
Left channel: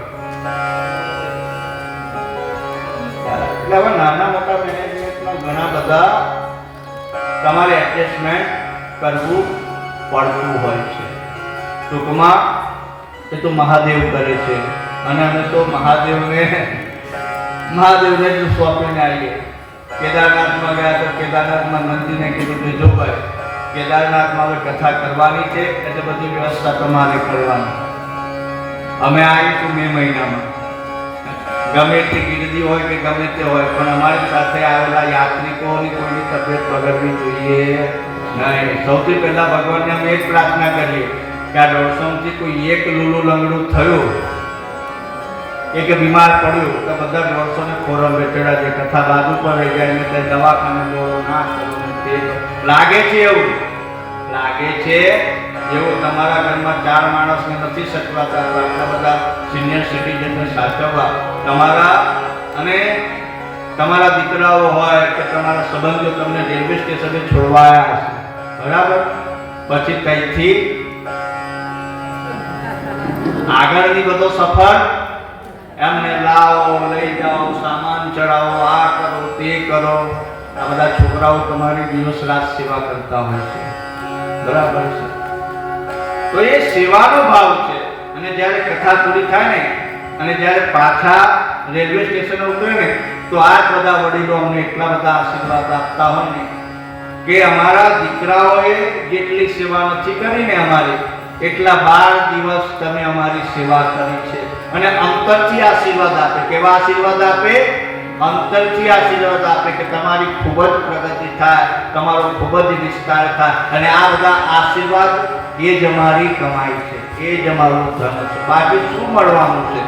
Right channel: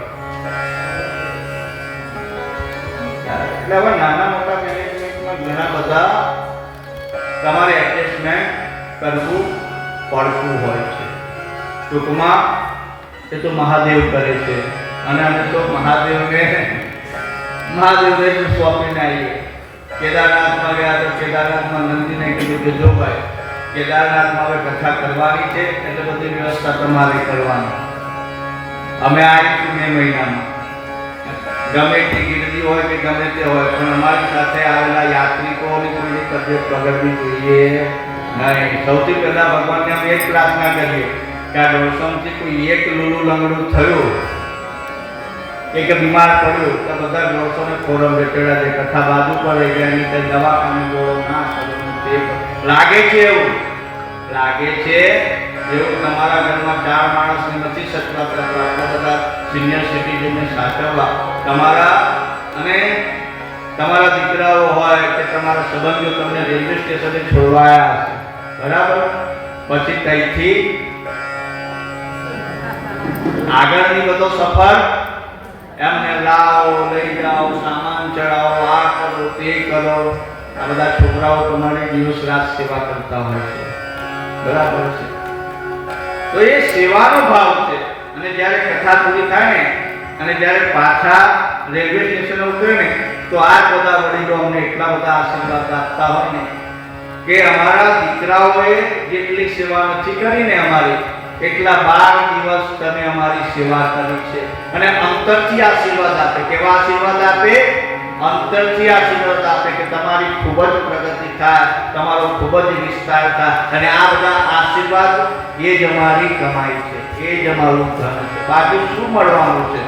એટલે હવે નાના મોટા મેનેજમેન્ટમાં ઘણા બધા તમારે એડજસ્ટમેન્ટ કરવું પડતું હોય છે. ટૂંકમાં એ તો મહાદેવ કરે છે અને અમે તો મહાદેવને જ સોંપીને આવીએ. કેદારનાથમાં ગયા તો કેદારનાથમાં મંદિરને કીધું કે જો ભાઈ કેદારનાથમાં હવે કથા કરવાની છે એટલે બધી વ્યવસ્થા તમારે કરવાની. અમે આવીશું મે મહિનામાં, ગમે તે ગીરદી હોય કે ગમે તે હોય, પણ અમારી સાથે આવેલા યાત્રિકોની કોઈની તબિયત બગડવી જોઈએ નહીં. સૌથી પહેલા ભગવાનને અમે એક પ્રાર્થના કરીએ કે આ દર્શનથી કોઈ એક લૂલું લંગડું થયું, એક બીમાર પડ્યું તો બધા દર્શને ખોરાક બેઠેલા છે, કથા બાજુ પર રહી જાય, કઈ દવાખાને ગયો ના કરો તે લાગે છે. એવું લાગે છે જેવું તમારા ઘરમાં 4 માણસને નથી સચવાતા તો આટલા બધા સિનિયર સિટીઝનને સાચવવા તમારા અને તમારા દીકરાઓ હોય કે તમારા સંબંધીઓ તમને રેલવે સ્ટેશને છોડવાયા હશે, બરાબર? પછી ત્યાંથી આગળની બધો સફર એમને લાવો, લઈ જાઓ, સામાન ચડાવો, આ કરો તે કરો, આ બધા છોકરાઓ તમારી દિવસ રાત સેવા કરતા હોય છે, બરાબર છે? તો એ સેવાનો ભાવ છે. અને જ્યારે કથા પૂરી થાય ને અને જ્યારે પાછા રેલવે સ્ટેશન ઉતરે ને તો આ બધા વડીલો અમને એટલા બધા આશીર્વાદ આપતા હોય ને કે અમારા દીકરાઓએ જેટલી સેવા નથી કરી ને અમારી, એટલા 12 દિવસ તમે અમારી સેવા કરી છે. અને અંતરથી આશીર્વાદ આપે. કેવા આશીર્વાદ આપે? અંતરથી આશીર્વાદ આપે કે તમારી ખૂબ જ પ્રગતિ થાય, તમારો ખૂબ જ વિસ્તાર થાય. અને આ બધા આશીર્વાદ એ જ અમારી કમાઈ છે, એ જ અમારું ધન છે. બાકી શું મળવાનું છે?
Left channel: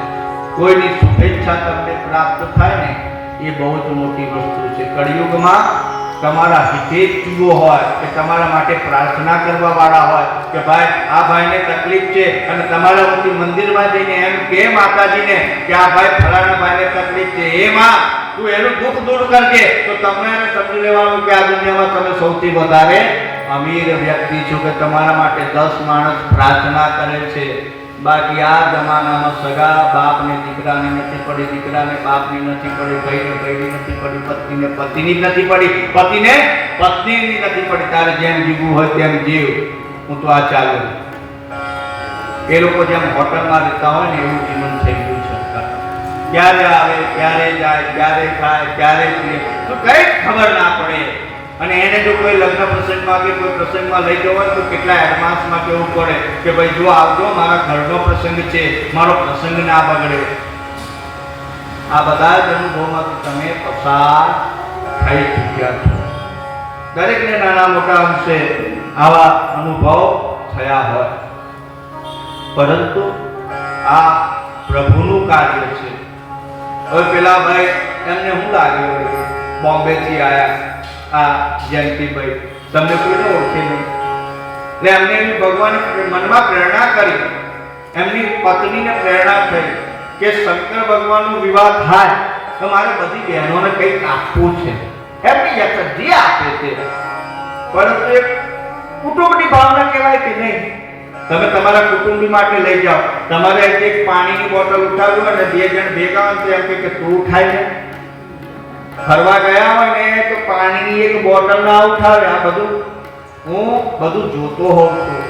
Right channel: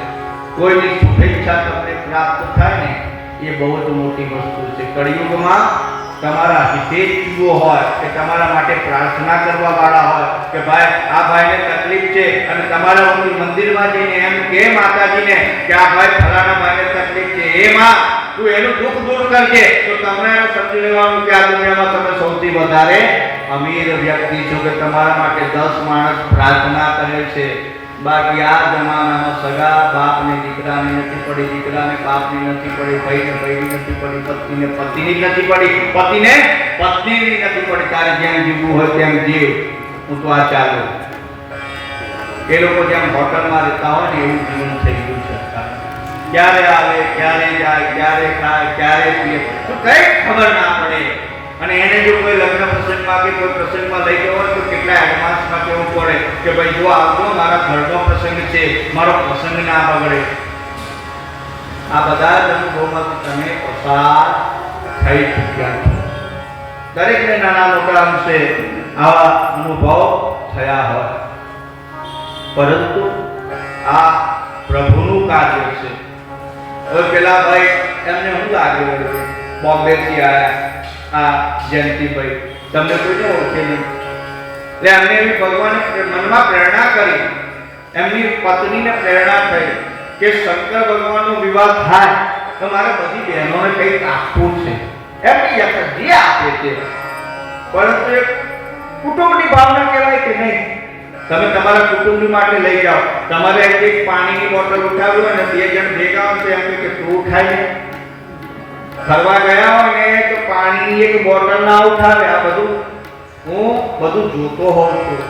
કોઈની શુભેચ્છા તમને પ્રાપ્ત થાય ને એ બહુ જ મોટી વસ્તુ છે. કળિયુગમાં તમારા હિતેચ્છુઓ હોય કે તમારા માટે પ્રાર્થના કરવા વાળા હોય કે ભાઈ આ ભાઈને તકલીફ છે અને તમારા મંદિરમાં જઈને એમ કે માતાજીને કે આ ભાઈ ફલાણા ભાઈને તકલીફ છે, એ માં તું એનું દુઃખ દૂર કરજે, તો તમને સમજી લેવાનું કે આ દુનિયામાં તમે સૌથી વધારે અમીર વ્યક્તિ છો કે તમારા માટે 10 માણસ પ્રાર્થના કરે છે. બાકી આ જમાનામાં સગા બાપને દીકરાની નથી પડી, દીકરાને બાપની નથી પડી, ભાઈને ભાઈની નથી પડી, પત્નીને પતિની નથી પડી, પતિને પત્નીની નથી પડી. તારે જેમ જીવવું હોય તેમ જીવ, હું તો આ ચાલુ. એ લોકો જેમ હોટલમાં રહેતા હોય ને એવું જીવન થઈ ગયું છે. ક્યારે આવે, ક્યારે જાય, ક્યારે ખાય, ક્યારે પીએ તો કઈ ખબર ના પડે. અને એને જો કોઈ લગ્ન પ્રસંગમાં કે કોઈ પ્રસંગમાં લઈ જવો હોય તો કેટલા એડવાન્સમાં કહેવું પડે કે ભાઈ જો આવજો, મારા ઘરનો પ્રસંગ છે, મારો પ્રસંગ ના બગડે. આ બધા જ અનુભવમાંથી તમે પસાર થઈ ચૂક્યા છો. દરેકને નાના મોટા અંશે આવા અનુભવ થયા હોય, પરંતુ આ પ્રભુનું કાર્ય છે. હવે પેલા ભાઈ એમને શું લાગે વળે બોમ્બેથી આવ્યા આ જયંતિભાઈ, તમને કોઈને ઓળખે નહીં. એટલે અમને એવી ભગવાને મનમાં પ્રેરણા કરી, એમની પત્નીને પ્રેરણા થઈ કે શંકર ભગવાનનો વિવાહ થાય તો મારે બધી બહેનોને કંઈક આપવું છે. એમની યથા જે આપે છે, પરંતુ એક કુટુંબની ભાવના કહેવાય કે નહીં. તમે તમારા કુટુંબી માટે લઈ જાઓ, તમારે એક પાણીની બોટલ ઉઠાવી હોય ને 2 જણ ભેગા હોય તો એમ કે તું ઉઠાય ને. ફરવા ગયા હોય ને તો પાણીની એક બોટલ ના ઉઠાવે. આ બધું હું બધું જોતો હોઉં છું,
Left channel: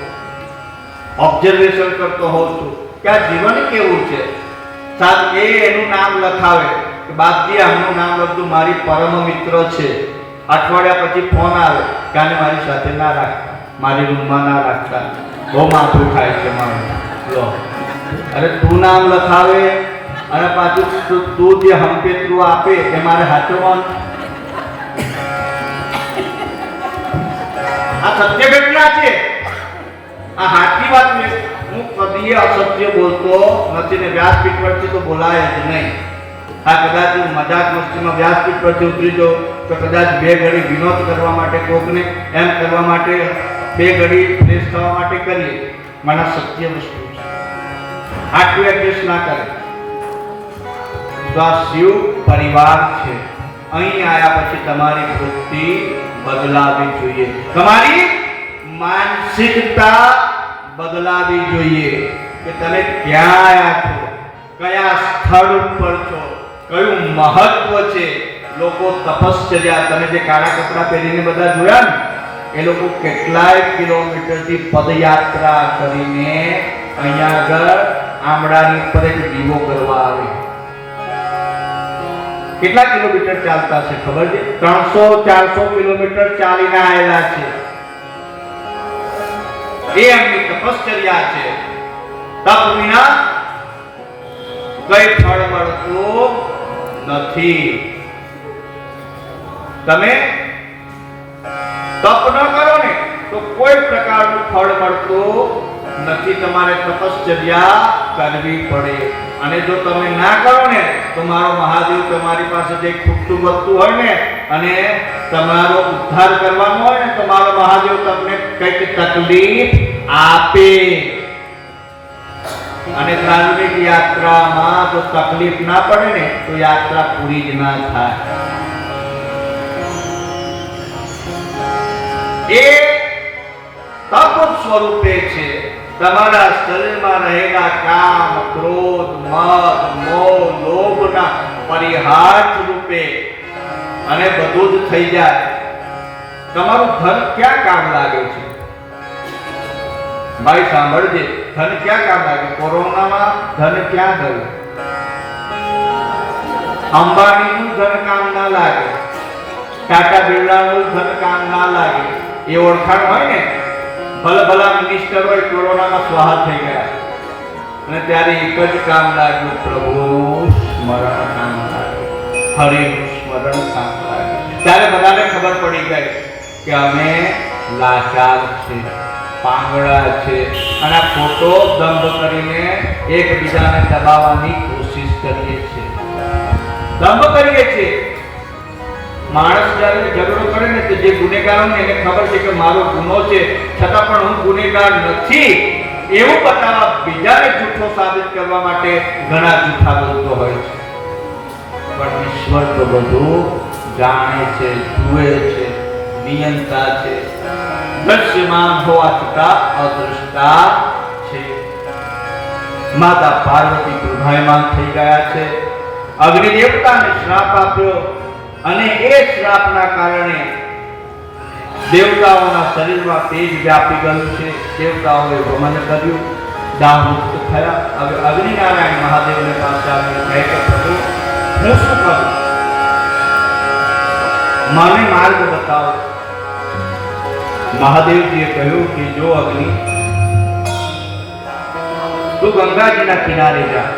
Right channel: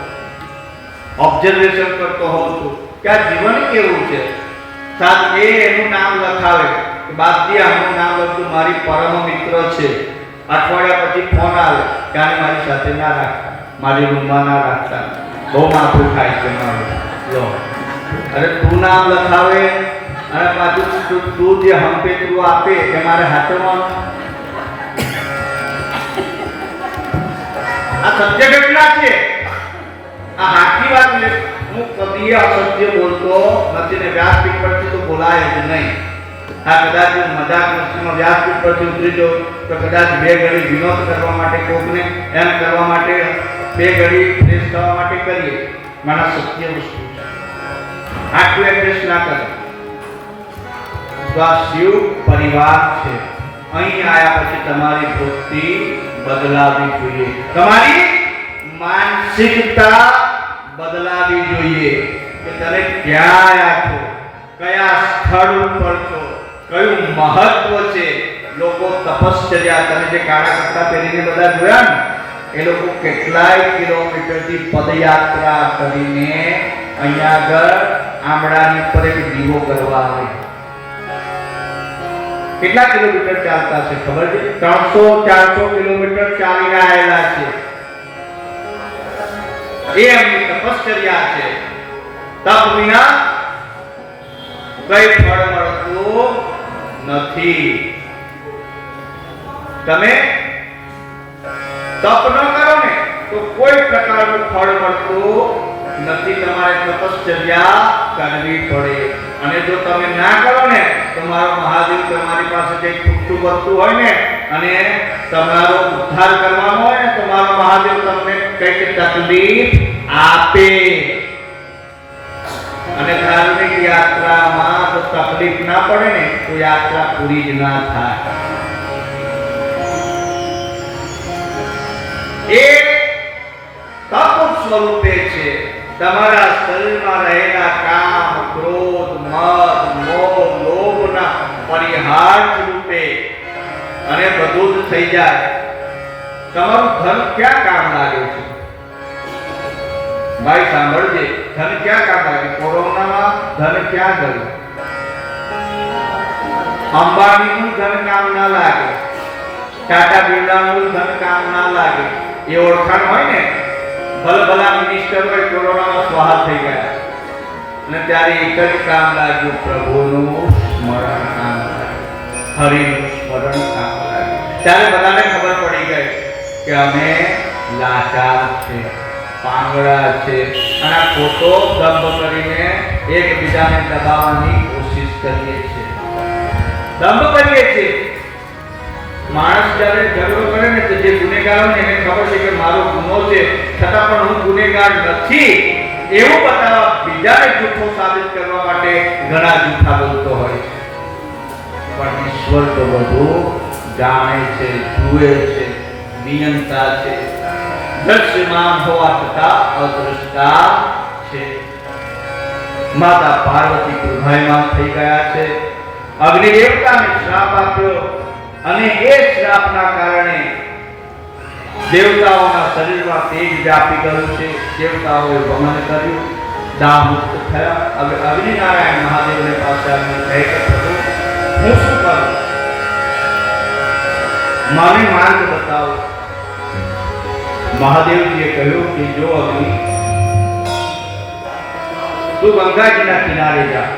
ઓબ્ઝર્વેશન કરતો હોઉં છું કે આ જીવન કેવું છે. સાહેબ એનું નામ લખાવે કે બાપજી આનું નામ લખતું, મારી પરમ મિત્ર છે. અઠવાડિયા પછી ફોન આવે કે આને મારી સાથે ના રાખતા, મારી રૂમમાં ના રાખતા, બહુ માથું ખાય છે મારું. લો, અરે તું નામ લખાવે અને પાછું તું જે હંપેતરું આપે એ મારે હાથમાં. આ સત્ય કેટલા છે? આ હાથી વાત હું કદી અસત્ય બોલતો નથી ને વ્યાસપીઠ પરથી તો બોલાય જ નહીં. આ કદાચ મજાક મસ્તીમાં વ્યાસપીઠ પરથી ઉતરી જાઉં તો કદાચ 2 ઘડી વિનોદ કરવા માટે, કોકને એમ કરવા માટે 2 ઘડી ફ્રેશ થવા માટે કરીએ. મને સત્ય વસ્તુ છે, આટલું એડજસ્ટ ના કરે. તો આ શિવ પરિવાર છે. અહીં આવ્યા પછી તમારી વૃત્તિ બદલાવી જોઈએ, તમારી માનસિકતા બદલાવી જોઈએ કે તમે ક્યાં આવ્યા છો, કયા સ્થળ ઉપર છો, કયું મહત્વ છે. લોકો તપશ્ચર્યા, તમે જે કાળા કપડા પહેરીને બધા જોયા ને એ લોકો કેટલાય કિલોમીટરથી પદયાત્રા કરીને અહીંયા આગળ આમળાની ઉપર એક દીવો કરવા આવે. કેટલા કિલોમીટર ચાલતા છે ખબર છે? 300-400 કિલોમીટર ચાલીને આવેલા છે. એ એમની તપશ્ચર્યા છે. તપ વિના કઈ ફળ મળતું નથી. તમે તપ ન કરો ને તો કોઈ પ્રકારનું ફળ મળતું નથી તમારે તપશ્ચર્યા કરવી પડે. અને જો તમે ના કરો ને તો મારો મહાદેવ તમારી પાસે જે ખૂટતું વધતું હોય ને અને તમારો ઉદ્ધાર કરવાનો હોય ને તો મારો મહાદેવ તમને કંઈક તકલીફ આપે. અને ધાર્મિક યાત્રામાં જો તકલીફ ના પડે ને તો યાત્રા પૂરી જ ના થાય. એ તપ સ્વરૂપે છે. તમારા શરીરમાં રહેલા કામ, ક્રોધ, મદ, મોહ, લોભના પરિહાર રૂપે અને બધું જ થઈ જાય. તમારું ધન ક્યાં કામ લાગે છે? ભાઈ સાંભળજે, ધન ક્યાં કામ લાગે? કોરોનામાં ધન ક્યાં ગયું? અંબાણીનું ધન કામ ના લાગે, ટાટા બિરલાનું ધન કામ ના લાગે. એ ઓળખાણ હોય ને, ભલા મિનિસ્ટર હોય કોરોનામાં સ્વાહા થઈ ગયા અને ત્યારે એક જ કામ લાગ્યું, પ્રભુનું સ્મરણ કામ લાગ્યું, હરિનું સ્મરણ કામ લાગ્યું. ત્યારે બધાને ખબર પડી ગઈ કે અમે લાચાર છે, પાંગડા છે અને આ ખોટો દંભ કરીને એકબીજાને દબાવવાની કોશિશ કરીએ છીએ, દંભ કરીએ છીએ. માણસ જ્યારે ઝઘડો કરે ને તો જે ગુનેગાર હોય ને એને ખબર છે કે મારો ગુનો છે છતાં પણ હું ગુનેગાર નથી એવું બતાવવા, બીજાને જૂઠો સાબિત કરવા માટે ઘણા જૂઠા બોલતો હોય છે. પણ ઈશ્વર તો બધું જાણે છે, જુએ છે, નિયંતા છે, દૃશ્યમાન હોવા છતાં અદૃષ્ટા છે. માતા પાર્વતી પ્રભાયમાન થઈ ગયા છે. અગ્નિ દેવતાને શ્રાપ આપ્યો અને એ શ્રાપના કારણે દેવતાઓના શરીરમાં તેજ વ્યાપી ગયું છે. દેવતાઓએ વમન કર્યું, દાહ મુક્ત થયા. હવે અગ્નિનારાયણ મહાદેવને પાસે આવીને કહે કે પ્રભુ હું શું કરું? મને માર્ગ બતાવો. મહાદેવજીએ કહ્યું કે જો અગ્નિ, તું ગંગાજીના કિનારે જા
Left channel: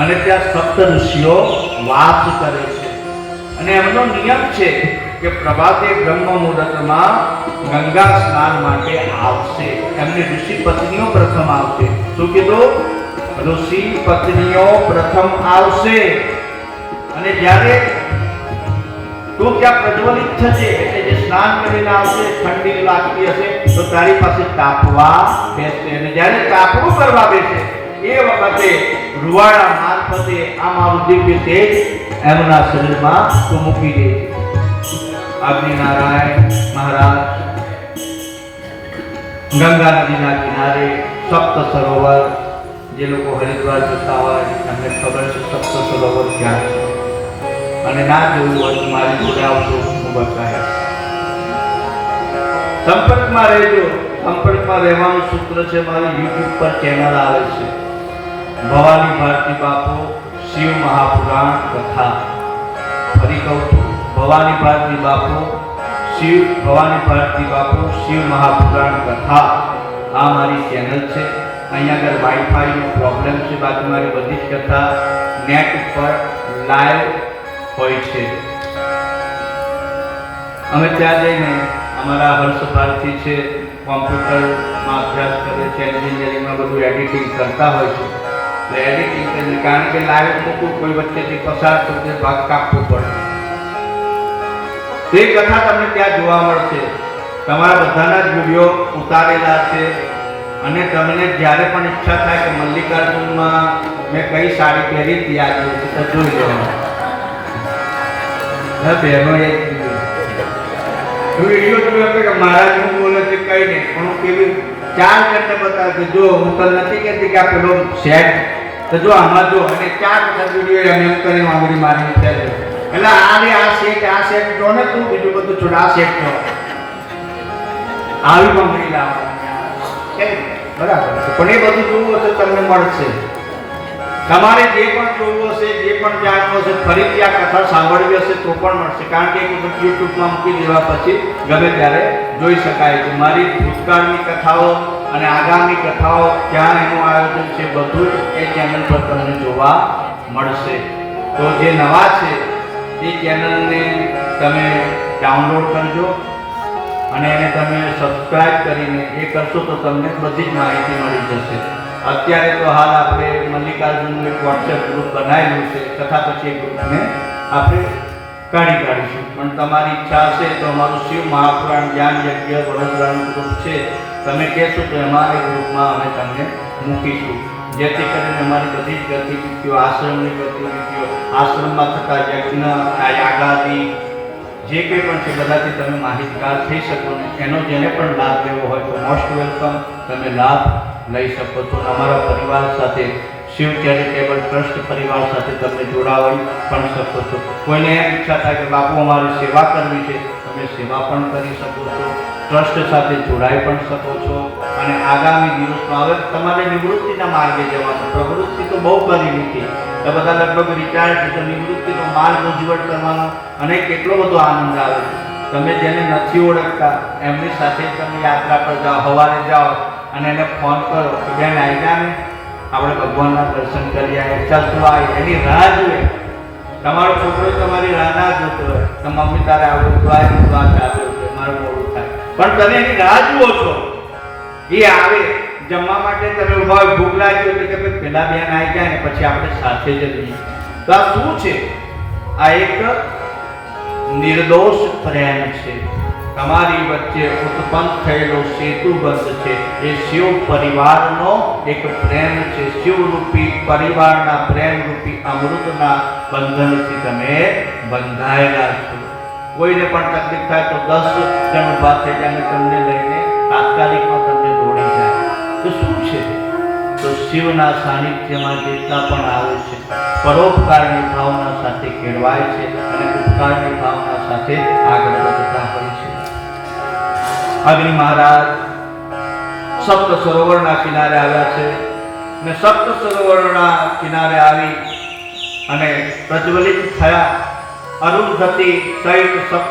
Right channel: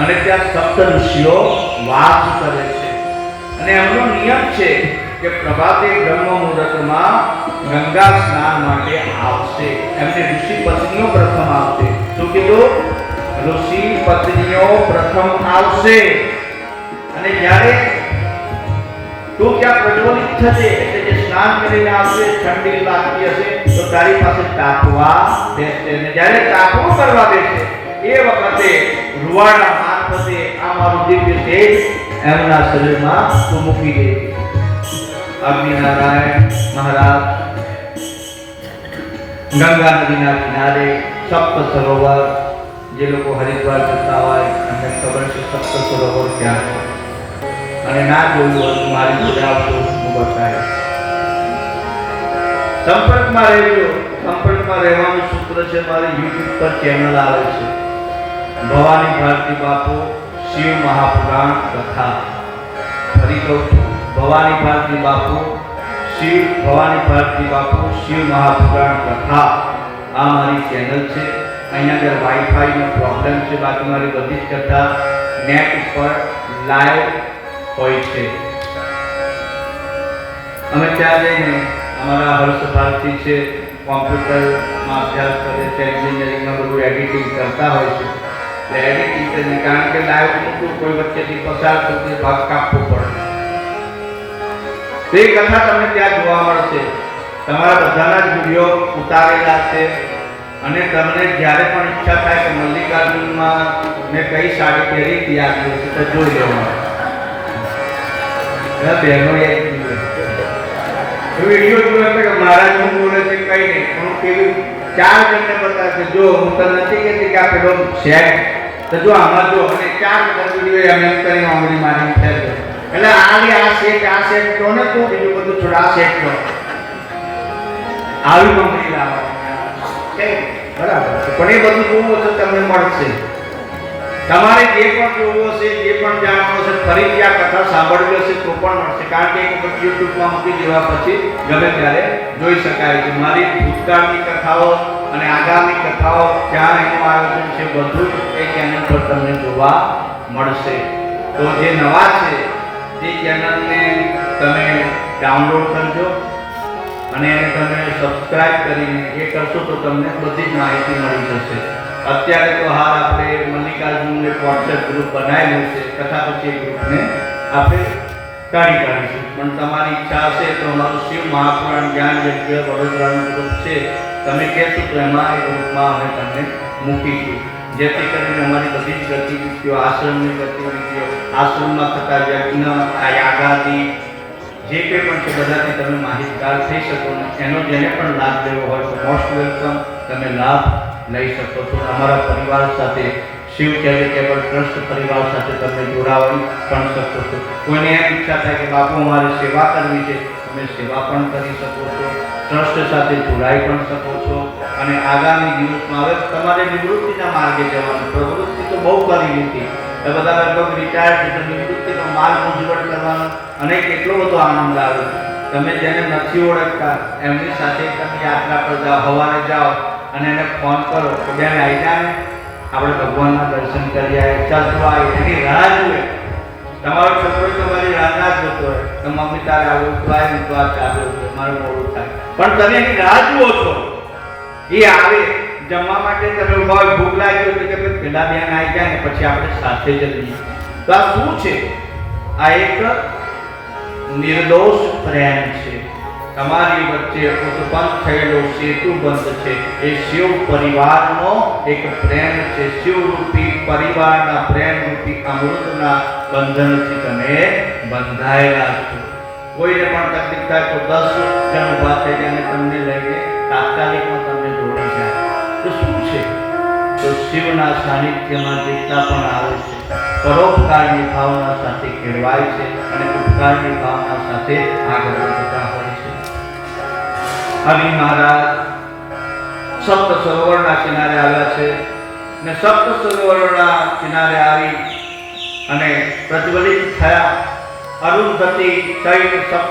અને ત્યાં સપ્ત ઋષિઓ વાસ કરે છે અને એમનો નિયમ છે કે પ્રભાતે બ્રહ્મ મુહૂર્તમાં ગંગા સ્નાન માટે આવશે. એમની ઋષિ પત્નીઓ પ્રથમ આવશે. શું કીધું? ઋષિ પત્નીઓ પ્રથમ આવશે. અને જ્યારે તું ત્યાં પ્રજ્વલિત થશે એટલે જે સ્નાન કરીને આવશે, ઠંડી લાગતી હશે તો તારી પાસે તાપવા બેસશે. અને જ્યારે તાપવું કરવા બેસે એ વખતે રૂવાડા મારફતે આ મારું દિવ્ય તેજ એમના શરીરમાં તું મૂકી દે. અગ્નિનારાયણ મહારાજ ગંગા નદીના કિનારે સપ્ત સરોવર, જે લોકો હરિદ્વાર જતા હોય એમને ખબર છે સપ્ત સરોવર ક્યાં છે. અને ના જોયું હોય મારી જોડે આવતો હું બતાવીશ. સંપર્કમાં રહેજો. સંપર્કમાં રહેવાનું સૂત્ર છે, મારી YouTube પર ચેનલ આવે છે, ભવાની ભારતી બાપુ શિવ મહાપુરાણ કથા. ફરી કહું છું, ભવાની ભારતી બાપુ શિવ મહાપુરાણ કથા. આ મારી ચેનલ છે. અહીંયા આગળ વાઈફાઈનો પ્રોબ્લેમ છે, બાકી મારી બધી જ કથા નેટ ઉપર લાઈવ હોય છે. અમે ત્યાં જઈને અમારા હર્ષ ભારતી છે, કોમ્પ્યુટરમાં અભ્યાસ કરે છે, એન્જિનિયરિંગમાં બધું એડિટિંગ કરતા હોય છે. એટલે એડિટિંગ કરીને, કારણ કે લાઈવ મૂકવું, કોઈ વચ્ચેથી પસાર થતું ભાગ કાપવું પડે. તે કથા તમને ત્યાં જોવા મળશે. તમારા બધાના જ વિડીયો ઉતારેલા છે અને તમને જ્યારે પણ ઈચ્છા થાય કે મલ્લિકાર્જુનમાં મેં કઈ સાડી પહેરી હતી આ દિવસે તો જોઈ લેવાનું. બહેનો એક વિડીયો જોયો કે મહારાજ હું બોલે છે કઈ નહીં, હું પેલું 4 જણને બતાવે જો હું તો નથી કહેતી કે આ પેલો સેટ તો જો આમાં જો, અને 4 વિડીયો એમ કરીને આંગળી મારી છે. એટલે આ સેટ જો ને તું બીજું બધું છોડ, આ સેટ જો આવી કંપની લાવવાની છે બરાબર. પણ એ બધું જોવું તો તમને મળશે. તમારે જે પણ જોવું હશે, જે પણ જાણવું હશે, ફરીથી આ કથા સાંભળવી હશે તો પણ મળશે. કારણ કે એક વખત યુટ્યુબમાં મૂકી દેવા પછી ગમે ત્યારે જોઈ શકાય છે. મારી ભૂતકાળની કથાઓ અને આગામી કથાઓ ત્યાં એનું આયોજન છે, બધું જ એ ચેનલ પર તમને જોવા મળશે. તો જે નવા છે તે ચેનલને તમે ડાઉનલોડ કરજો અને એને તમે સબસ્ક્રાઇબ કરીને એ કરશો તો તમને બધી જ માહિતી મળી જશે. અત્યારે તો હાલ આપણે મલ્લિકાર્જુનનું એક વોટ્સએપ ગ્રુપ બનાવેલું છે, તથા પછી એ ગ્રુપને આપણે કાઢીશું. પણ તમારી ઈચ્છા હશે તો અમારું શિવ મહાપુરાણ જ્ઞાન યજ્ઞ વડોદરાનું ગ્રુપ છે, તમે કહેશો તો એમાં એ ગ્રુપમાં અમે તમને મૂકીશું, જેથી કરીને અમારી બધી જ ગતિવિધિઓ, આશ્રમની ગતિવિધિઓ, આશ્રમમાં થતા યજ્ઞ, યાગાદી જે કંઈ પણ છે બધાથી તમે માહિતગાર થઈ શકો. ને એનો જેને પણ લાભ લેવો હોય તો મોસ્ટ વેલકમ, તમે લાભ લઈ શકો છો. અમારા પરિવાર સાથે, શિવ ચેરિટેબલ ટ્રસ્ટ પરિવાર સાથે તમે જોડાવી પણ શકો છો. કોઈને એમ ઈચ્છા થાય કે બાપુ અમારે સેવા કરવી છે, તમે સેવા પણ કરી શકો છો, ટ્રસ્ટ સાથે જોડાઈ પણ શકો છો. અને આગામી દિવસમાં હવે તમારે નિવૃત્તિના માર્ગે જવાનું. પ્રવૃત્તિ તો બહુ કરી લીધી, એ બધા લગભગ રિટાયર છે, તો નિવૃત્તિનો માર્ગ ઉજ્જવળ કરવાનો અને કેટલો બધો આનંદ આવે. તમે જેને નથી ઓળખતા એમની સાથે તમે યાત્રા પર જાઓ, સવારે જાઓ અને એને ફોન કરો કે બેન આવી જા ને, આપણે ભગવાનના દર્શન કરી આવે, ચાલતો આવે, એની રાહ જુએ. તમારો છોકરો તમારી રાહ ના જોતો હોય તો મમ્મી તારે આવું તો આ ચાલતો હોય, મારું મોડું થાય, પણ તમે એની રાહ જુઓ છો. એ આવે જમવા માટે, તમે ઉભા ભૂખ લાગી હોય કે પેલા બેન આવી જાય ને પછી આપણે સાથે જઈએ. તો આ શું છે? આ એક નિર્દોષ પ્રેમ છે. તમારી વચ્ચે ઉત્પન્ન થયેલો સેતુબંધ છે. એ શિવ પરિવારનો એક પ્રેમ છે. શિવરૂપી પરિવારના પ્રેમરૂપી અમૃતના બંધનથી તમે બંધાયેલા છો. કોઈને પણ તકલીફ થાય તો 10 જણ ઉભા થઈ જાય અને તમને લઈને તાત્કાલિકમાં તમને દોડી જાય. તો શું છે? તો શિવના સાનિધ્યમાં જેટલા પણ આવે છે પરોપકારની ભાવના સાથે કેળવાય છે અને ઉપકારની ભાવના સાથે આગળ વધતા હોય છે. અગ્નિ મહારાજ સપ્ત સરોવરના કિનારે આવ્યા છે ને સપ્ત સરોવરના કિનારે આવી અને પ્રજ્વલિત થયા. અરુંધતી સહિત સપ્ત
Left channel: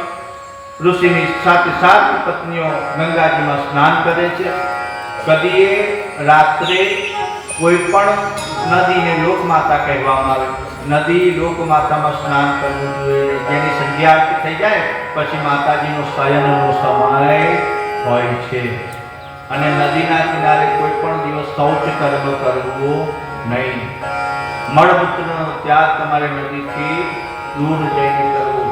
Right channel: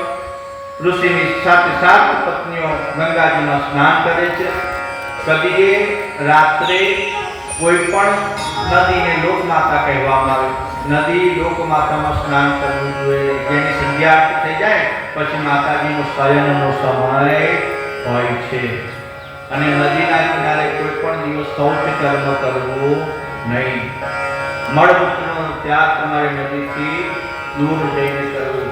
ઋષિની સાથે 7 પત્નીઓ ગંગાજીમાં સ્નાન કરે છે. કદીએ રાત્રે કોઈ પણ નદીને લોકમાતા કહેવામાં આવે. નદી લોકમાતામાં સ્નાન કરવું જોઈએ. જેની સંધ્યા આરતી થઈ જાય પછી માતાજીનો શયનનો સમય હોય છે. અને નદીના કિનારે કોઈ પણ દિવસ શૌચ કર્મ કરવું નહીં. મળમૂત્રનો ત્યાગ તમારે નદીથી દૂર જઈને કરવું.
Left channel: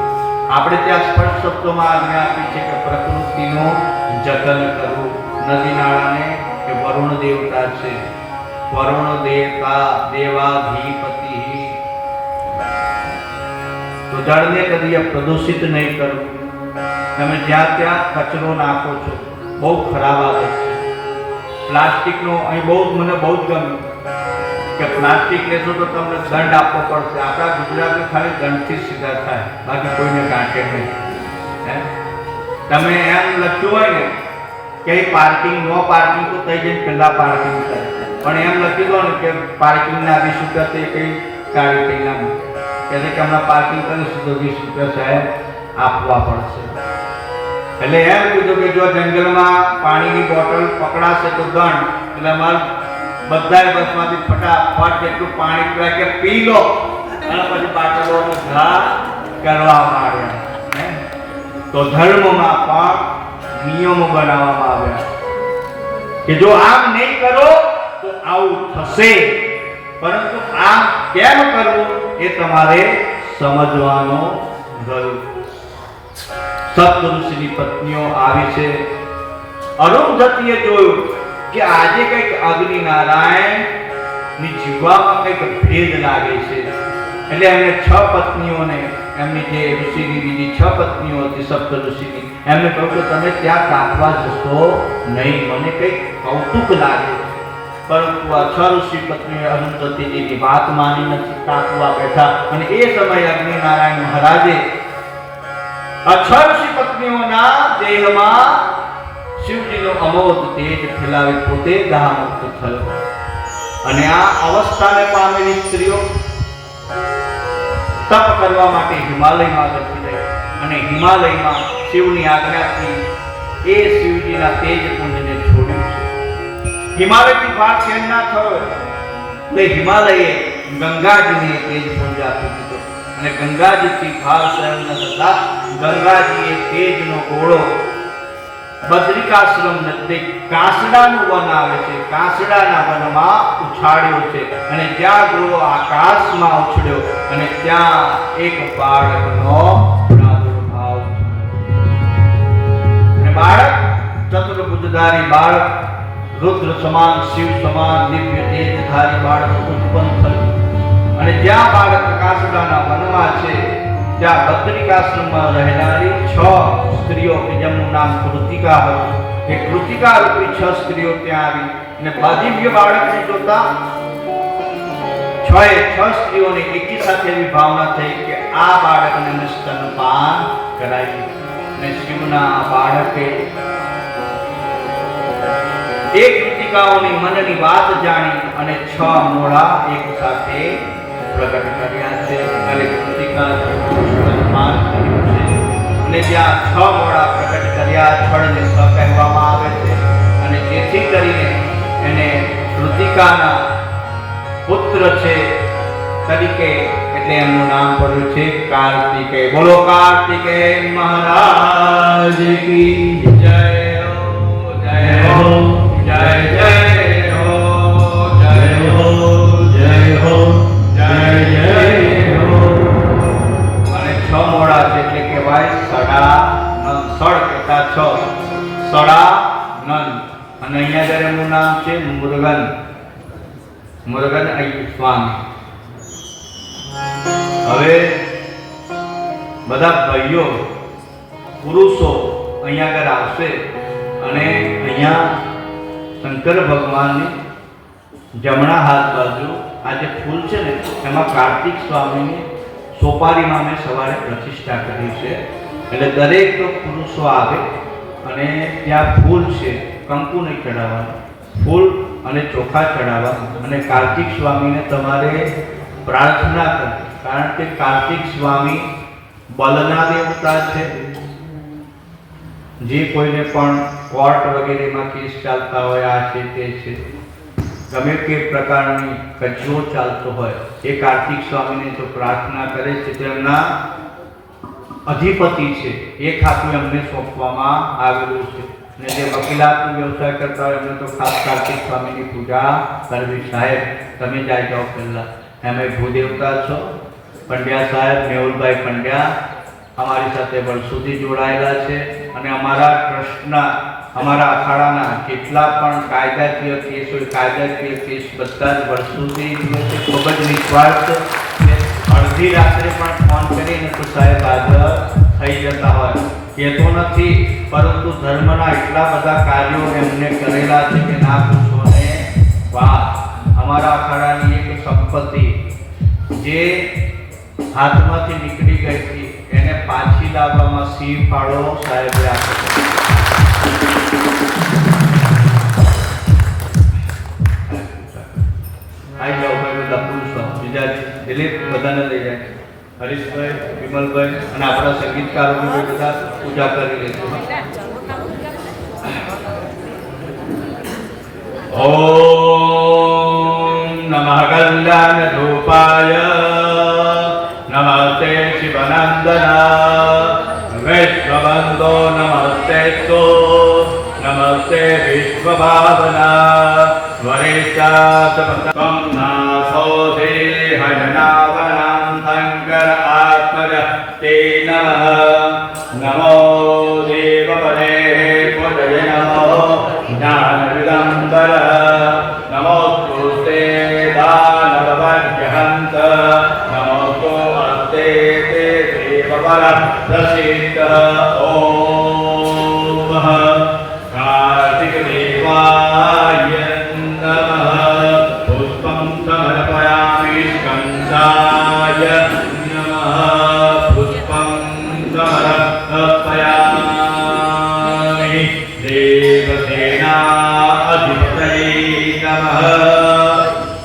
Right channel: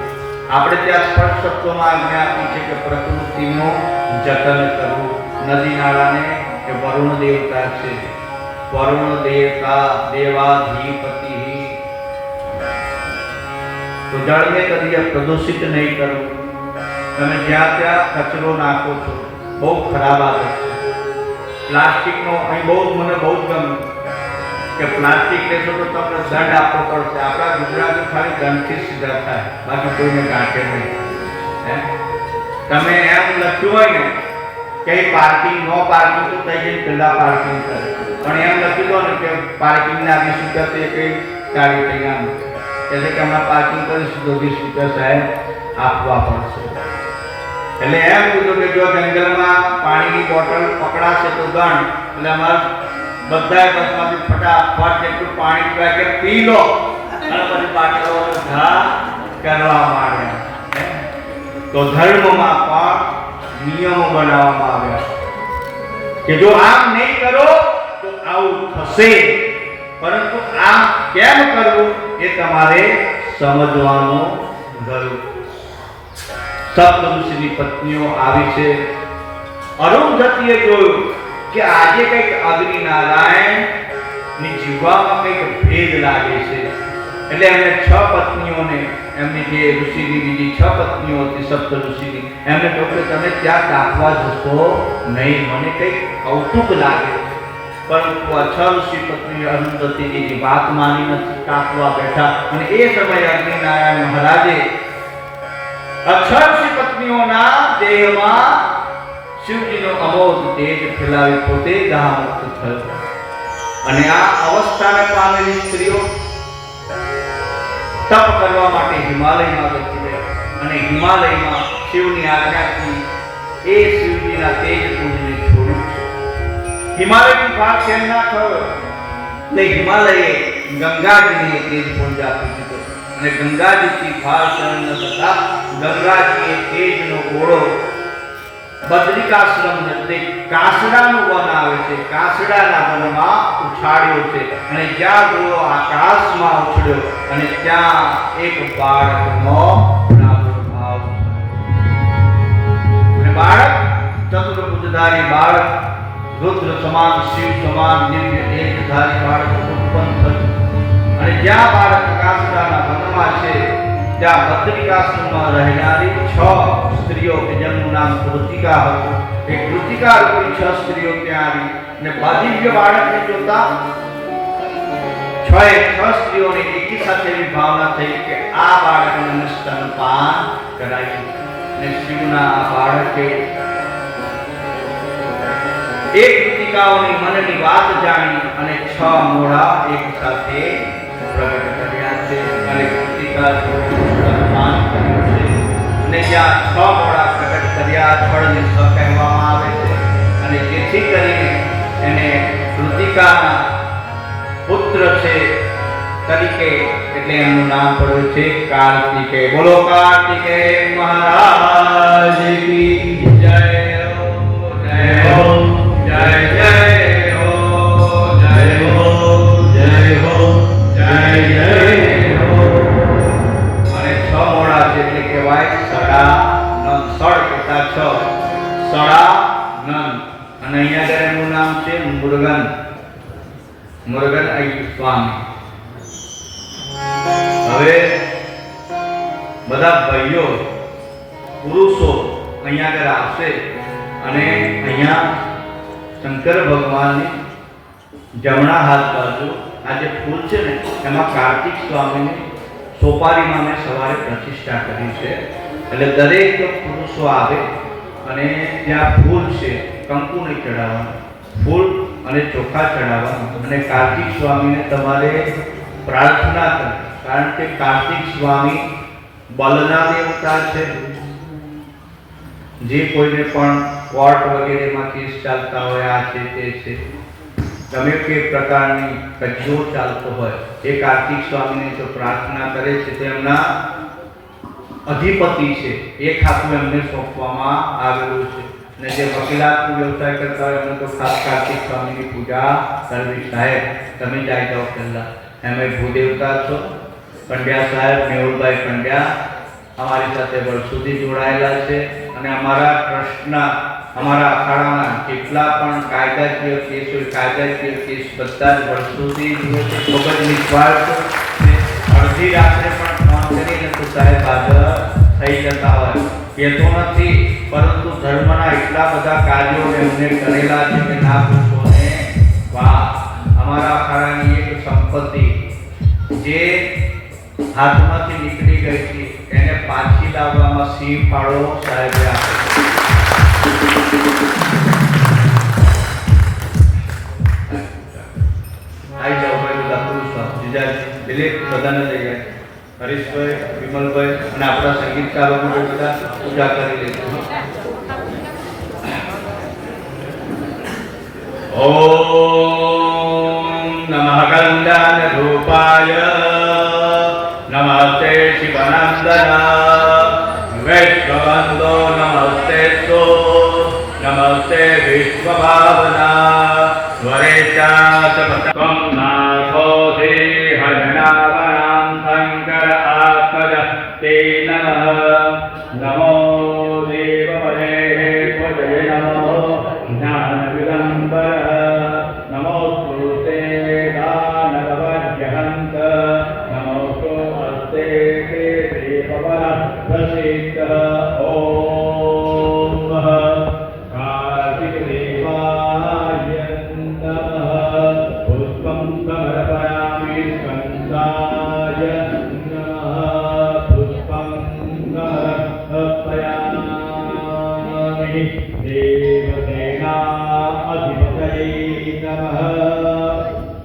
આપણે ત્યાં સ્પષ્ટ શબ્દોમાં આજ્ઞા આપી છે કે પ્રકૃતિનું જતન કરવું. નદી નાળાને કે વરુણ દેવતા છે, વરુણ દેવતા દેવાધિપતિ, તો જળને કદી પ્રદૂષિત નહીં કરવું. તમે જ્યાં ત્યાં કચરો નાખો છો, બહુ ખરાબ આદત છે. પ્લાસ્ટિકનો અહીં મને બહુ જ ગમ્યું કે પ્લાસ્ટિક લેશો તો તમને દંડ આપવો પડશે. આપણા ગુજરાતી ખાલી દંડથી સીધા થાય, બાકી કોઈને ગાંઠે નહીં. તમે એમ લખ્યું હોય ને કે પાર્કિંગ, નો પાર્કિંગ, તો થઈ જઈને પહેલા પાર્કિંગ કરે, પણ એમ લખ્યું હોય ને કે પાર્કિંગના 20 રૂપિયા તે કઈ ગાડી થઈને આમ કહે છે કે હમણાં પાર્કિંગ કરીશું તો 20 રૂપિયા સાહેબ આપવા પડશે. એટલે એમ કીધું કે જો જંગલમાં પાણીની બોટલ પકડાશે તો દંડ. એટલે અમારે બધાએ બસમાંથી ફટાફટ જેટલું પાણી પીવા કે પી લો અને પછી બાટલોનો ઘા કરવા માંડ્યા. તો ધર્મમાં પણ નિયમો બનાવવામાં આવ્યા કે જો આમ નહીં કરો તો આવું થશે, પરંતુ આમ કેમ કરવું એ તમારે સમજવાનું જરૂર. સપ્ત ઋષિની પત્નીઓ આવી છે. અરુંધતીએ જોયું કે આજે કંઈક અગ્નિ નારાયણ ની જીવવામાં કંઈક ભેદ લાગે છે. એટલે એમને 6 પત્નીઓને, એમની જે ઋષિની બીજી 6 પત્નીઓ હતી સપ્ત ઋષિની, એમને કહ્યું કે તમે ત્યાં કાપવા જશો નહીં, મને કંઈક કૌતુક લાગે. પરંતુ આ 6 ઋષિ પત્ની અરુંધતીની વાત માની નથી, કાપવા બેઠા. અને એ સમયે અગ્નિ નારાયણ મહારાજે આ 6 ઋષિ પત્નીઓના દેહમાં શિવજીનો અમોઘ તેજ ફેલાવી પોતે દાહમુક્ત થયો. અને આ અવસ્થાને પામેલી સ્ત્રીઓ તપ કરવા માટે હિમાલયમાં જતી રહી. અને હિમાલયમાં શિવની આજ્ઞાથી એ શિવજીના તેજ પુંજને છોડ્યું છે. હિમાલયથી ભાગ શેર ના થયો તે હિમાલયે ગંગાજીને તેજ પુંજ આપી દીધો. અને ગંગાજીથી ભાર સહન ન થતા ગંગાજીએ તેજનો ગોળો બદ્રિકાશ્રમ નજીક કાસડાનું વન આવે છે. કાસડાના વનમાં ઉછાળ્યો છે અને જ્યાં જોયો આકાશમાં ઉછળ્યો અને ત્યાં એક બાળકનો પ્રાદુર્ભાવ અને બાળક ચતુર્ભુજધારી બાળક, રુદ્ર સમાન, શિવ સમાન, દિવ્ય તેજધારી બાળક ઉત્પન્ન થયું. અને જ્યાં બાળક કાસડાના વનમાં છે ત્યાં બદ્રિકાશ્રમમાં રહેનારી 6 સ્ત્રીઓ કે જેમનું નામ કૃતિકા હતું, એ કૃતિકા રૂપી 6 સ્ત્રીઓ ત્યાં આવી અને દિવ્ય બાળકને જોતા 6 સ્ત્રીઓને એકી સાથે એવી ભાવના થઈ કે આ બાળકને સ્તનપાન કરાયું. અને શિવના બાળકે એ કૃતિકાઓની મનની વાત જાણી અને 6 મોઢા એક સાથે પ્રગટ કર્યા છે અને કૃતિકા સ્તનપાન કર્યું છે. અને જ્યાં 6 મોઢા પ્રગટ કર્યા, છળને સ કહેવામાં આવે છે અને જેથી કરીને એને કૃતિકાના પુત્ર છે તરીકે એટલે એમનું નામ પડ્યું છે કાર્તિકેય. બોલો કાર્તિકેય મહારાજ કી જય હો, જય હો, જય જય હો, જય હો, જય હો, જય જય હો. અને 6 મોઢા છે એટલે કહેવાય સડાનંદ. સડ કેટલા 6, સડાનંદ. અને અહીંયા આગળ એમનું નામ છે મુરુગન. મુરુગન અય્યર સ્વામી. હવે બધા ભાઈઓ પુરુષો અહીંયા આગળ આવશે અને અહીંયા શંકર ભગવાનની જમણા હાથ બાજુ આ જે ફૂલ છે ને એમાં કાર્તિક સ્વામીની સોપારીમાં મેં સવારે પ્રતિષ્ઠા કરી છે. એટલે દરેક પુરુષો આવે અને ત્યાં ફૂલ છે, કંકુ નહીં ચડાવવાનું, ફૂલ અને ચોખા ચડાવવા અને કાર્તિક સ્વામીને તમારે પ્રાર્થના કરો. કારણ કે કાર્તિક સ્વામી બલના દેવતા છે. જે કોઈને પણ કોર્ટ વગેરેમાં કેસ ચાલતા હોય, આ છે તે છે, ગમે તે પ્રકારની કચરો ચાલતો હોય, એ કાર્તિક સ્વામીને જો પ્રાર્થના કરે છે તો એમના અધિપતિ છે એ ખાતું એમને સોંપવામાં આવેલું છે. અને જે વકીલાતનો વ્યવસાય કરતા હોય એમને તો ખાસ કાર્તિક સ્વામીની પૂજા કરવી. સાહેબ તમે જાય જાઓ પહેલા, એમ ભૂદેવતા છો. પંડ્યા સાહેબ મેહુલભાઈ પંડ્યા અમારી સાથે વર્ષોથી જોડાયેલા છે અને અમારા ટ્રસ્ટના, અમારા અખાડાના જેટલા પણ કાયદાકીય કેસ હોય, કાયદાકીય કેસ બધા જ વર્ષોથી ખૂબ જ નિસ્વાર્થ અડધી રાત્રે પણ ફોન કરીને તો સાહેબ હાજર થઈ જતા હોય. એ તો નથી, પરંતુ ધર્મના એટલા બધા કાર્યો એમને કરેલા છે કે ના પૂછો ને વાહ. અમારા અખાડાની એક સંપત્તિ જે હાથમાંથી નીકળી ગઈ હતી એને પાછી લાવવામાં સિંહ ફાળો સાહેબે આપ્યો. આઈ જાઓ ભાઈ, બધા પુરુષો બીજા દિલીપ બધાને લઈ જાય, હરીશભાઈ, વિમલભાઈ અને આપણા સંગીતકારો બધા પૂજા કરી લેજો. ઓમ નમઃ કલ્યાણ રૂપાય નમસ્તે શિવનંદન વૈશ્વવંદો નમસ્તે તો નમસ્તે વિશ્વભાવના વરેચાતપતમ નાથો દેહજનાવનાં શંકર આત્મજ તે નમઃ. નમો દેવપદે પદય નમો જ્ઞાનવિદંબર નમોસ્તુતે દાનવવર્યહંત નમોસ્તુ અસ્તે તે દેવવર પ્રસિદ્ધ. ઓમ કાર્તિક દેવાય નમઃ. પુષ્પં સમર્પયામિ સ્કંદાય નમઃ. પુષ્પં સમર્પયામિ દેવસેના અધિપતये નમઃ.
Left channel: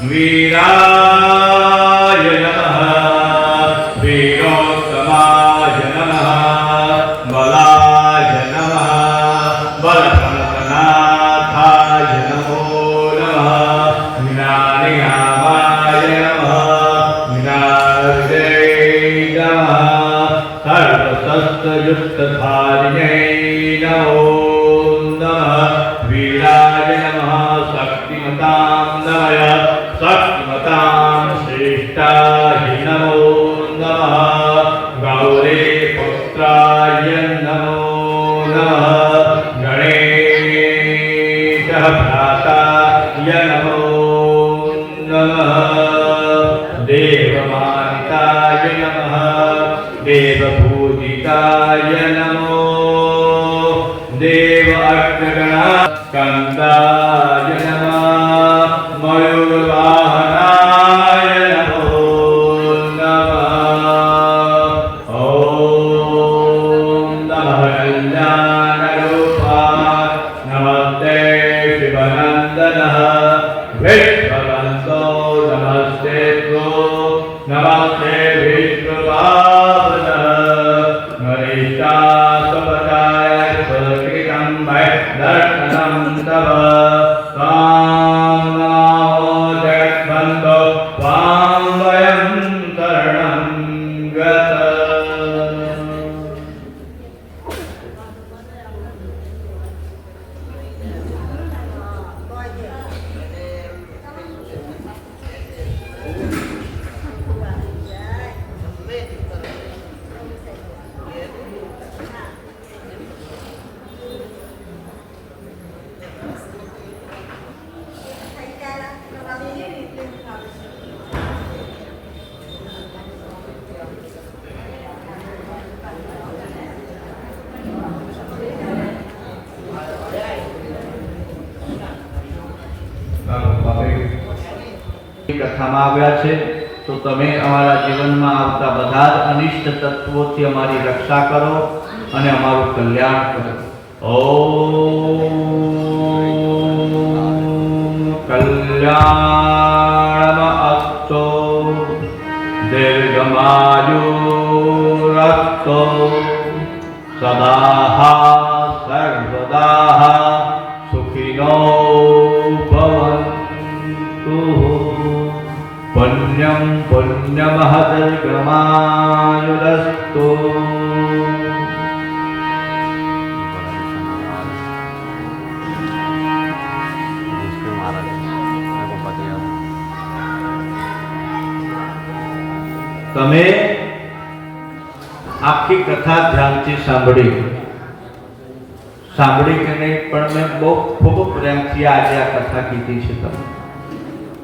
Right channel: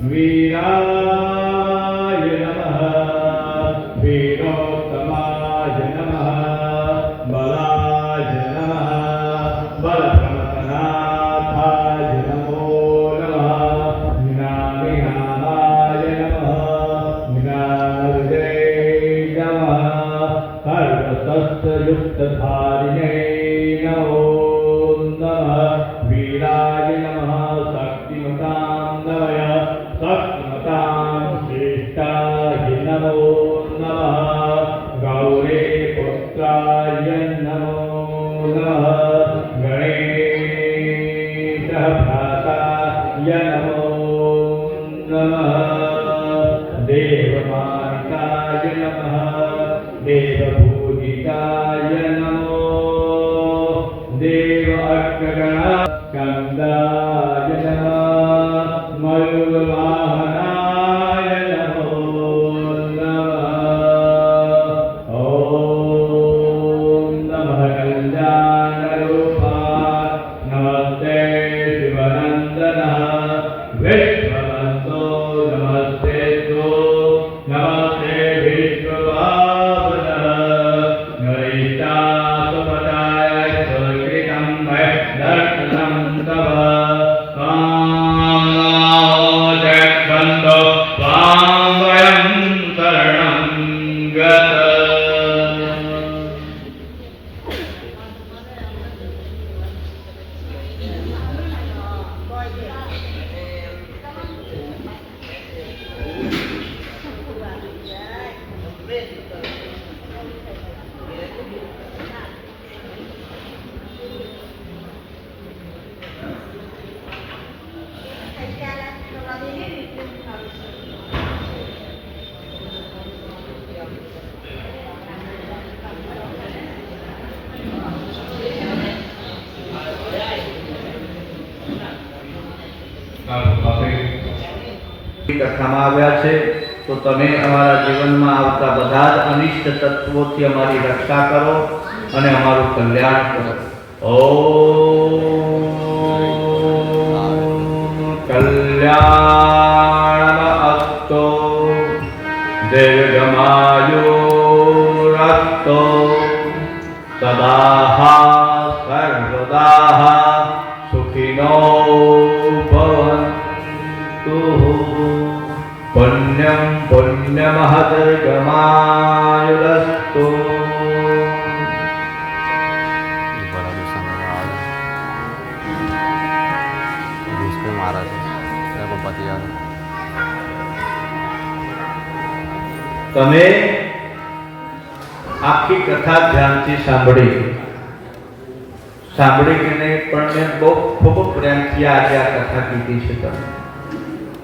વીરાય નમઃ. વીરોત્તમાય નમઃ. બલાય નમઃ. બલપ્રણતનાથાય નમો નમઃ. જ્ઞાનિનામાય નમઃ. જ્ઞાનવિદે નમઃ. સર્વશસ્ત્રયુક્તધારિણે નમો देव अग्रगणा स्कन्दाय नमः मयूरवाहनाय नमो नमः ॐ नमः कल्याणरूपाय नमस्ते शिवनन्दनः विश्ववन्तो नमस्ते तो नमस्ते विष्णुपावनः नरिष्टासुपदाय स्वर्गितं वै दर्शनं तव त्वां नमो जगन्तो त्वां वयं शरणं गतः કથામાં આવ્યા છે તો તમે અમારા જીવનમાં આવતા બધા જ અનિષ્ટ તત્વોથી અમારી રક્ષા કરો અને અમારું કલ્યાણ કરો. ઓમ કલ્યાણમસ્તુ દીર્ઘમાયુરસ્તુ સદા સર્વદા સુખિનો ભવન્તુ. પુણ્યમ પુણ્યમહદર્ગમાયુરસ્તુ. તમે આખી કથા ધ્યાનથી સાંભળી કે નહીં, પણ મેં ખૂબ પ્રેમથી આજે આ કથા કીધી છે. તમે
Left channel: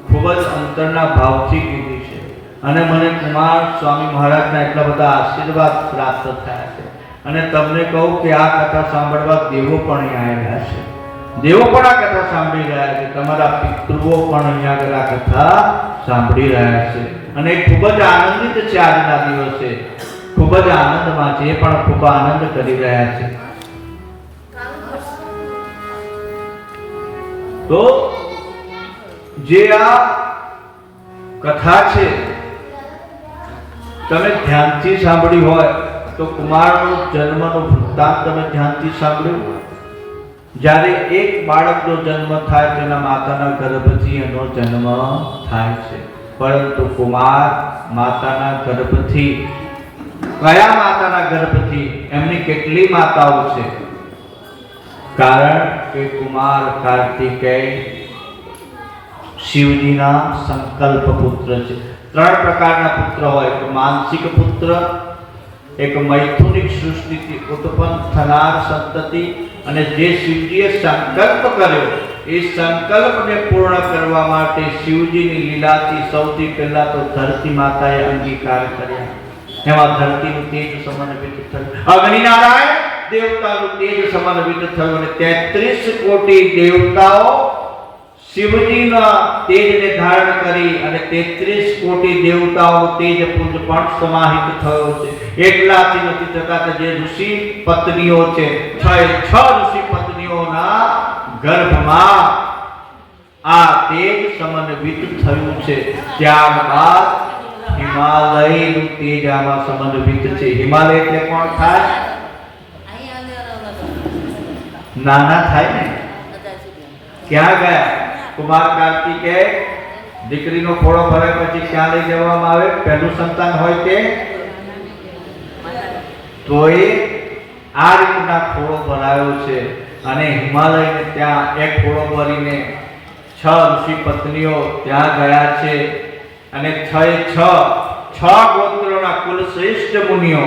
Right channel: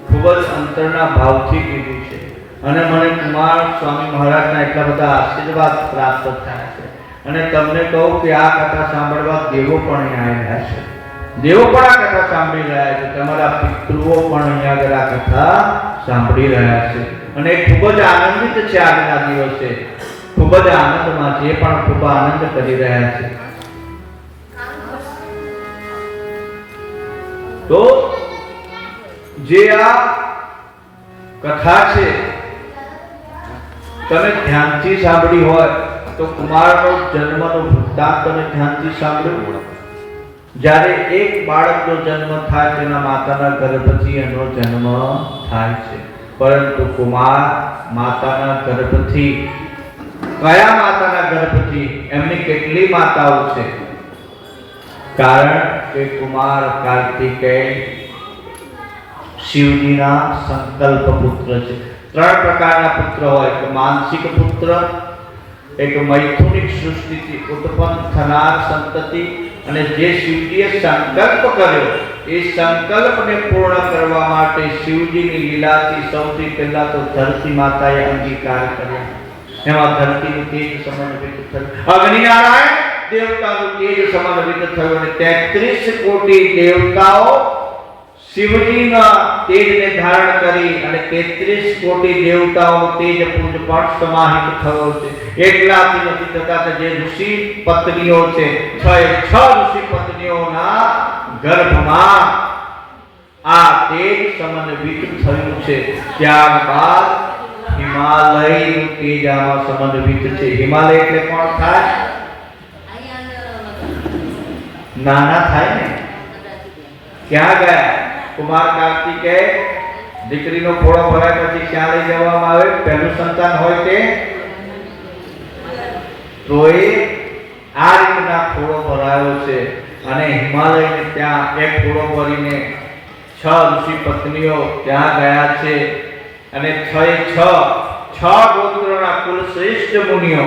ખૂબ જ અંતરના ભાવથી કીધી છે અને મને કુમાર સ્વામી મહારાજના એટલા બધા આશીર્વાદ પ્રાપ્ત થયા છે. અને તમને કહું કે આ કથા સાંભળવા દેવો પણ અહીંયા આવ્યા છે. દેવો પણ આ કથા સાંભળી રહ્યા છે. તમારા પિતૃઓ પણ અહીંયા આગળ આ કથા સાંભળી રહ્યા છે અને ખૂબ જ આનંદિત છે. આજના દિવસે ખૂબ જ આનંદમાં છે. એ પણ ખૂબ આનંદ કરી રહ્યા છે. તો જે આ કથા છે તમે ધ્યાનથી સાંભળી હોય તો કુમારનો જન્મનો વૃત્તાંત તમે ધ્યાનથી સાંભળ્યું. જ્યારે એક બાળકનો જન્મ થાય તેના માતાના ગર્ભથી એનો જન્મ થાય છે. પરંતુ કુમાર માતાના ગર્ભથી, કયા માતાના ગર્ભથી? એમની કેટલી માતાઓ છે? કારણ કે કુમાર કાર્તિકેય શિવજીના સંકલ્પ પુત્ર છે. ત્રણ પ્રકારના પુત્ર હોય: એક માનસિક પુત્ર, એક મૈથુનિક સૃષ્ટિથી ઉત્પન્ન થનાર સંતતિ, અને જે શિવજીએ સંકલ્પ કર્યો એ સંકલ્પને પૂર્ણ કરવા માટે શિવજીની લીલાથી સૌથી પહેલા તો ધરતી માતાએ અંગીકાર કર્યા. એમાં ધરતીનું તેજ સમન્વિત થયું, અગ્નિનારાયણ દેવતાનું તેજ સમન્વિત થયું અને 33 કોટી દેવતાઓ શિવજીના તેજને ધારણ કરી અને 33 કોટી દેવતાઓ તેજ પુંજ પણ સમાહિત થયો છે. એકલાથી નથી થતા કે જે ઋષિ પત્નીઓ છે, 6 ઋષિ પત્નીઓના ગર્ભમાં આ તેજ સમન્વિત થયું છે. ત્યારબાદ હિમાલયનું તેજ આમાં સમન્વિત છે. હિમાલય એટલે કોણ થાય? નાના થાય ને. ક્યાં ગયા? કુમાર કાર્તિકેય દીકરીનો ખોળો ભરાય પછી ક્યાં લઈ જવામાં આવે? પહેલું સંતાન હોય તે તો એ આ રીતના ખોળો ભરાયો છે અને હિમાલયને ત્યાં એક ખોળો ભરીને 6 ઋષિ પત્નીઓ ત્યાં ગયા છે અને 6 ગોત્રોના કુલ શ્રેષ્ઠ મુનિઓ.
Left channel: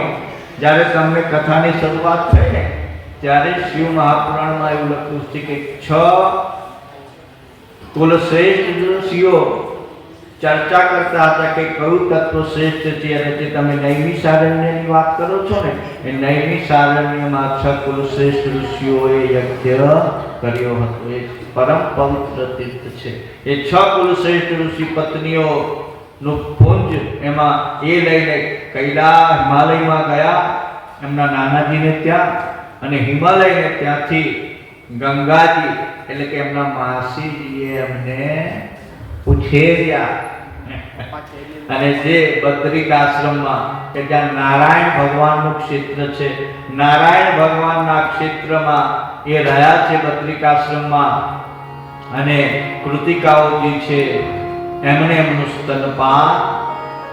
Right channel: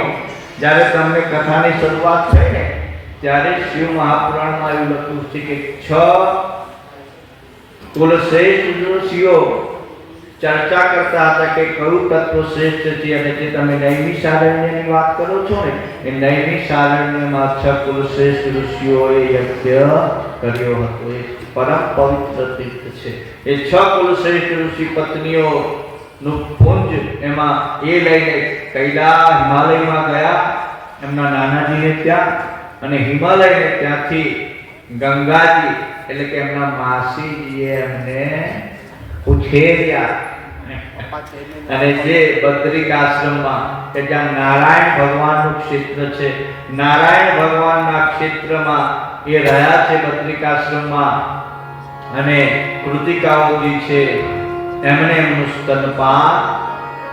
જ્યારે તમને કથાની શરૂઆત થઈ ને ત્યારે શિવ મહાપુરાણમાં એવું લખ્યું છે કે 6 કુલ શ્રેષ્ઠ ઋષિઓ ચર્ચા કરતા હતા કે કયું તત્વ શ્રેષ્ઠ છે, અને જે તમે નૈમિષારણ્યની વાત કરો છો ને, એ નૈમિષારણ્યમાં 6 કુલશ્રેષ્ઠ ઋષિઓએ યજ્ઞ કર્યો હતો. એક પરમ પવિત્ર તીર્થ છે. એ 6 કુલશ્રેષ્ઠ ઋષિ પત્નીઓ નું પુંજ એમાં એ લઈને કૈલાસ હિમાલયમાં ગયા એમના નાનાજીને ત્યાં, અને હિમાલયને ત્યાંથી ગંગાજી એટલે કે એમના માસીજીએ એમને ઉછેર્યા અને જે બદ્રિક આશ્રમમાં કે જ્યાં નારાયણ ભગવાનનું ક્ષેત્ર છે, નારાયણ ભગવાનના ક્ષેત્રમાં એ રહ્યા છે બદ્રિક આશ્રમમાં, અને કૃતિકાઓજી છે એમણે એમનું સ્તનપાન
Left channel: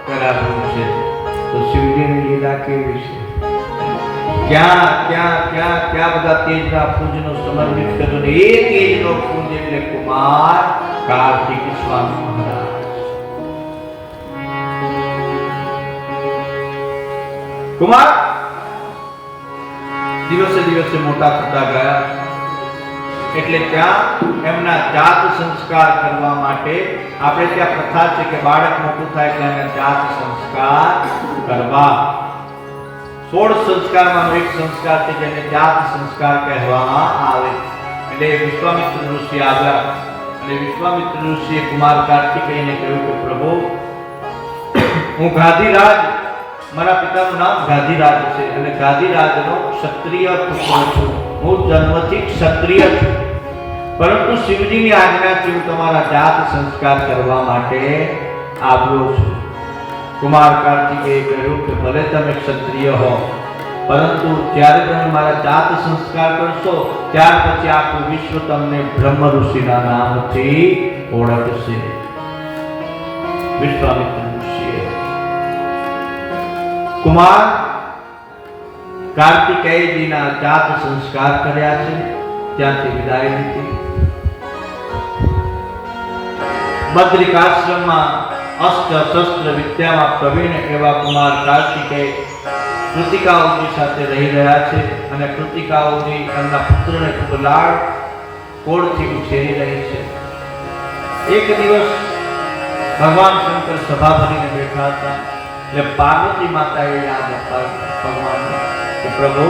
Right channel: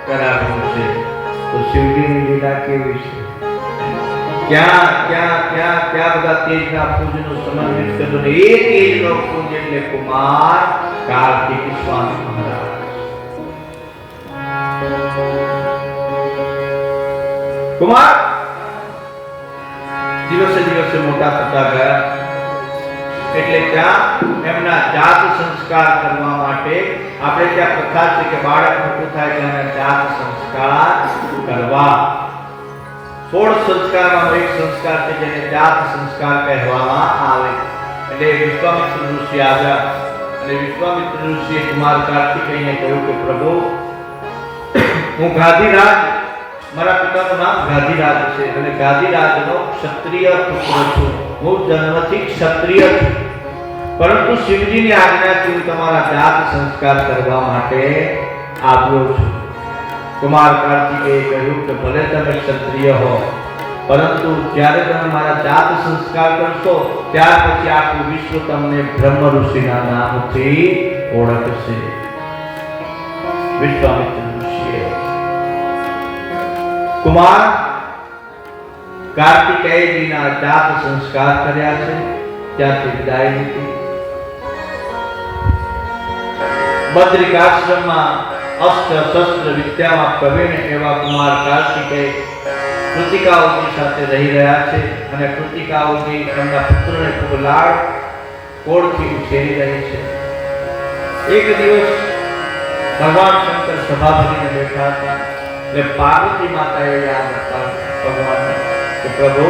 કરાવ્યું છે. તો શિવજીની લીલા કેવી છે! ક્યાં ક્યાં ક્યાં ક્યાં બધા તેજના પૂજનો સમન્વિત કર્યો, ને એ તેજનો પૂજ એટલે કુમાર કાર્તિક સ્વામી મહારાજ. કુમાર દિવસે દિવસે મોટા થતા ગયા એટલે ત્યાં એમના જાત સંસ્કાર કરવા માટે, આપણે ત્યાં પ્રથા છે કે બાળક મોટું થાય એટલે એના જાત સંસ્કાર કરવા. 16 સંસ્કારનો એક સંસ્કાર છે જેને જાત સંસ્કાર કહેવામાં આવે. એટલે વિશ્વામિત્ર ઋષિ આવ્યા અને વિશ્વામિત્ર ઋષિએ કુમાર કાર્તિકેયને કહ્યું કે પ્રભુ, હું ગાદીરાજ, મારા પિતાનું નામ ગાદીરાજ છે અને ગાદીરાજનો ક્ષત્રિય પુત્ર છું. હું જન્મથી ક્ષત્રિય છું, પરંતુ શિવજીની આજ્ઞાથી હું તમારા જાત સંસ્કાર કરવા માટે આવ્યો છું. કુમાર કાર્તિકેય કહ્યું કે ભલે તમે ક્ષત્રિય હો, પરંતુ જ્યારે તમે મારા જાત સંસ્કાર કરશો ત્યાર પછી આખું વિશ્વ તમને બ્રહ્મ ઋષિના નામથી ઓળખશે. વિશ્વામિત્ર ઋષિએ કુમાર કાર્તિકેયજીના જાત સંસ્કાર કર્યા છે. ત્યાંથી વિદાય લીધી. બદ્રિક આશ્રમમાં અસ્ત્ર શસ્ત્ર વિદ્યામાં પ્રવીણ એવા કુમાર કાર્તિકેય કૃતિકાઓની સાથે રહી રહ્યા છે, અને કૃતિકાઓની એમના પુત્રને ખૂબ લાડ કોળથી ઉછેરી રહી છે. એક દિવસ ભગવાન શંકર સભા ભરીને બેઠા હતા એટલે પાર્વતી માતાએ યાદ હતા ભગવાનને કે પ્રભુ,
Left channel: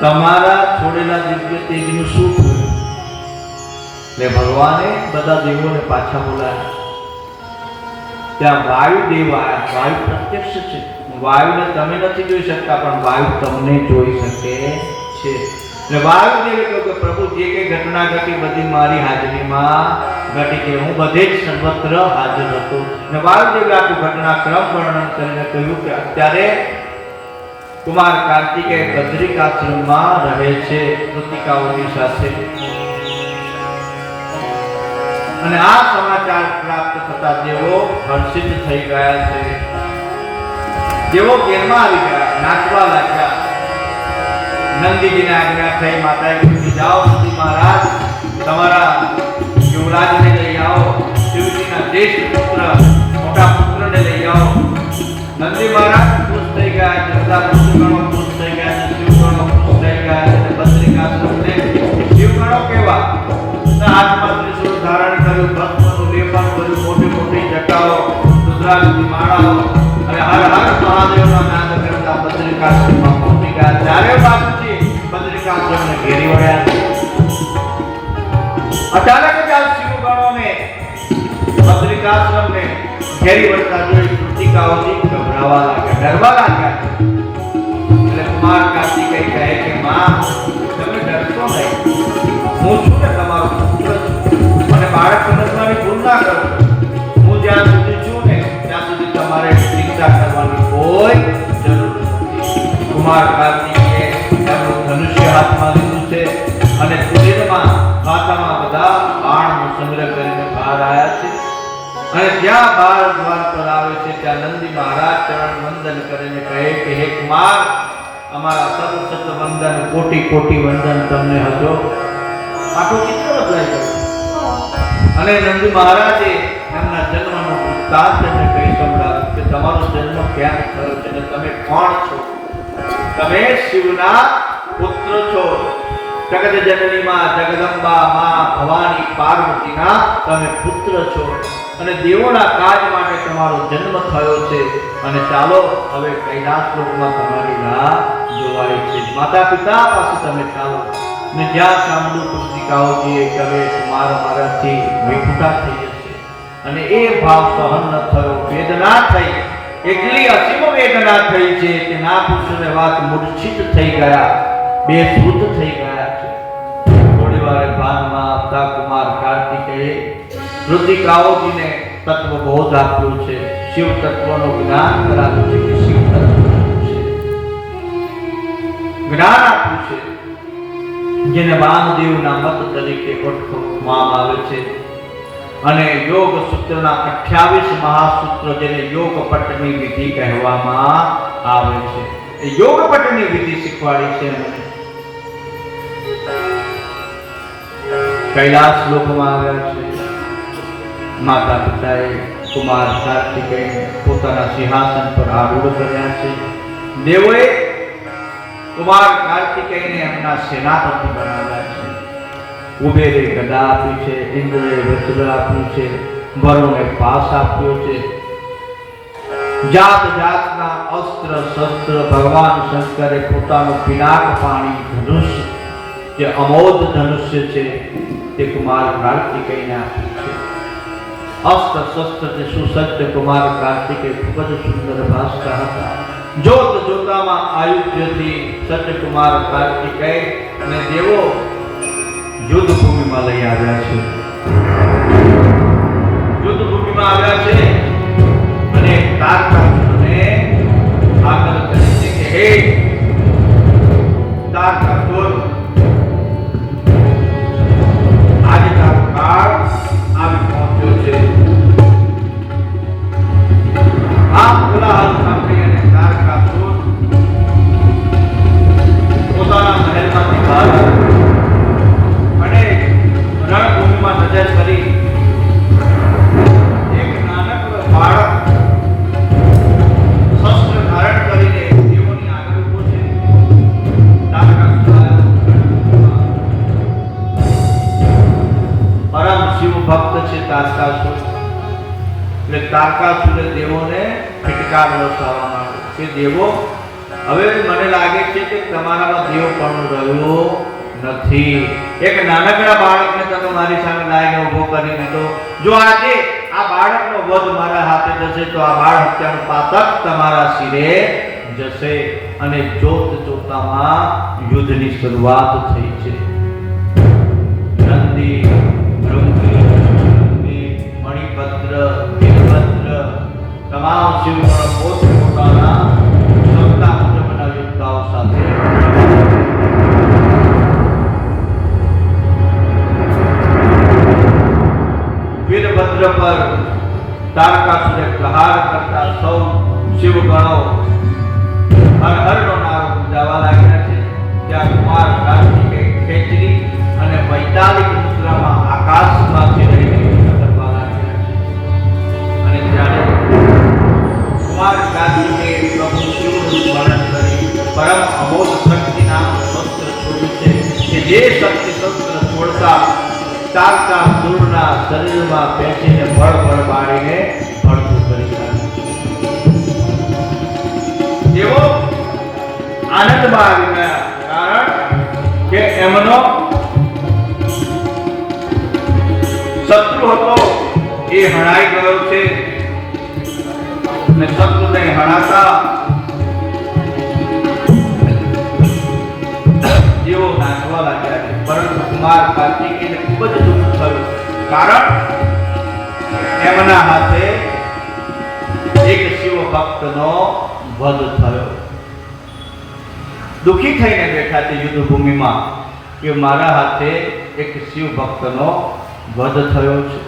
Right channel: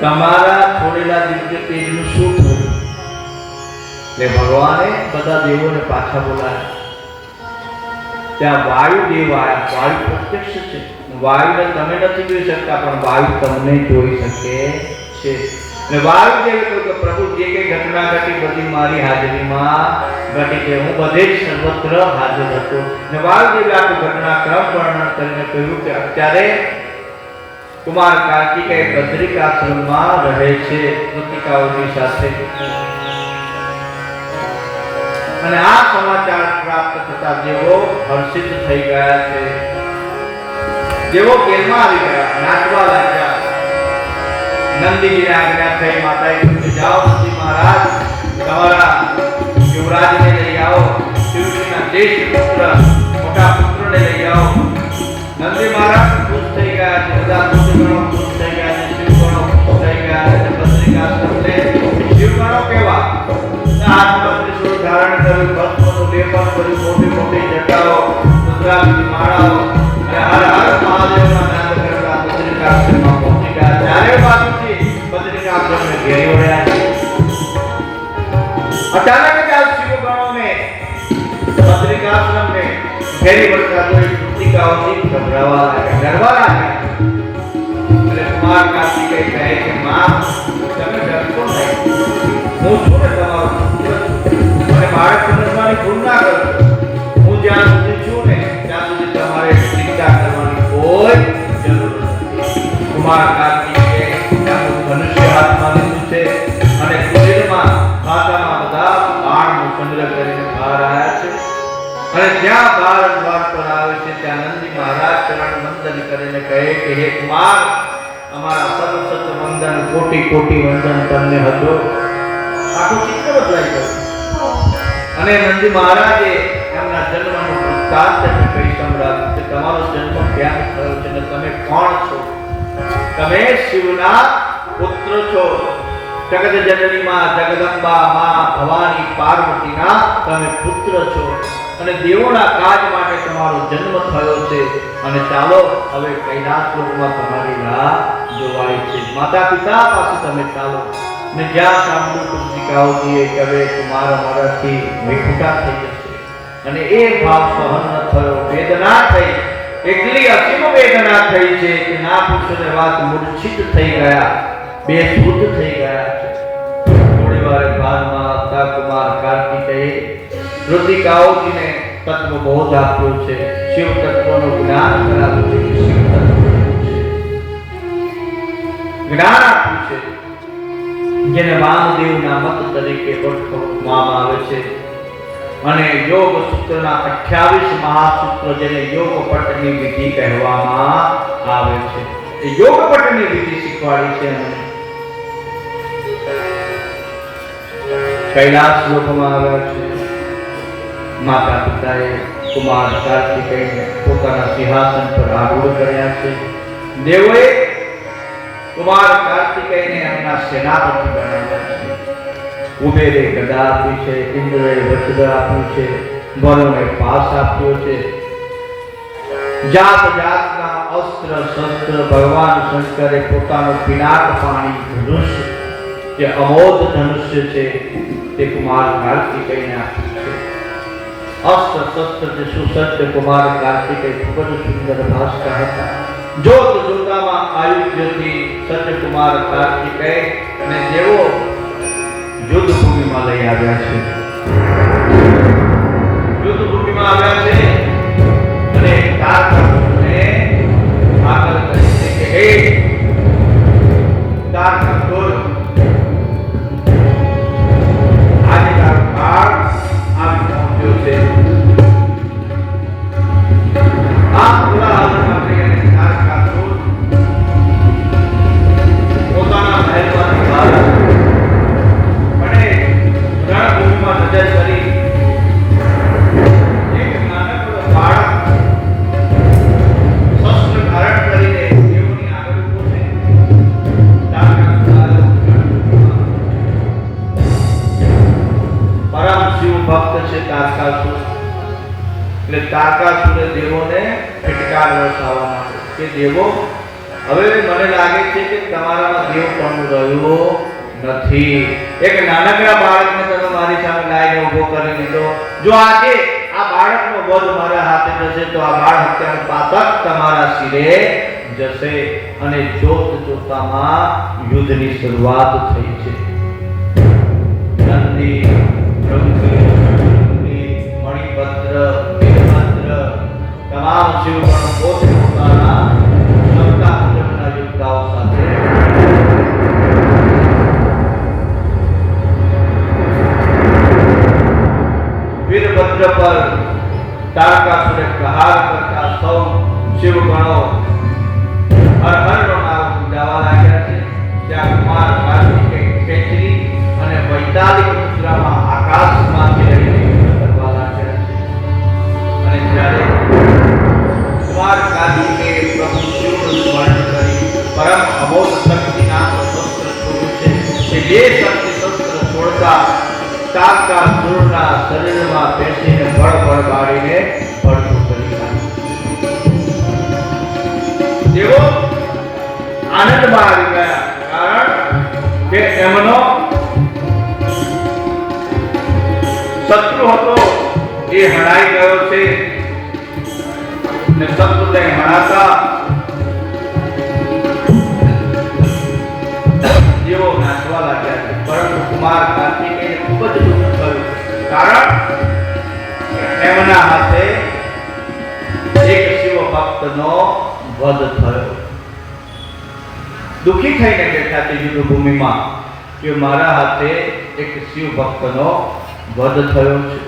તમારા છોડેલા દિવ્ય તેજનું શું થયું? એટલે ભગવાને બધા દેવોને પાછા બોલાવ્યા. ત્યાં વાયુ દેવ આવ્યા. વાયુ પ્રત્યક્ષ છે. વાયુને તમે નથી જોઈ શકતા, પણ વાયુ તમને જોઈ શકે છે. એટલે વાયુ દેવ કહ્યું કે પ્રભુ, જે કઈ ઘટના ઘટી બધી મારી હાજરીમાં ઘટી છે. હું બધે જ સર્વત્ર હાજર હતો. ને વાયુ દેવે આખું ઘટનાક્રમ વર્ણન કરીને કહ્યું કે અત્યારે કુમાર કાર્તિકેય બદ્રિક આશ્રમમાં રહે છે કૃતિકાઓની સાથે. અને આ સમાચાર પ્રાપ્ત થતા દેવો હર્ષિત થઈ ગયા છે. દેવો ઘેરમાં આવી ગયા, નાચવા લાગ્યા. નંદીજીને આજ્ઞા થઈ, માતાએ કહ્યું કે જાઓ નંદી મહારાજ, તમારા યુવરાજને લઈ આવો, શિવજીના જ્યેષ્ઠ પુત્ર મોટા પુત્રને લઈ આવો. નંદી મહારાજ ખુશ થઈ ગયા છે, બધા ઋષિગણો ખુશ થઈ ગયા છે, શિવગણો ખુશ થઈ ગયા છે. બદ્રિક આશ્રમને શિવગણો કેવા હાથમાં ત્રિશૂળ ધારણ કર્યું, ભસ્મનું લેપન કર્યું, મોટી મોટી જટાઓ, રુદ્રાક્ષની માળાઓ અને હર હર મહાદેવના નાદ કરતા બદ્રિક આશ્રમમાં પહોંચી ગયા. ચારે બાજુથી બદ્રિક આશ્રમને ઘેરી વળ્યા. અચાનક જ આ શિવગણોને બદ્રિક આશ્રમને ઘેરી વળતા જોઈ કૃતિકાઓથી ગભરાવા લાગ્યા, ડરવા લાગ્યા. એટલે કુમાર કાર્તિકેય કહે કે માં, તમે ડરશો નહીં, હું છું ને તમારો પુત્ર, અને બાળક સમજવાની ભૂલ ના કરો. હું જ્યાં સુધી છું ને ત્યાં સુધી તમારે ચિંતા કરવાની કોઈ જરૂર નથી. કુમાર કાર્તિકેય એમનું ધનુષ્ય હાથમાં લીધું છે અને કુટીરમાં માથામાં બધા બાણનો સંગ્રહ કરીને બહાર આવ્યા છે. અને જ્યાં બાર દ્વાર પર આવે છે ત્યાં નંદી મહારાજ ચરણ વંદન કરીને કહે કે હે કુમાર, અમારા સત સત વંદન, કોટી કોટી વંદન તમને હતો. આખું ચિત્ર બદલાઈ ગયું. અને નંદી મહારાજે એમના જન્મનો વૃત્તાંત કહી સંભળાવ્યું કે તમારો જન્મ ક્યાં થયો છે અને તમે કોણ છો? તમે શિવના પુત્ર છો. જગત જનની માં જગદંબા માં ભવાની પાર્વતીના તમે પુત્ર છો અને દેવોના કાજ માટે તમારો જન્મ થયો છે અને ચાલો હવે કૈલાસ લોકમાં તમારી રાહ જોવાય છે. માતા પિતા પાસે તમે ચાલો ને જ્યાં સાંભળ્યું પુસ્તિકાઓજીએ કે હવે કુમાર મારાથી વિખુટા થઈ જશે અને એ ભાવ સહન ન થયો, વેદના થઈ, એટલી અસીમ વેદના થઈ છે કે ના પૂછો વાત, મૂર્છિત થઈ ગયા, બેસૂદ થઈ ગયા છે. થોડી વાર ભાનમાં આવતા કુમાર કાર્તિકેય ઋતિકાઓજીને તત્વ બોધ આપ્યો છે, શિવ તત્વનું જ્ઞાન કરાવ્યું છે કે શિવ તત્વ છે, જ્ઞાન આપ્યું છે જેને વામદેવના મત તરીકે ઓળખવામાં આવે છે. અને યોગ સૂત્રના 28 મહાસૂત્રો જેને યોગ પટની વિધિ કહેવામાં આવે છે, એ યોગ પટની વિધિ શીખવાડી છે મને. કૈલાસ લોકમાં આવ્યા છે. માતા પિતાએ કુમાર કાર્તિકેયને પોતાના સિંહાસન પર આરૂઢ કર્યા છે. દેવોએ કુમાર કાર્તિકેયને એમના સેનાપતિ બનાવ્યા છે. કુબેરે ગદા આપી છે, ઇન્દ્રએ વજ્ર આપ્યું છે, વરુણે પાસ આપ્યો છે. જાત જાતના અસ્ત્ર શસ્ત્ર ભગવાન શંકરે પોતાનું પિનાક પાણી ધનુષ્ય, જે અમોધ ધનુષ્ય છે, તે કુમાર કાર્તિકેયને આપ્યું છે. અસ્ત્ર શસ્ત્રથી સુસજ્જ કુમાર કાર્તિકેય ખૂબ જ સુંદર ભાષા હતા. જોત જોતામાં આયુધ્યથી સજ્જ કુમાર કાર્તિકેય અને દેવો યુદ્ધ ભૂમિમાં લઈ આવ્યા છે. યુદ્ધ ભૂમિમાં આવ્યા છે અને તારકાસુરને આગળ કહે છે કે હે તારકાસુર, આજે તારો કાળ આવી પહોંચ્યો છે. આ કોલાહલ સાંભળી અને તારકાસુર પોતાના મહેલમાંથી બહાર અને રણભૂમિમાં નજર કરી એક નાનકડો બાળક શસ્ત્ર ધારણ કરીને દેવોની આગળ ઊભો છે. પરમ શિવ ભક્ત છે તારકાસુર. એટલે તારકાસુરે દેવોને ફટકાર વરસાવવા માંડ્યો કે દેવો, હવે મને લાગે છે કે તમારામાં દેવ પણ રહ્યો નથી. એક નાનકડા બાળકને તમે મારી સામે લાવીને ઊભો કરી દીધો. જો આજે આ બાળકનો વધ મારા હાથે થશે તો આ બાળ હત્યાનું પાતક તમારા શિરે જશે. અને જોત જોતામાં યુદ્ધની શરૂઆત થઈ છે. નંદી, ભૃંગી, મણિભદ્ર, વીરભદ્ર તમામ શિવગણો પોતપોતાના ક્ષમતા મુજબના યોદ્ધાઓ સાથે વીરભદ્ર પર તારકાસુરે પ્રહાર કરતા સૌ શિવગણો હર હરનો નારો ગુંજાવવા લાગ્યા છે. ત્યાં કુમાર કાર્તિકેય ખેંચરી અને વૈતાલિક મુદ્રામાં આકાશમાંથી રહીને યુદ્ધ કરવા લાગ્યા છે. અને જ્યારે કુમાર કાર્તિકેય પ્રભુ શિવનું સ્મરણ કરી પરમ અમોઘ શક્તિ નામનું શસ્ત્ર છોડ્યું છે કે જે શક્તિ શસ્ત્ર છોડતા તારકાસુરના શરીરમાં બેસીને ભળ મારીને ભડકું કરી નાખ્યું. તેઓ આનંદમાં આવી ગયા, કારણ કે એમનો શત્રુ હતો એ હણાઈ ગયો છે અને શત્રુને હણાતા જેઓ નાચવા લાગ્યા છે. પરંતુ કુમાર કાર્તિકેયને ખૂબ જ દુઃખ થયું, કારણ એમના હાથે એક શિવ ભક્તનો વધ થયો. દુઃખી થઈને બેઠા છે યુદ્ધ ભૂમિમાં કે મારા હાથે એક શિવ ભક્તનો વધ થયો છે.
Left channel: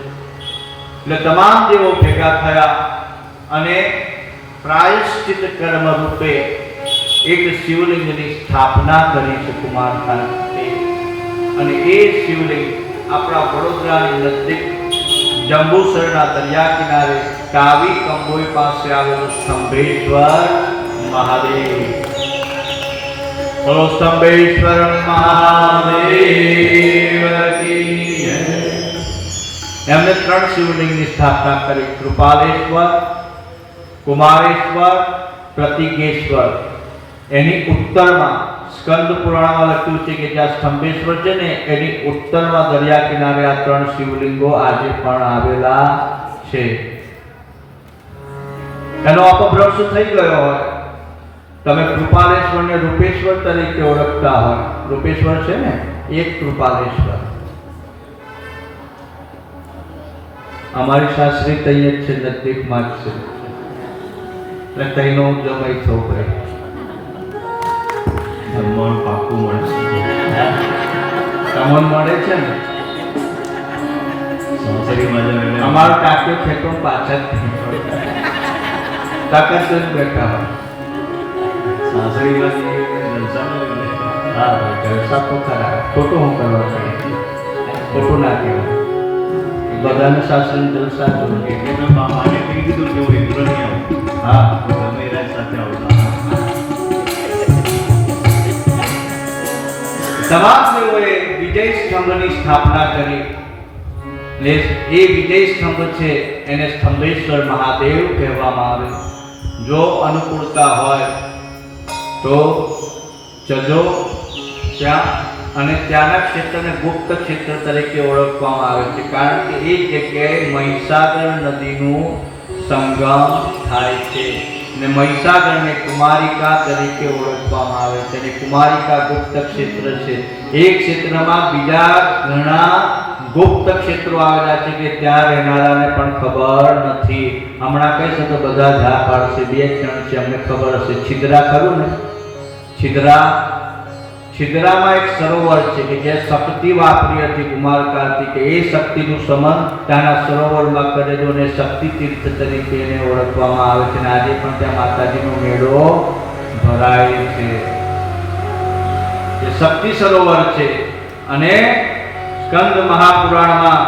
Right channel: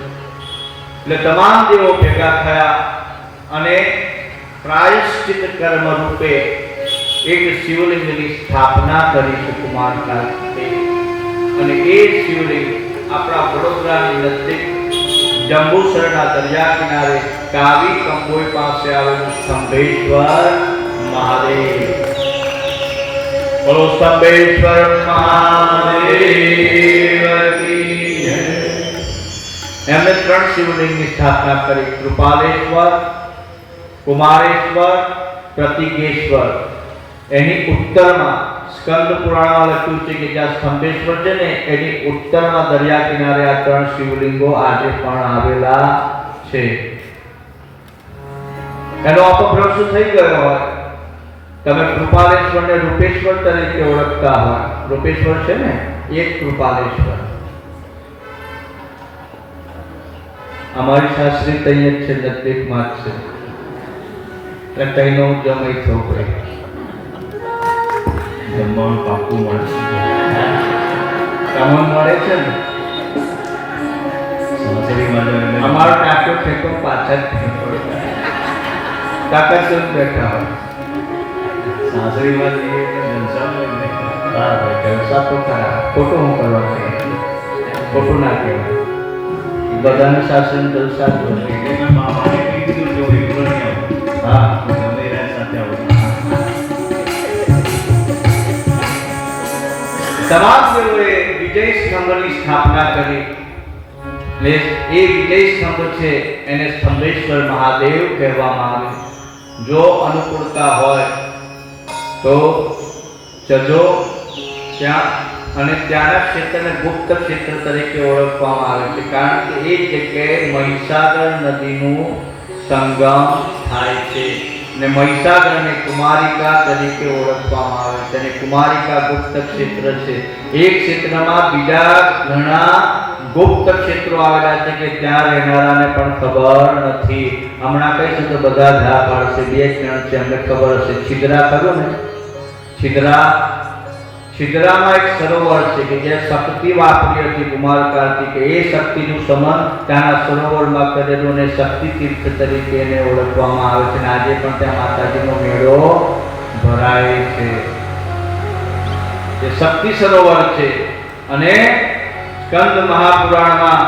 એટલે તમામ દેવો ભેગા થયા અને પ્રાયશ્ચિત કર્મ રૂપે એક શિવલિંગની સ્થાપના કરી છે કુમાર કાર્તિકેય. અને એ શિવલિંગ આપણા વડોદરાની નજીક જંબુસરના દરિયા કિનારે કાવી કંબોઈ પાસે આવેલું સ્તંભેશ્વર મહાદેવ. બોલો સ્તંભેશ્વર મહાદેવ કી જય. એમને 3 શિવલિંગની સ્થાપના કરી: કૃપાલેશ્વર, કુમારેશ્વર, પ્રતિકેશ્વર. એની ઉત્તરમાં સ્કંદ પુરાણમાં લખ્યું છે કે જ્યાં સ્તંભેશ્વર છે ને એની ઉત્તરમાં દરિયા કિનારે આ 3 શિવલિંગો આજે પણ આવેલા છે. એનો અપભ્રંશ થઈ ગયો હોય. તમે કૃપાલેશ્વરને રૂપેશ્વર તરીકે ઓળખતા હોય. રૂપેશ્વર છે ને એક કૃપાલેશ્વર. અમારી શાસ્ત્રી તૈયબ છે, નજદીકમાં જ છે, એટલે તઈનો જમય થવો પડે. જમવાનું પાકું મળે છે. જમણ મળે છે ને. અમારો ટાંક્યો ખેતો પાછળ તાકાત જ બેઠા હોય. જલસા તો ખરા. ખોટું હું કરવા ખોટું ના કહેવાય. બધાને શાસન જલસા જોઈએ. હા, તમામ દેવોએ વિજય સ્તંભની સ્થાપના કરી. એ વિજય સ્તંભ છે એને સ્તંભેશ્વર મહાદેવ કહેવામાં આવે. જો અનુકૂળતા હોય તો જજો ત્યાં, અને ત્યાંના ક્ષેત્રને ગુપ્ત ક્ષેત્ર તરીકે ઓળખવામાં આવે છે, કારણ કે એ જગ્યાએ મહીસાગર નદીનું સંગમ થાય છે. ને મહીસાગરને કુમારિકા તરીકે ઓળખવામાં આવે છે. અને કુમારિકા ગુપ્ત ક્ષેત્ર છે. એ ક્ષેત્રમાં બીજા ઘણા ગુપ્ત ક્ષેત્રો આવેલા છે કે ત્યાં રહેનારાને પણ ખબર નથી. હમણાં કહીશ તો બધા ધા પાડશે. 2 જણ છે, અમને ખબર હશે. છિદ્રા ખરું ને? છિદ્રામાં એક સરોવર છે કે જે શક્તિ વાપરી હતી કુમાર કાર્તિકે. એ શક્તિનું સમન ત્યાંના સરોવરમાં કરેલું ને શક્તિ તીર્થ તરીકે એને ઓળખવામાં આવે છે. અને આજે પણ ત્યાં માતાજીનો મેળો ભરાય છે. એ શક્તિ સરોવર છે. અને સ્કંદ મહાપુરાણમાં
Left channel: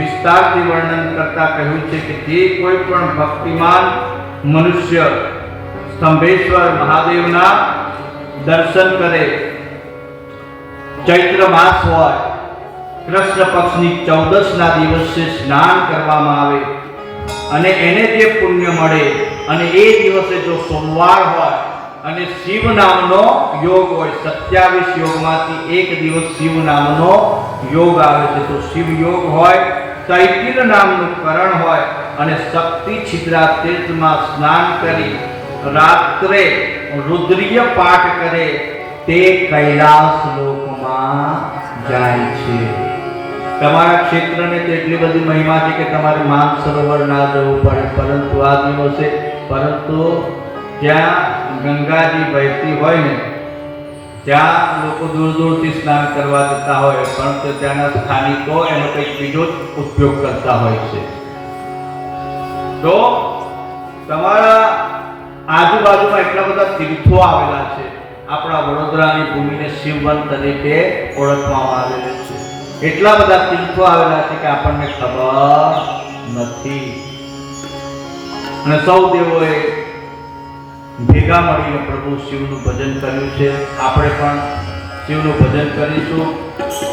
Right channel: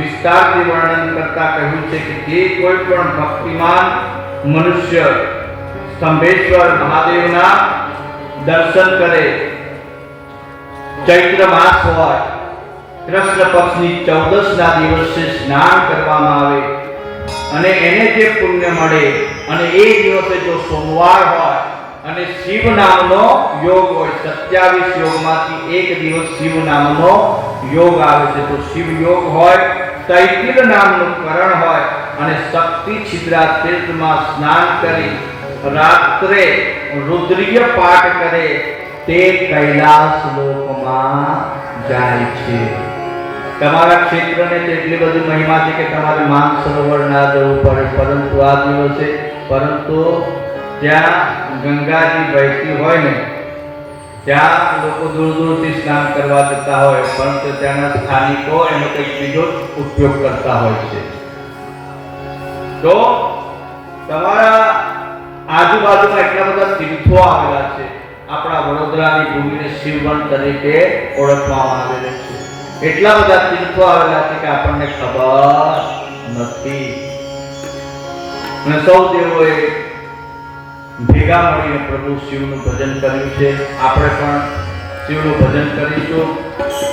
વિસ્તારથી વર્ણન કરતા કહ્યું છે કે જે કોઈ પણ ભક્તિમાન મનુષ્ય સ્તંભેશ્વર મહાદેવના દર્શન કરે, ચૈત્ર માસ હોય, કૃષ્ણ પક્ષની 14ના દિવસે સ્નાન કરવામાં આવે અને એને જે પુણ્ય મળે, અને એ દિવસે જો સોમવાર હોય અને શિવ નામનો યોગ હોય, 27 યોગમાંથી એક દિવસ શિવ નામનો યોગ આવે છે, તો શિવ યોગ હોય, તૈતિલ નામનું કરણ હોય અને શક્તિ છિદ્રા તીર્થમાં સ્નાન કરી રાત્રે રુદ્રીય પાઠ કરે તે કૈલાસ લોકમાં જાય છે. તમારા ક્ષેત્રને તેટલી બધી મહિમા છે કે તમારે માનસરોવર ના જવું પડે, પરંતુ આ દિવસે ત્યાં ગંગાજી વહેતી હોય ને ત્યાં લોકો દૂર દૂરથી સ્નાન કરવા જતા હોય, પરંતુ ત્યાંના સ્થાનિકો એનો કંઈક બીજો ઉપયોગ કરતા હોય છે. તો તમારા આજુબાજુમાં એટલા બધા તીર્થો આવેલા છે. આપણા વડોદરાની ભૂમિને શિવવન તરીકે ઓળખવામાં આવેલી છે. એટલા બધા તીર્થો આવેલા છે કે આપણને ખબર નથી. અને સૌ દેવોએ ભેગા મળીને પ્રભુ શિવનું ભજન કર્યું છે. આપણે પણ શિવનું ભજન કરીશું.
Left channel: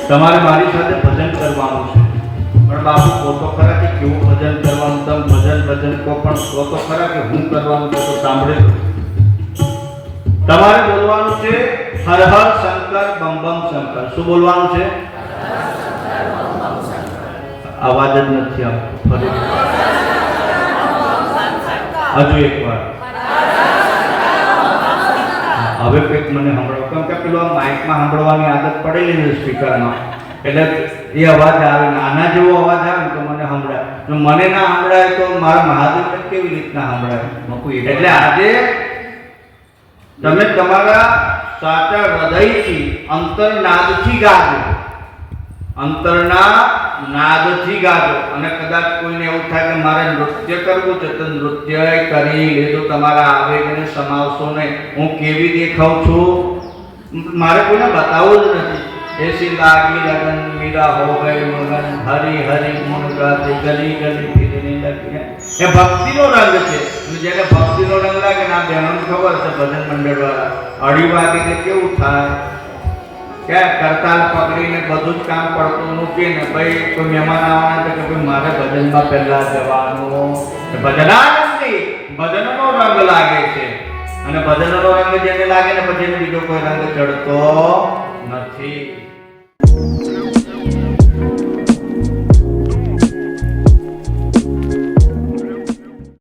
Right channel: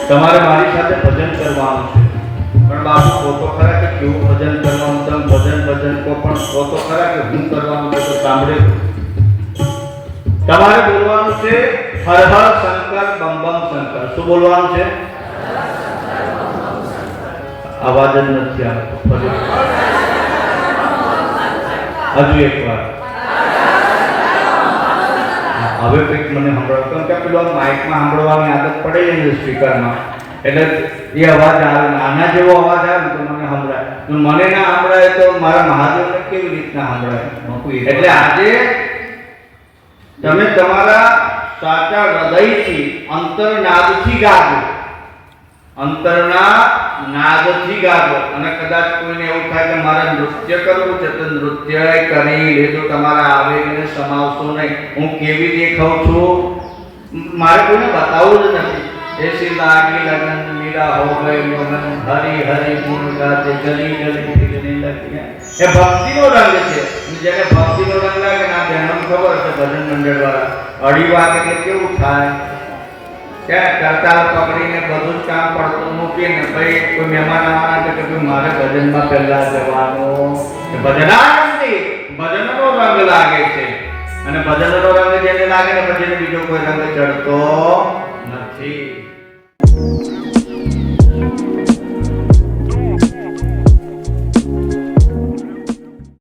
તમારે મારી સાથે ભજન કરવાનું છે. પણ બાપુ કહો ખરા કે કેવું ભજન કરવાનું? તમે ભજન કહો, પણ કહો ખરા કે હું કરવાનું છે તો સાંભળે. તમારે બોલવાનું છે હર હર શંકર બમ બમ શંકર. શું બોલવાનું છે? અવાજ જ નથી આવતો. ફરી હજુ એક વાર. હવે કંઈક મને સંભળાવ, કેમ કે પેલો માઇકમાં સાંભળવાની આદત પડેલી છે સ્પીકરમાં, એટલે એ અવાજ આવે ને આના જેવો અવાજ આવે ને તો મને સંભળાય. મને ના સંભળાય તો મારા મહાદેવને કેવી રીતના સંભળાય? એટલે આજે તમે તમારા સાચા હૃદયથી અંતરનાદથી ગાજો. અંતરના નાદથી ગાજો. અને કદાચ કોઈને એવું થાય કે મારે નૃત્ય કરવું છે તો નૃત્ય કરી લેજો. તમારા આવેગને સમાવશો નહીં. હું કેવી દેખાઉં છું મારે કોઈને બતાવવું જ નથી. ऐसी लागी लगन मीरा हो गए मगन हरि हरि गुण गाते गली गली फिरने लगी है। ये भक्ति नो रंग છે જેને ભક્તિ નો રંગ લાગે ના બહેનો ખબર છે ભજન મંડળ વાળા અઢી વાગે કે કેવું થાય કે કરતાલ પકડીને બધું જ કામ પડતું મૂકીને ભાઈ કોઈ મહેમાન આવવાના છે કે ભાઈ મારે ભજનમાં પહેલા જવાનું ભજનાનંદી ભજનનો રંગ લાગે છે અને ભજનનો રંગ જેને લાગે ને પછી બીજો કોઈ રંગ ચડતો નથી।